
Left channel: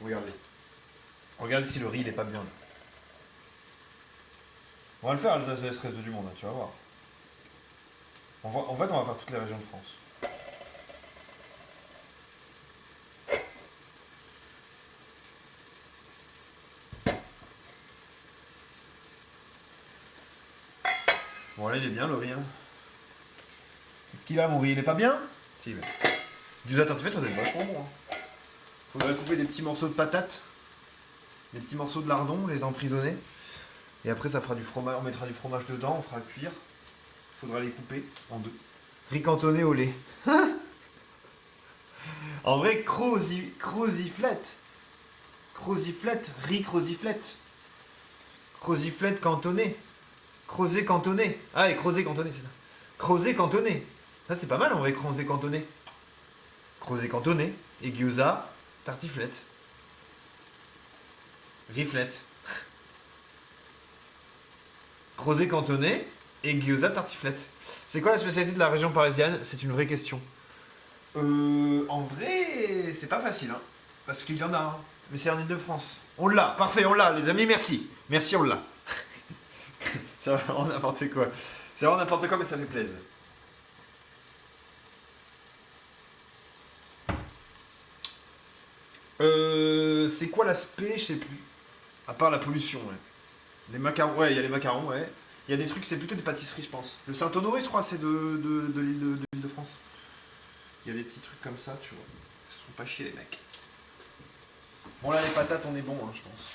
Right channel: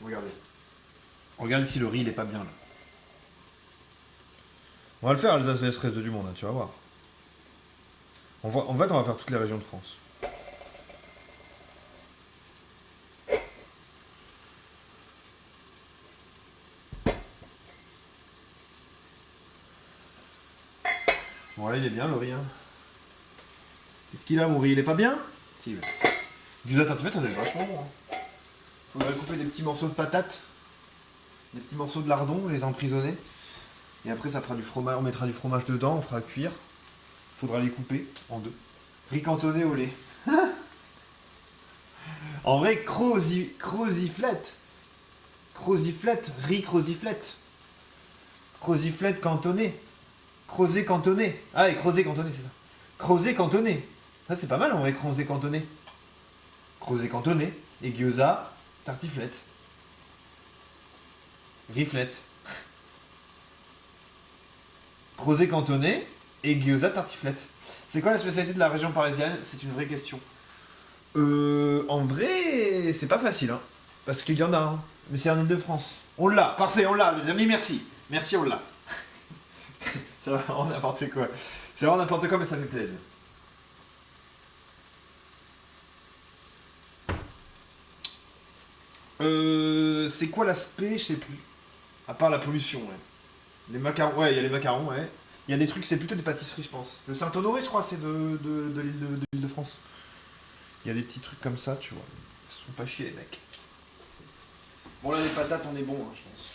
Regardez. Regarde si le riz il est pas bien là. On va le faire Alsace vs reste du monde, hein, tu vas voir. En fait, on va faire toutes les régions de France. Bon là il est bien le riz. Hein. Qu'est-ce qu'il a mon riz? Il est pas bien? Si, il est. Du tartiflette, ça doit être vachement bon. Hein. Faudrait couper des petits morceaux de patates. Des petits morceaux de lardon, les emprisonner. Et après ça fera du fromage, on mettra du fromage dedans, on fera cuire. Faudra les couper en deux. Riz cantonné au lait. En vrai, croziflette. Croziflette, riz croziflette. Croziflette cantonné. Crozet cantonné. Ah, et crozet cantonné, c'est ça. Crozet cantonné. Ça, c'est pas mal en vrai, crozet cantonné. Crozet cantonné. Et gyoza, tartiflette. Riflette. Crozet cantonné et gyoza, tartiflette. C'est quoi la spécialité de la région parisienne? C'est une vraie question. En vrai, c'est pas facile, hein. Parce qu'il y en a, hein. Mais c'est en Ile-de-France. On l'a, parfait, on l'a, les amis, merci. Merci, on l'a. Ça va vraiment n'importe quoi. C'est vraiment n'importe quoi, mais ça fait plaisir. C'est quoi l'aspect? Je sais plus. À part la pollution, ouais. Les macarons, ouais, il y a les macarons, ouais. Il y a des trucs, c'est plutôt des pâtisseries, je pense. Le Saint-Honoré, je crois, c'est de l'Île-de-France. Il y a des petits trucs comme ça, tu vois. Ils se font pas chier, les mecs. Bon, là, les patates, on est bon, hein, je pense.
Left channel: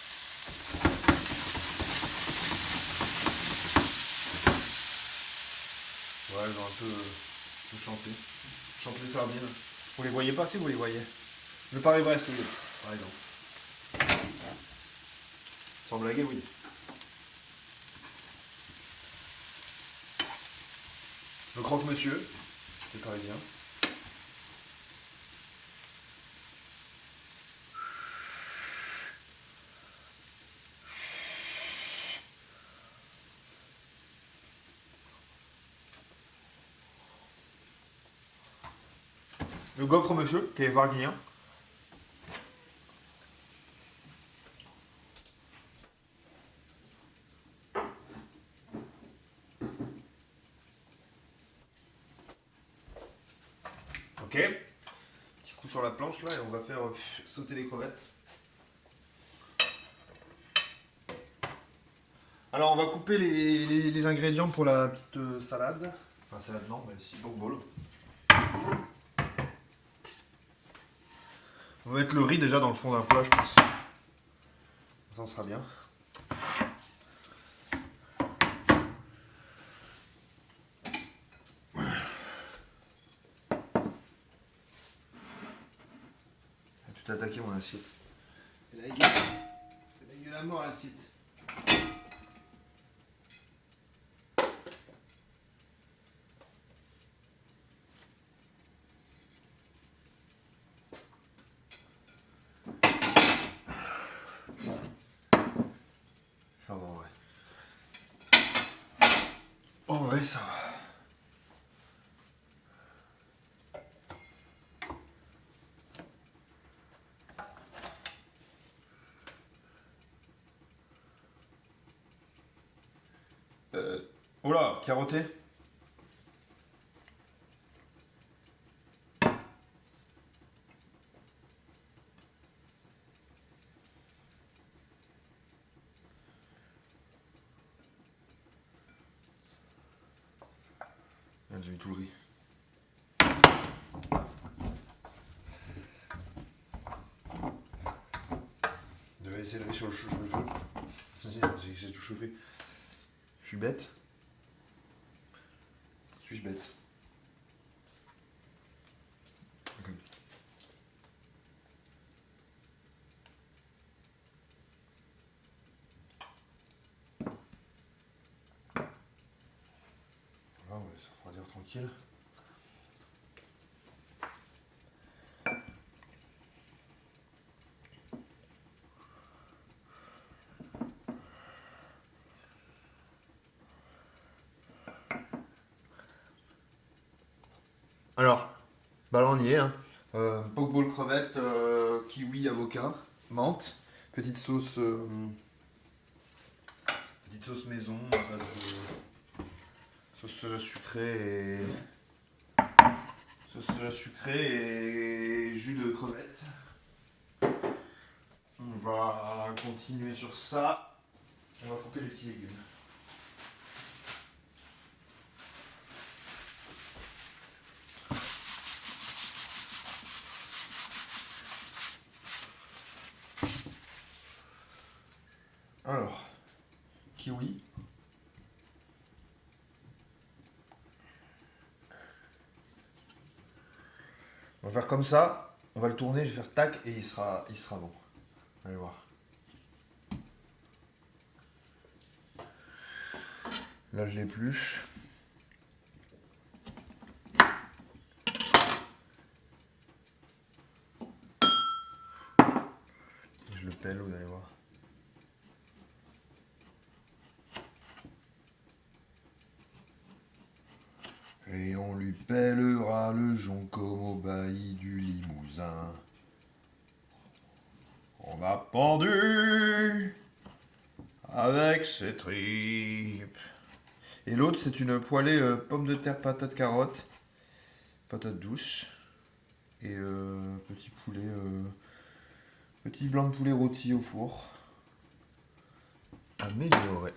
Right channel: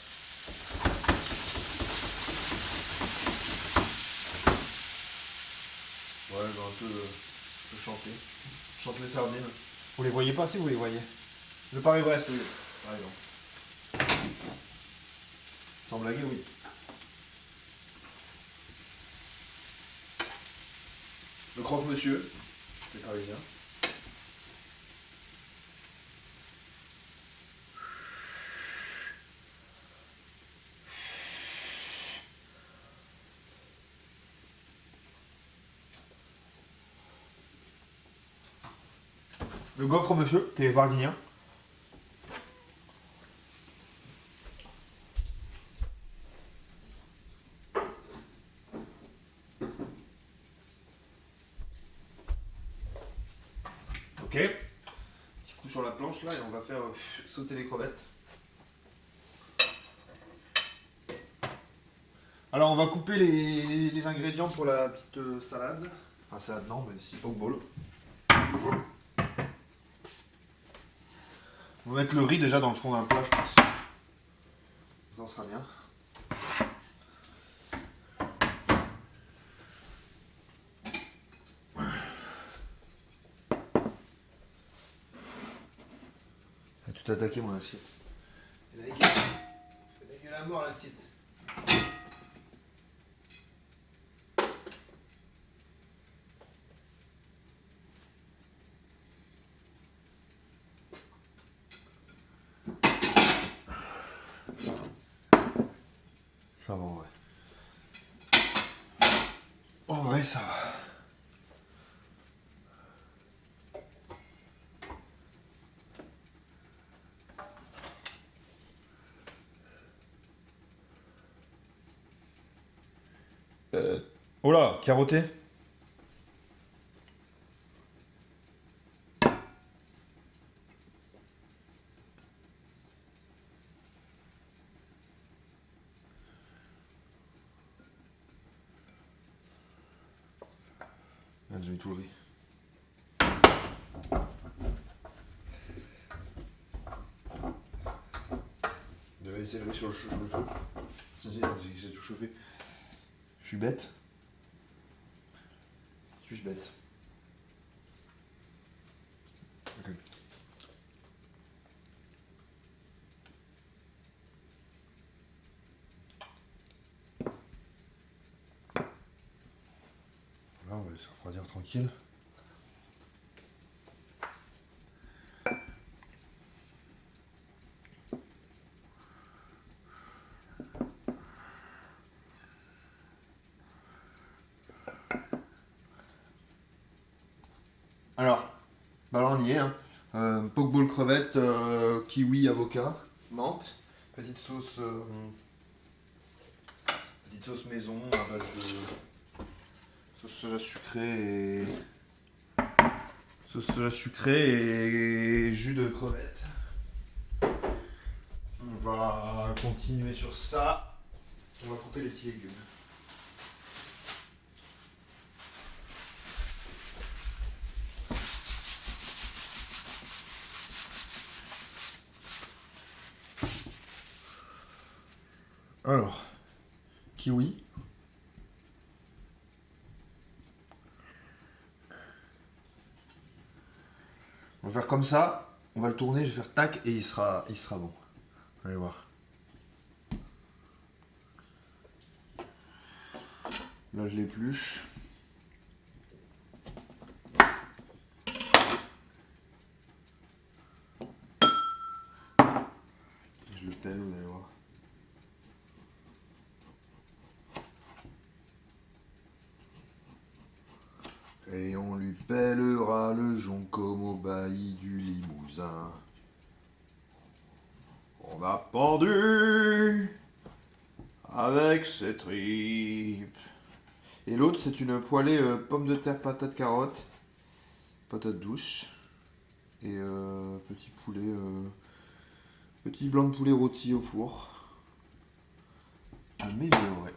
Ouais, j'ai un peu chanté. Chante les sardines. Vous les voyez pas si vous les voyez? Le Paris-Brest, oui. Par exemple. Sans blaguer, oui. Le croque-monsieur, les Parisiens. Le gaufre-monsieur, qui est varguinien. Ok. Petit coup sur la planche là et on va faire sauter les crevettes. Alors on va couper les ingrédients pour la petite salade. Enfin salade non, mais ici au bol. On va mettre le riz déjà dans le fond d'un plat, je pense. Ça sera bien. Ah, tu t'es attaqué mon assiette. C'est la gueule à mort l'assiette. Enfin bon, ouais. En vrai, ça va. Oh là, carotté. Regarde, j'ai eu tout le riz. Je vais essayer de le mettre sur le feu. J'ai tout chauffé. Je suis bête. Suis-je bête? Ok. Là, on va laisser refroidir tranquille. Alors, bah là on y est. Hein. Pokeball crevette, kiwi, avocat, menthe, petite sauce, maison à base de sauce soja sucrée et jus de crevette. On va continuer sur ça. On va compter les petits légumes. Alors, kiwi. On va faire comme ça. On va le tourner, je vais faire tac et il sera bon. Allez voir. Là, je l'épluche. Je le pèle, vous allez voir. Et on lui pèlera le jonc comme au bailli du Limousin. On a pendu avec ses tripes. Et l'autre, c'est une poêlée pommes de terre, patates, carottes, patates douces. Et petit poulet, petit blanc de poulet rôti au four. Amélioré.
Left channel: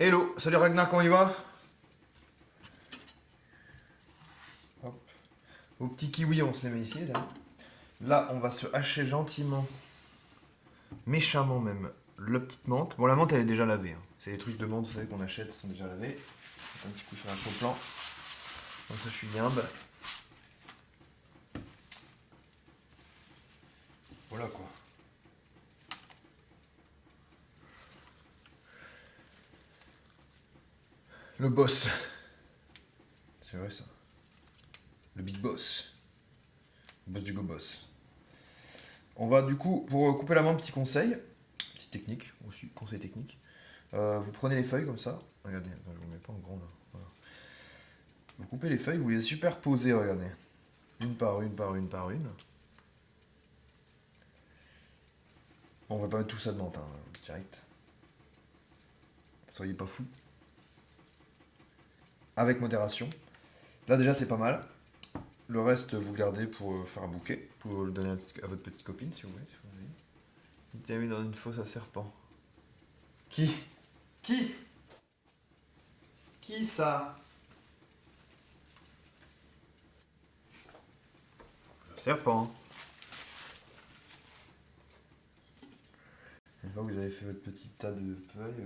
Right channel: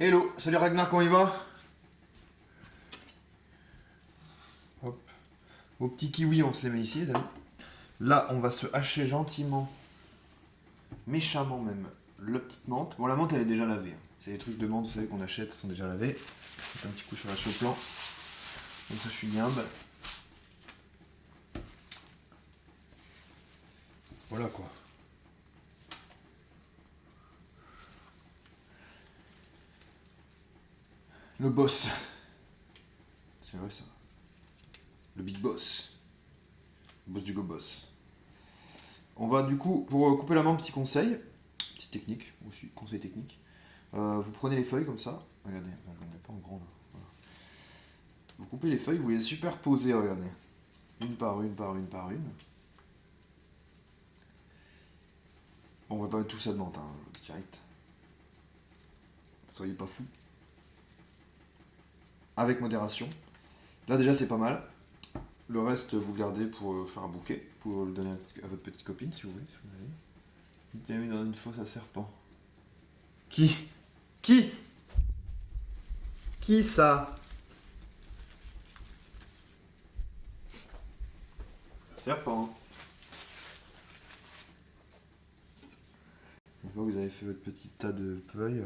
Hello, salut Ragnar, comment il va? Hop. Vos petits kiwis, on se les met ici, les amis. Là, on va se hacher gentiment, méchamment même, la petite menthe. Bon, la menthe, elle est déjà lavée. Hein. C'est les trucs de menthe, vous savez, qu'on achète, sont déjà lavés. Un petit coup sur la chaux-plan. Comme ça, je suis bien. Voilà quoi. Le boss. C'est vrai ça. Le big boss. Le boss du go boss. On va du coup, pour couper la menthe, petit conseil. Petite technique, aussi, conseil technique. Vous prenez les feuilles comme ça. Regardez, je ne vous mets pas en grand là. Voilà. Vous coupez les feuilles, vous les superposez, regardez. Une par une, par une, par une. Bon, on va pas mettre tout ça de menthe, hein, direct. Soyez pas fous. Avec modération. Là déjà c'est pas mal. Le reste vous le gardez pour faire un bouquet, pour le donner à votre petite copine si vous voulez. Il t'a mis dans une fosse à serpent. Qui ça? Un serpent. Une fois que vous avez fait votre petit tas de feuilles,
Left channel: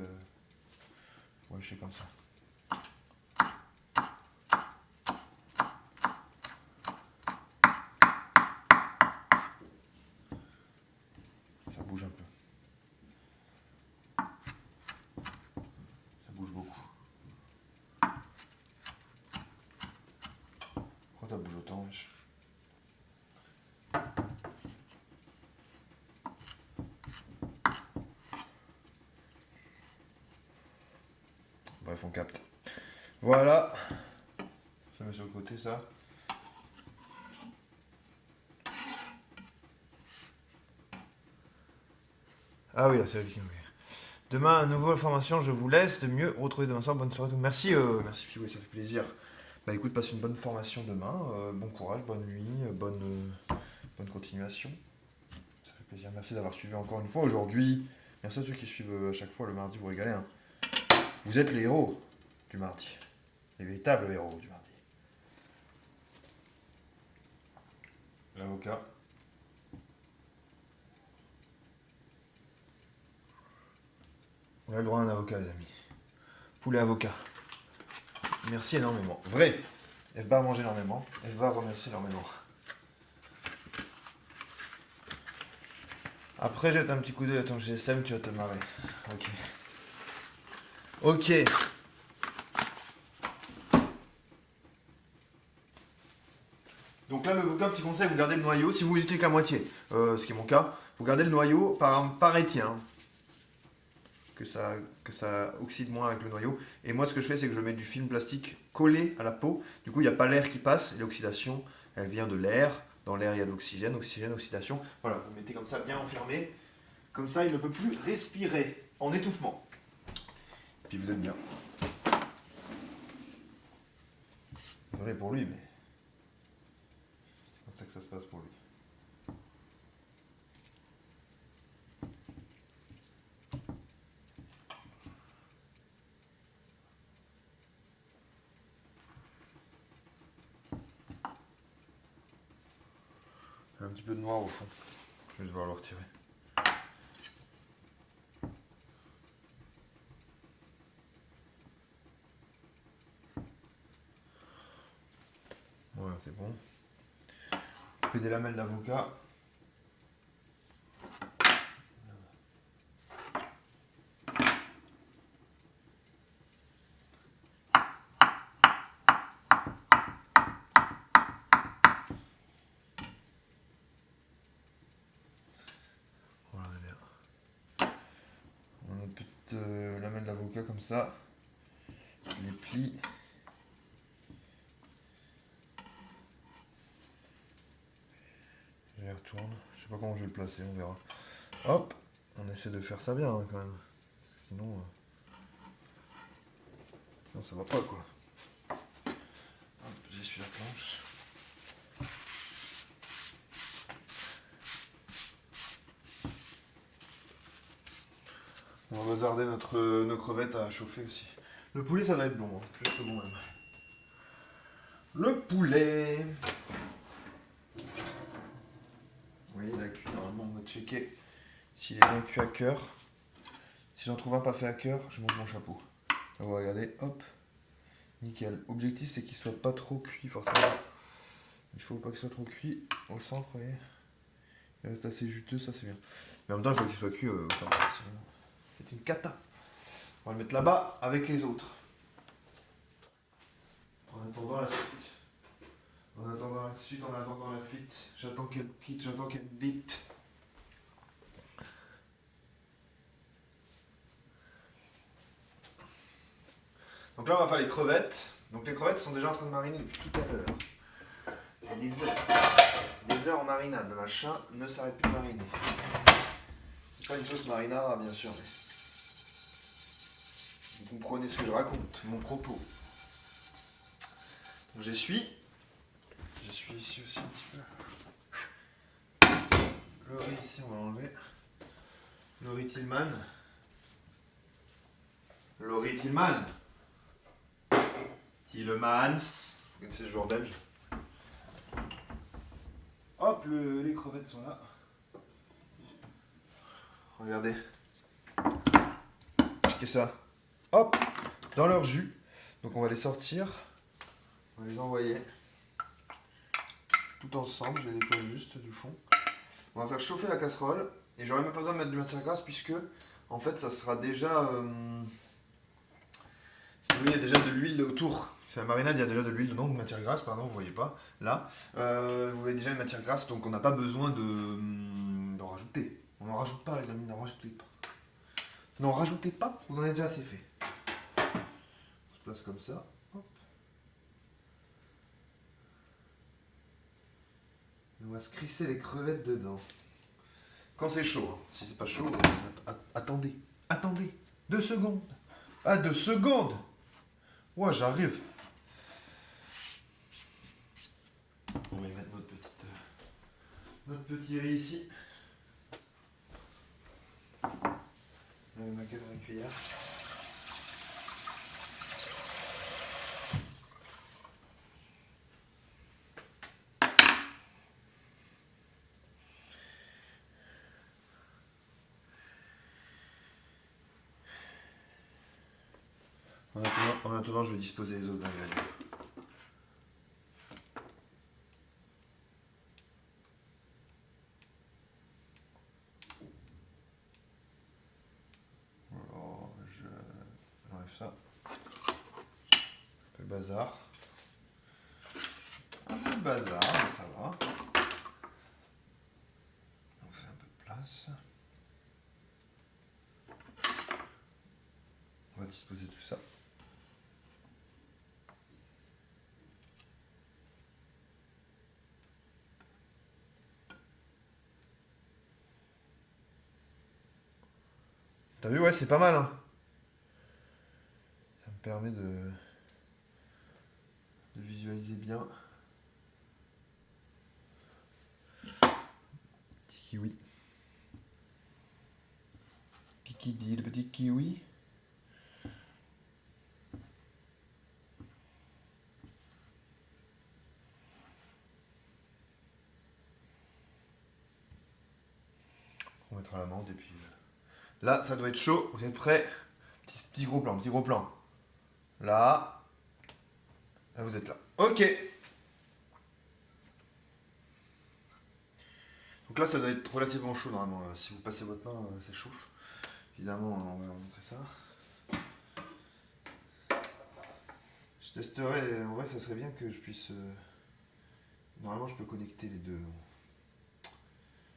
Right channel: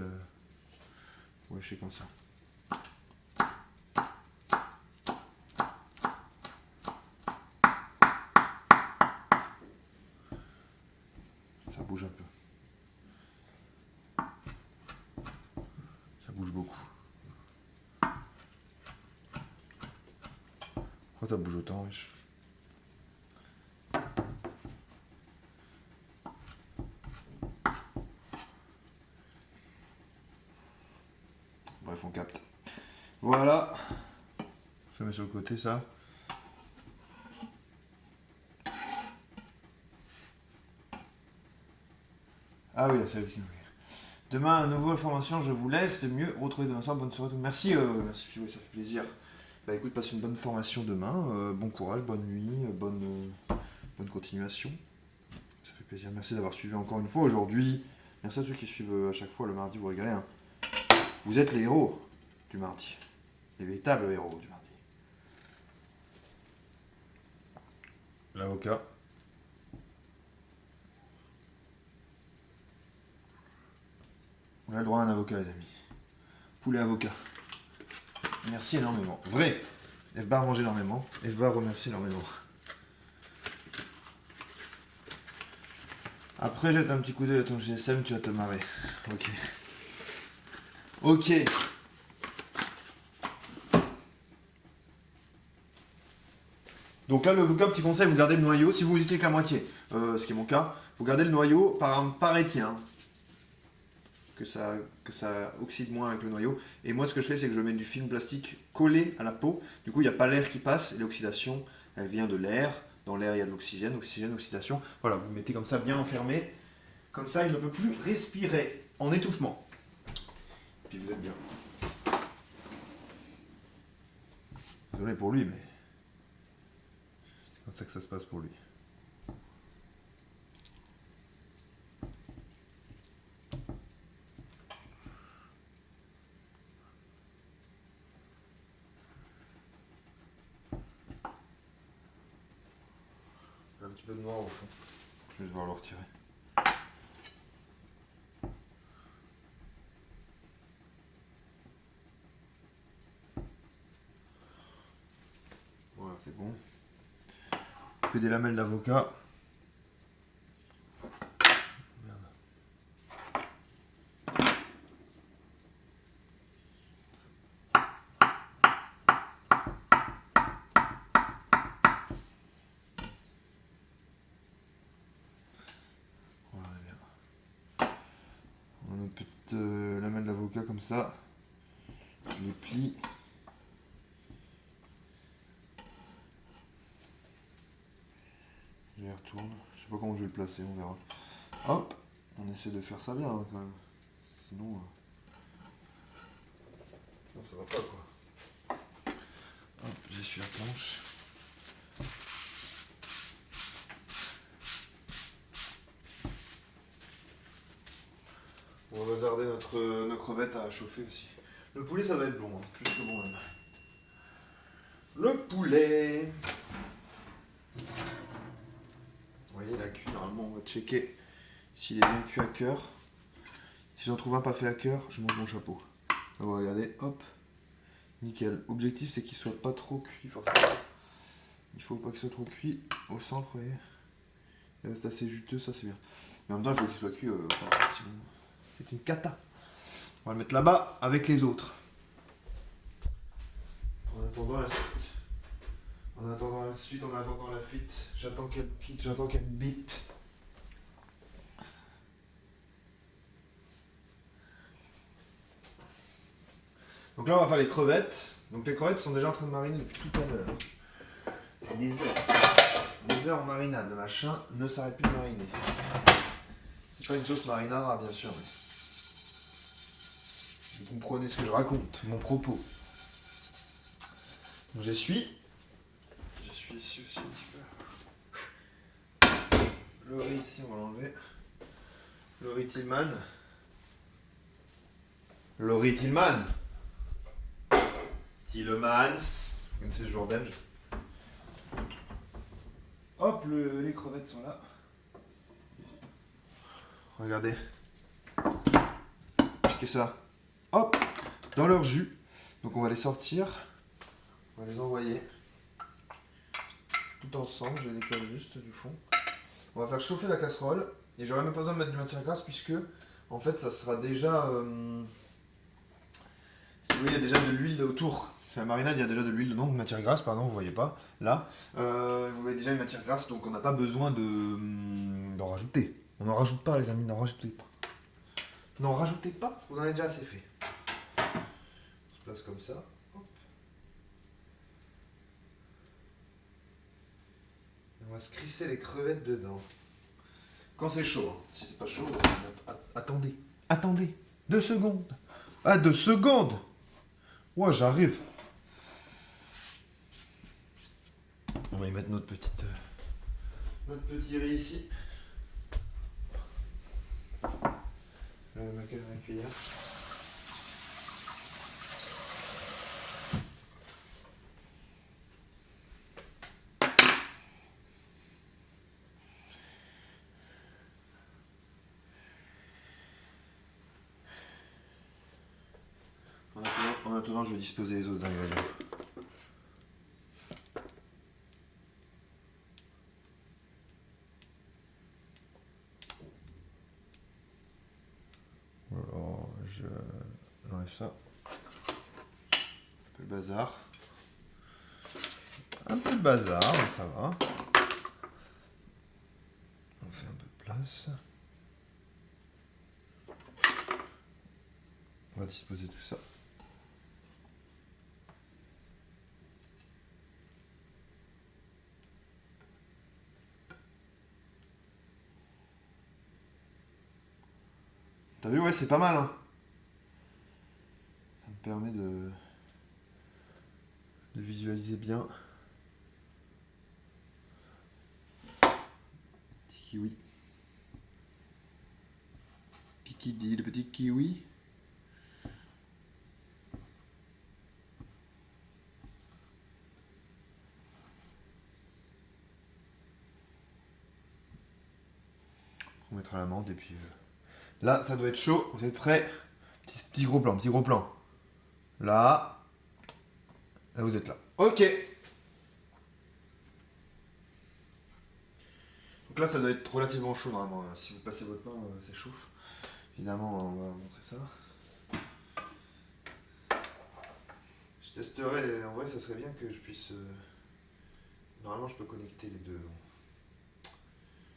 vous lâchez comme ça. Ça bouge un peu. Ça bouge beaucoup. Pourquoi ça bouge autant, wesh? Bref, on capte. Voilà. Je mets sur le côté ça. Ah oui, c'est avec. Demain, nouvelle formation, je vous laisse. De mieux retrouver demain soir. Bonne soirée. Merci, merci Fiwo, ça fait plaisir. Bah écoute, passe une bonne formation demain. Bon courage, bonne nuit, bonne continuation. Ça fait plaisir. plaisir. Merci d'avoir suivi encore une fois aujourd'hui. Merci à ceux qui suivent à chaque fois le mardi, vous régalez. Hein. Vous êtes les héros du mardi. Les véritables héros du mardi. L'avocat. On a le droit à un avocat, les amis. Poulet avocat. Merci énormément. Vrai. F-Bar mange énormément. F-Bar remercie énormément. Après, jette un petit coup d'œil à ton GSM, tu vas te marrer. Ok. Ok. Donc là, l'avocat, petit conseil, vous gardez le noyau. Si vous hésitez que la moitié, ce qui est mon cas, vous gardez le noyau par étien. Hein. Que ça oxyde moins avec le noyau. Et moi, ce que je fais, c'est que je mets du film plastique collé à la peau. Du coup, il n'y a pas l'air qui passe. Et l'oxydation, elle vient de l'air. Dans l'air, il y a de l'oxygène. Oxygène, oxydation. Voilà, vous mettez comme ça bien enfermé. Comme ça, il ne peut plus respirer en étouffement. Puis vous êtes bien. Désolé pour lui, mais c'est comme ça que ça se passe pour lui. Un petit peu de noir au fond. Je vais devoir le retirer. Voilà, c'est bon. Couper des lamelles d'avocat. Voilà, on a une petite lamelle d'avocat comme ça. Je les plie. Je les retourne. Je sais pas comment je vais le placer, on verra. Hop, on essaie de faire ça bien hein, quand même. Sinon, sinon ça va pas quoi. Hop, j'essuie la planche. On va bazarder nos crevettes à chauffer aussi. Le poulet ça va être bon, hein, plus que bon même. Le poulet. Vous voyez, il a cuit. Normalement, on va checker s'il est bien cuit à cœur. Si j'en trouve un pas fait à cœur, je monte mon chapeau. On va regarder, hop. Nickel. Objectif, c'est qu'il soit pas trop cuit, forcément. Il faut pas qu'il soit trop cuit au centre, vous voyez. Il reste assez juteux, ça c'est bien. Mais en même temps, il faut qu'il soit cuit au centre, sinon c'est une cata. On va le mettre là-bas avec les autres. En attendant la suite. En attendant la suite, en attendant la fuite, j'attends qu'elle quitte, j'attends qu'elle bip. Donc là, on va faire les crevettes. Donc les crevettes sont déjà en train de mariner depuis tout à l'heure. Des heures en marinade, le machin ne s'arrête plus de mariner. C'est pas une sauce marinara, bien sûr, mais vous comprenez ce que je raconte, mon propos. Donc j'essuie ici aussi un petit peu. Le riz ici, on va l'enlever. Le riz Tillman. Le riz Tillman. Tillemans. Vous connaissez ce joueur belge. Hop, les crevettes sont là. Regardez. Checkez ça. Hop, dans leur jus. Donc on va les sortir. On va les envoyer. Tout ensemble, je les décolle juste du fond. On va faire chauffer la casserole. Et j'aurai même pas besoin de mettre de matière grasse puisque en fait ça sera déjà... si vous voyez, il y a déjà de l'huile autour. C'est la marinade, il y a déjà de l'huile dedans, de matière grasse, pardon, vous voyez pas. Là, vous voyez déjà une matière grasse, donc on n'a pas besoin d'en rajouter. On n'en rajoute pas les amis, n'en rajoutez pas. N'en rajoutez pas, vous en avez déjà assez fait. On se place comme ça. Hop. Et on va se crisser les crevettes dedans. Quand c'est chaud, hein. Si c'est pas chaud, attendez. Attendez. 2 secondes. Ah, 2 secondes. Ouais, j'arrive. On va y mettre notre petit riz ici. La maquette avec cuillère. En attendant, je vais disposer les autres ingrédients. Alors, j'enlève ça. Un peu le bazar. Un peu de bazar, mais ça va. On fait un peu de place. On va disposer tout ça. T'as vu, ouais, c'est pas mal, hein. Ça me permet de visualiser bien. Petit kiwi. Qui dit le petit kiwi? On mettra l'amande et puis... Là, ça doit être chaud. Vous êtes prêts? Petit gros plan, petit gros plan. Là. Là, vous êtes là. Ok. Donc là, ça doit être relativement chaud normalement. Si vous passez votre main, ça chauffe. Évidemment, on va montrer ça. Je testerai. En vrai, ça serait bien que je puisse... Normalement, je peux connecter les deux.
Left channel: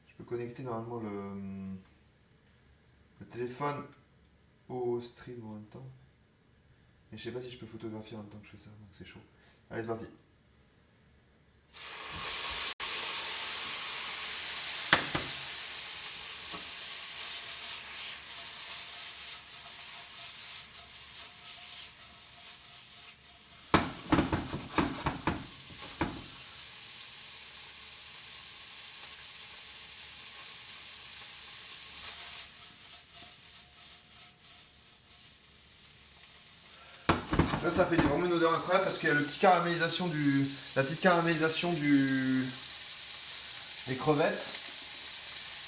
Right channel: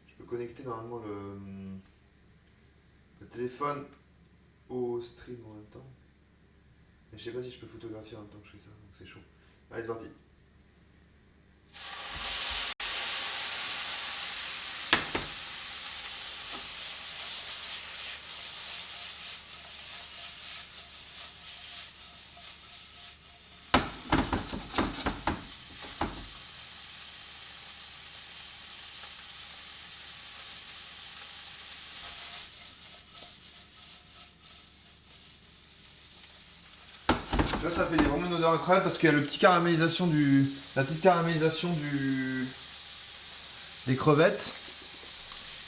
Je peux connecter normalement le téléphone au stream en même temps. Mais je sais pas si je peux photographier en même temps que je fais ça. Donc c'est chaud. Allez, c'est parti. Là, ça fait vraiment une odeur incroyable parce qu'il y a la petite caramélisation des crevettes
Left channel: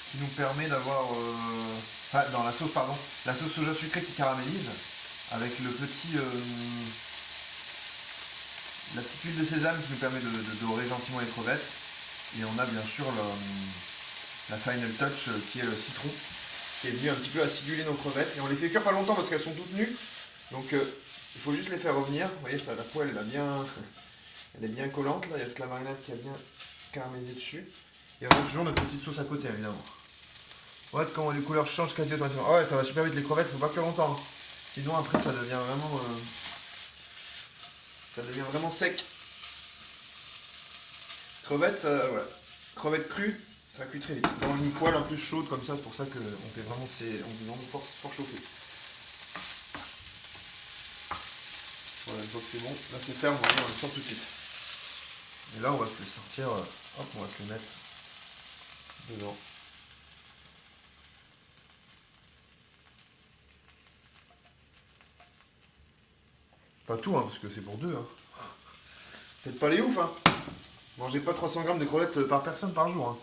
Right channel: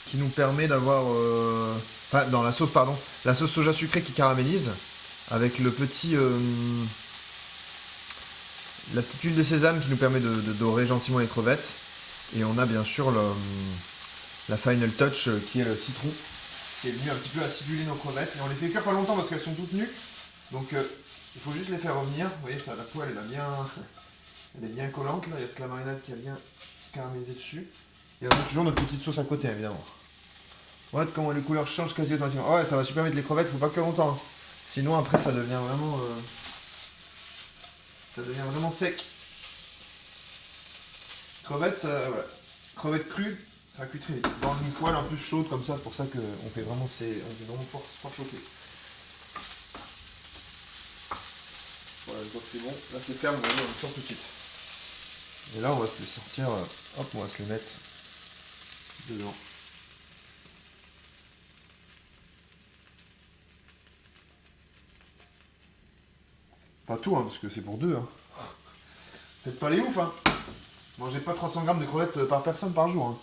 qui nous permet d'avoir, enfin, dans la sauce, pardon, la sauce soja sucrée qui caramélise avec le petit, la petite huile de sésame qui nous permet de dorer gentiment les crevettes. Et on a bien sûr la final touch qui est le citron qui est venu un petit peu aciduler nos crevettes. Et on les fait cuire pas longtemps parce qu'elles sont toutes nues. Donc il faut juste les faire revenir. Vous voyez, ça, la poêle elle est bien collante. Là, il y a toute la marinade qui a bien caramélisé dessus. Et on a toujours notre petite sauce à côté, évidemment. Regarde comment les couleurs changent quasi automatiquement. Ouais, ça va super vite les crevettes, faut pas cuire longtemps. Hein. Sinon après ça devient vraiment sec. Crevettes, voilà. Crevettes crues, ça cuit très vite. Dans une poêle en plus chaude comme ça, c'est pour ça qu'on fait vraiment, fort chauffer. Voilà, je vois que c'est bon. Là c'est ferme, voilà, on le sort tout de suite. Et là on va se les sortir, hop, on va se les mettre dedans. Pas tout, hein, parce que c'est pour deux. Hein. Peut-être pas les ouf, hein. Mangez pas 300 grammes de crevettes par personne par jour. Hein.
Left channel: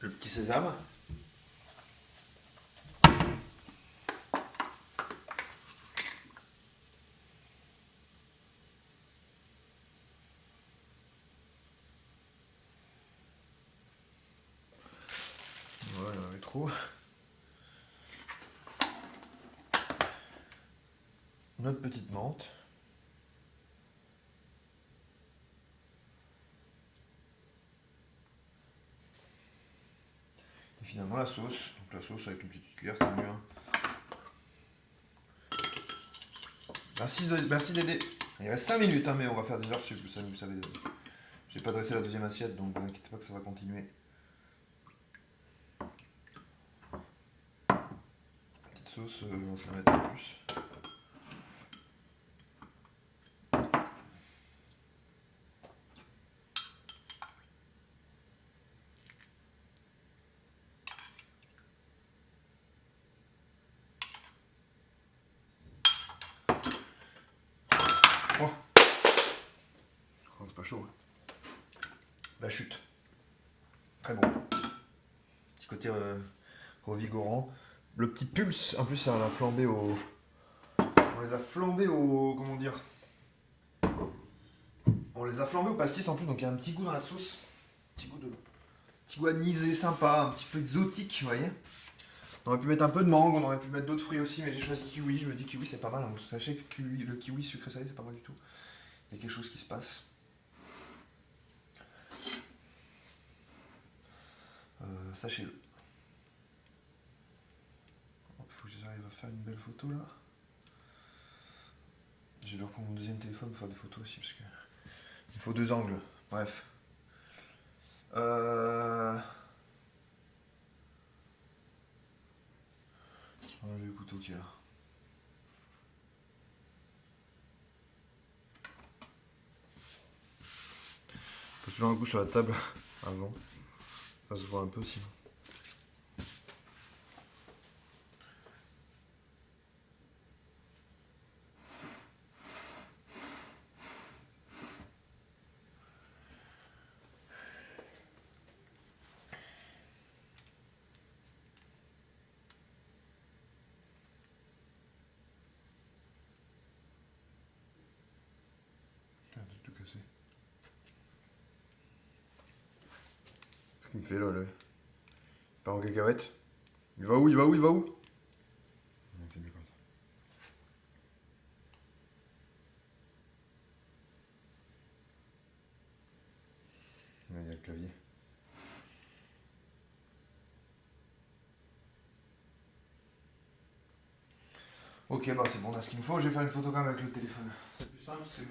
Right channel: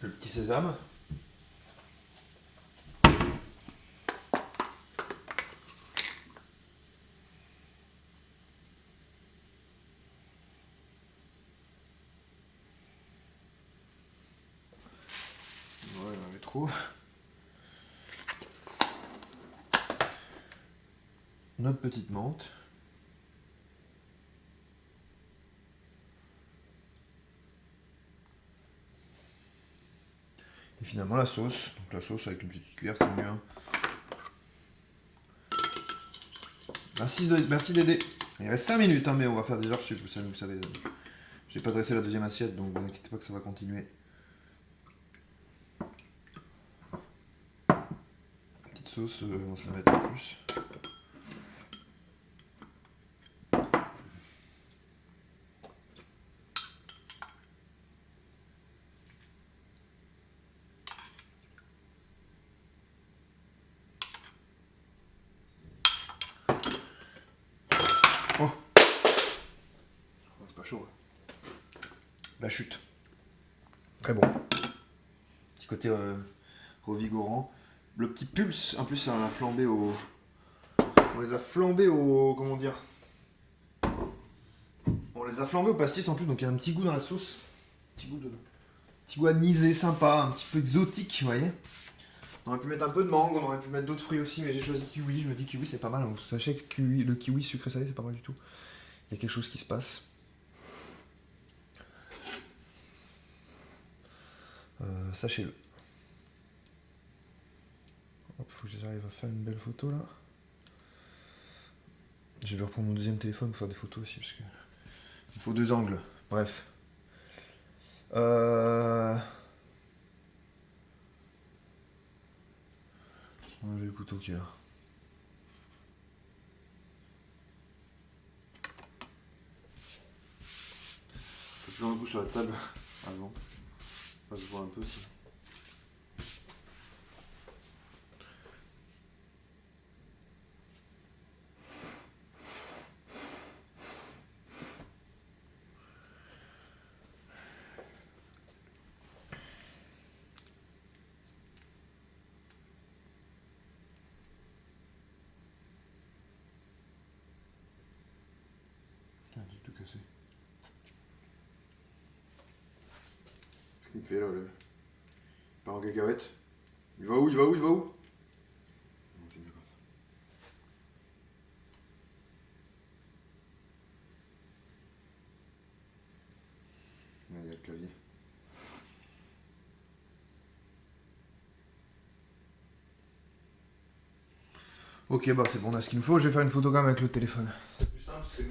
Le petit sésame. Voilà, il y trop. Notre petite menthe. Et finalement la sauce. Donc la sauce avec une petite cuillère, c'est mieux. Hein. Merci Dédé. Il reste 5 minutes, hein, mais on va faire des heures sup, vous savez. J'ai pas dressé la deuxième assiette, donc ne vous inquiétez pas que ça va continuer. sauce, on va se la mettre en plus. Oh, c'est pas chaud. La chute. Très bon. Petit côté revigorant. Le petit pulse, en plus ça va flamber au... On les a flambés au... Comment dire? On les a flambés au pastis en plus, donc il y a un petit goût dans la sauce. Petit goût anisé, sympa, un petit peu exotique, vous voyez. On aurait pu mettre un peu de mangue, on aurait pu mettre d'autres fruits aussi, mais j'ai choisi kiwi. Je me dis kiwi c'est pas mal. Vous sachez que le kiwi sucré salé c'est pas mal du tout. Il y a quelque chose qui se passe. Sachez-le. Il faut que j'arrive à faire une belle photo là. Je vais reprendre mon deuxième téléphone pour faire des photos aussi parce que il faut deux angles. Bref. On va enlever le couteau qui est là. Faut toujours un coup sur la table avant. Ça se voit un peu aussi. J'ai tout cassé. Ce qu'il me fait là, le... Il part en cacahuète. Il va où? Il va où? Il va où? Non, c'est mieux comme ça. Là, il y a le clavier. Ok, bah c'est bon, on a ce qu'il me faut. Je vais faire une photo quand même avec le téléphone. C'est plus simple, c'est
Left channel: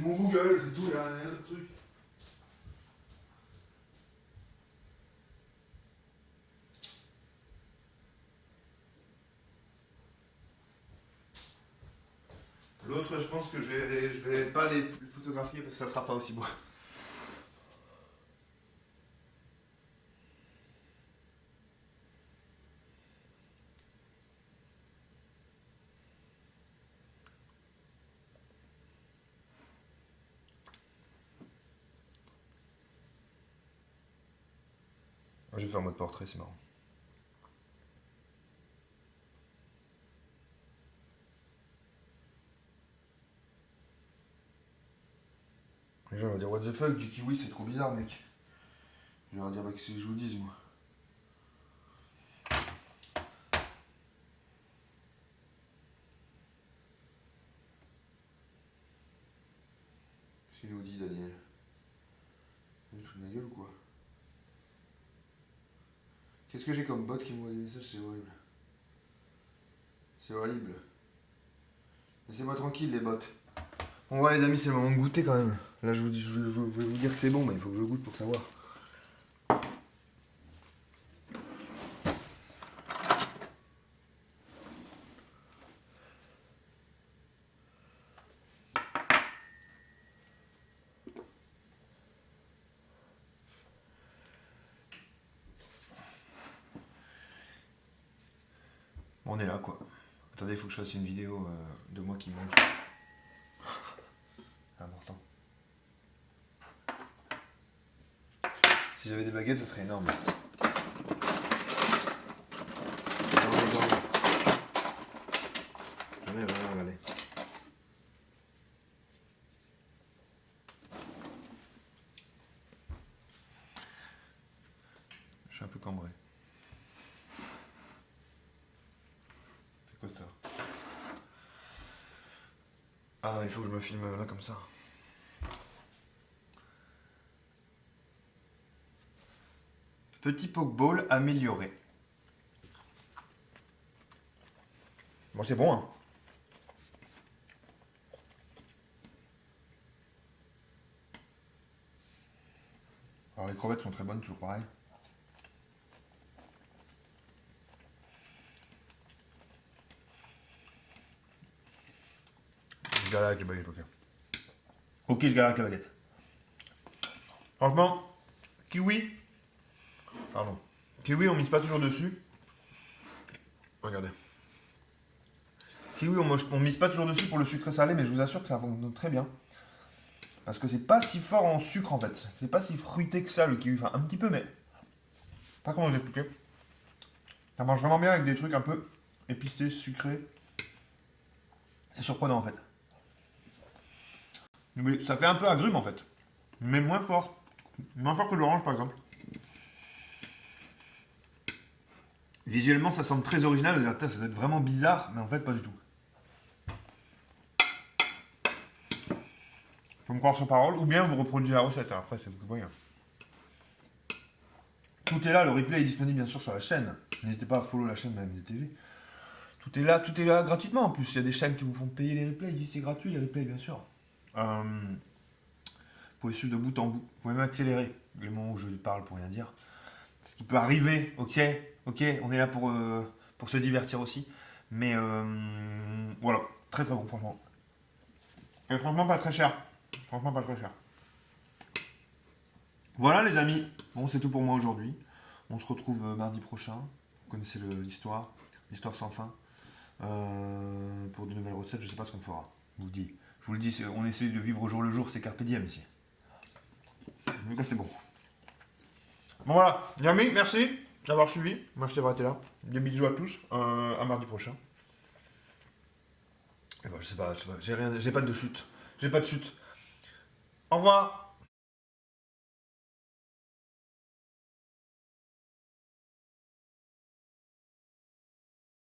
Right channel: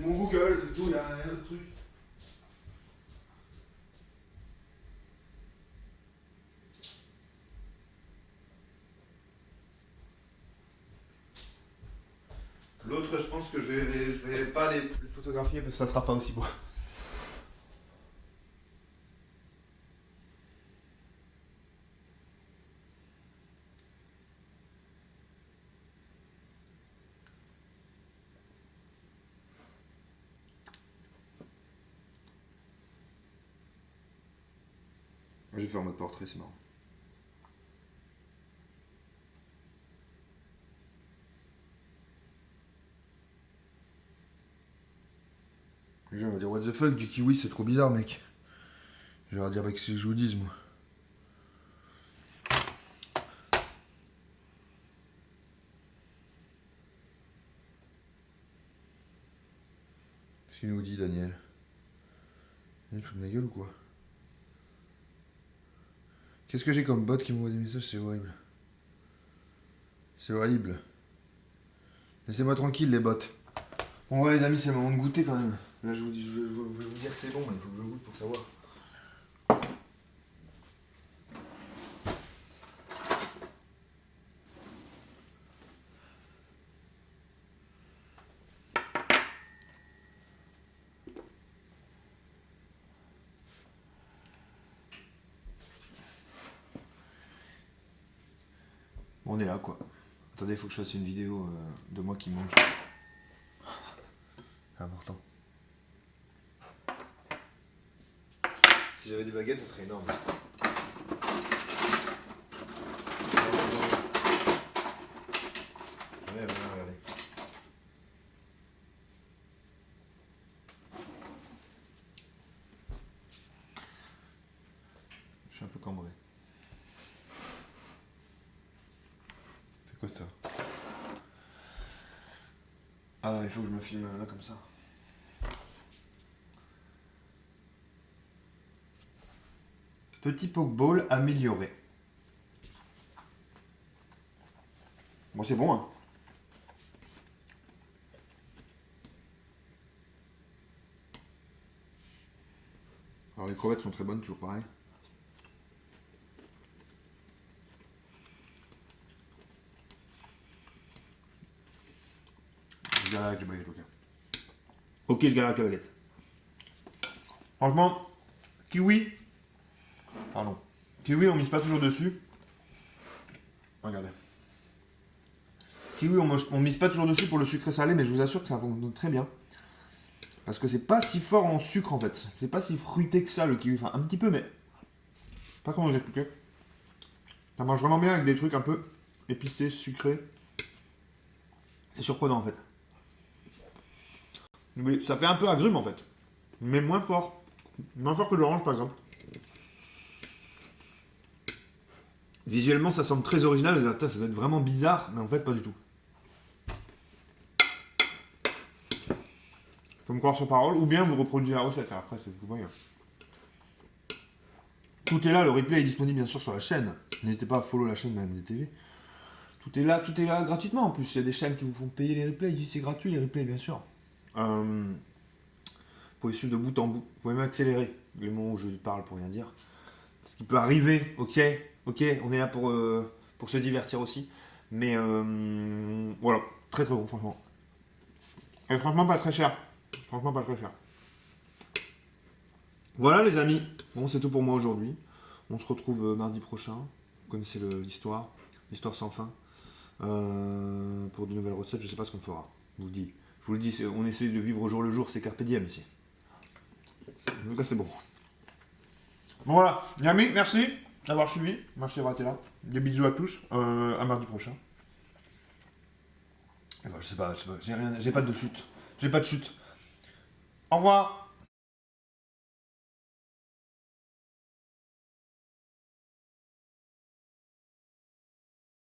mon Google, c'est tout, il y a rien d'autre truc. L'autre, je pense que je vais pas les photographier parce que ça sera pas aussi beau. Je vais faire en mode portrait, c'est marrant. Les gens vont dire what the fuck, du kiwi c'est trop bizarre mec. Je vais leur dire bah qu'est-ce que je vous dise moi. Qu'est-ce qu'il nous dit Daniel? Il fout de ma gueule ou quoi? Qu'est-ce que j'ai comme bot qui m'envoie des messages? C'est horrible. C'est horrible. Laissez-moi tranquille les bots. Bon ouais les amis, c'est le moment de goûter quand même. Là je vais vous dire que c'est bon, mais il faut que je goûte pour savoir. Bon, on est là quoi. Attendez, il faut que je fasse une vidéo de moi qui mange. C'est important. Si j'avais des baguettes, ça serait énorme. J'en ai rien, regardez. Je suis un peu cambré. C'est quoi ça? Ah, il faut que je me filme là comme ça. Petit pokeball amélioré. Bon, c'est bon, hein. Alors, les crevettes sont très bonnes, toujours pareil. galère avec les baguettes, ok. Ok, je galère avec la baguette. Franchement, kiwi. Pardon. Kiwi, on mise pas toujours dessus. Regardez. Kiwi, on mise pas toujours dessus pour le sucré salé, mais je vous assure que ça fonctionne très bien. Parce que c'est pas si fort en sucre en fait. C'est pas si fruité que ça le kiwi. Enfin, un petit peu, mais. Pas comment vous expliquer. Ça marche vraiment bien avec des trucs un peu épicés, sucrés. C'est surprenant en fait. Mais ça fait un peu agrume en fait. Mais moins fort. Moins fort que l'orange par exemple. Visuellement, ça semble très original. Vous allez dire, ça doit être vraiment bizarre, mais en fait, pas du tout. Faut me croire sur parole, ou bien vous reproduisez la recette. Après, c'est ce que vous voyez. Tout est là, le replay est disponible bien sûr sur la chaîne. N'hésitez pas à follow la chaîne de MDTV. Tout est là gratuitement en plus. Il y a des chaînes qui vous font payer les replays. Ils disent c'est gratuit les replays, bien sûr. Vous pouvez suivre de bout en bout. Vous pouvez même accélérer le moment où je parle pour rien dire. Ce qui peut arriver, ok, on est là pour se divertir aussi. Mais voilà, très très bon franchement. Et franchement pas très cher. Franchement pas très cher. Voilà les amis, bon c'est tout pour moi aujourd'hui. On se retrouve mardi prochain. Vous connaissez l'histoire sans fin. Pour de nouvelles recettes, je sais pas ce qu'on fera. Je vous le dis, on essaie de vivre au jour le jour, c'est carpe diem ici. En tout cas c'est bon. Bon voilà, les amis, merci d'avoir suivi. Merci d'avoir été là. Des bisous à tous. À mardi prochain. Et ben, je sais pas, j'ai pas de chute. J'ai pas de chute. Au revoir.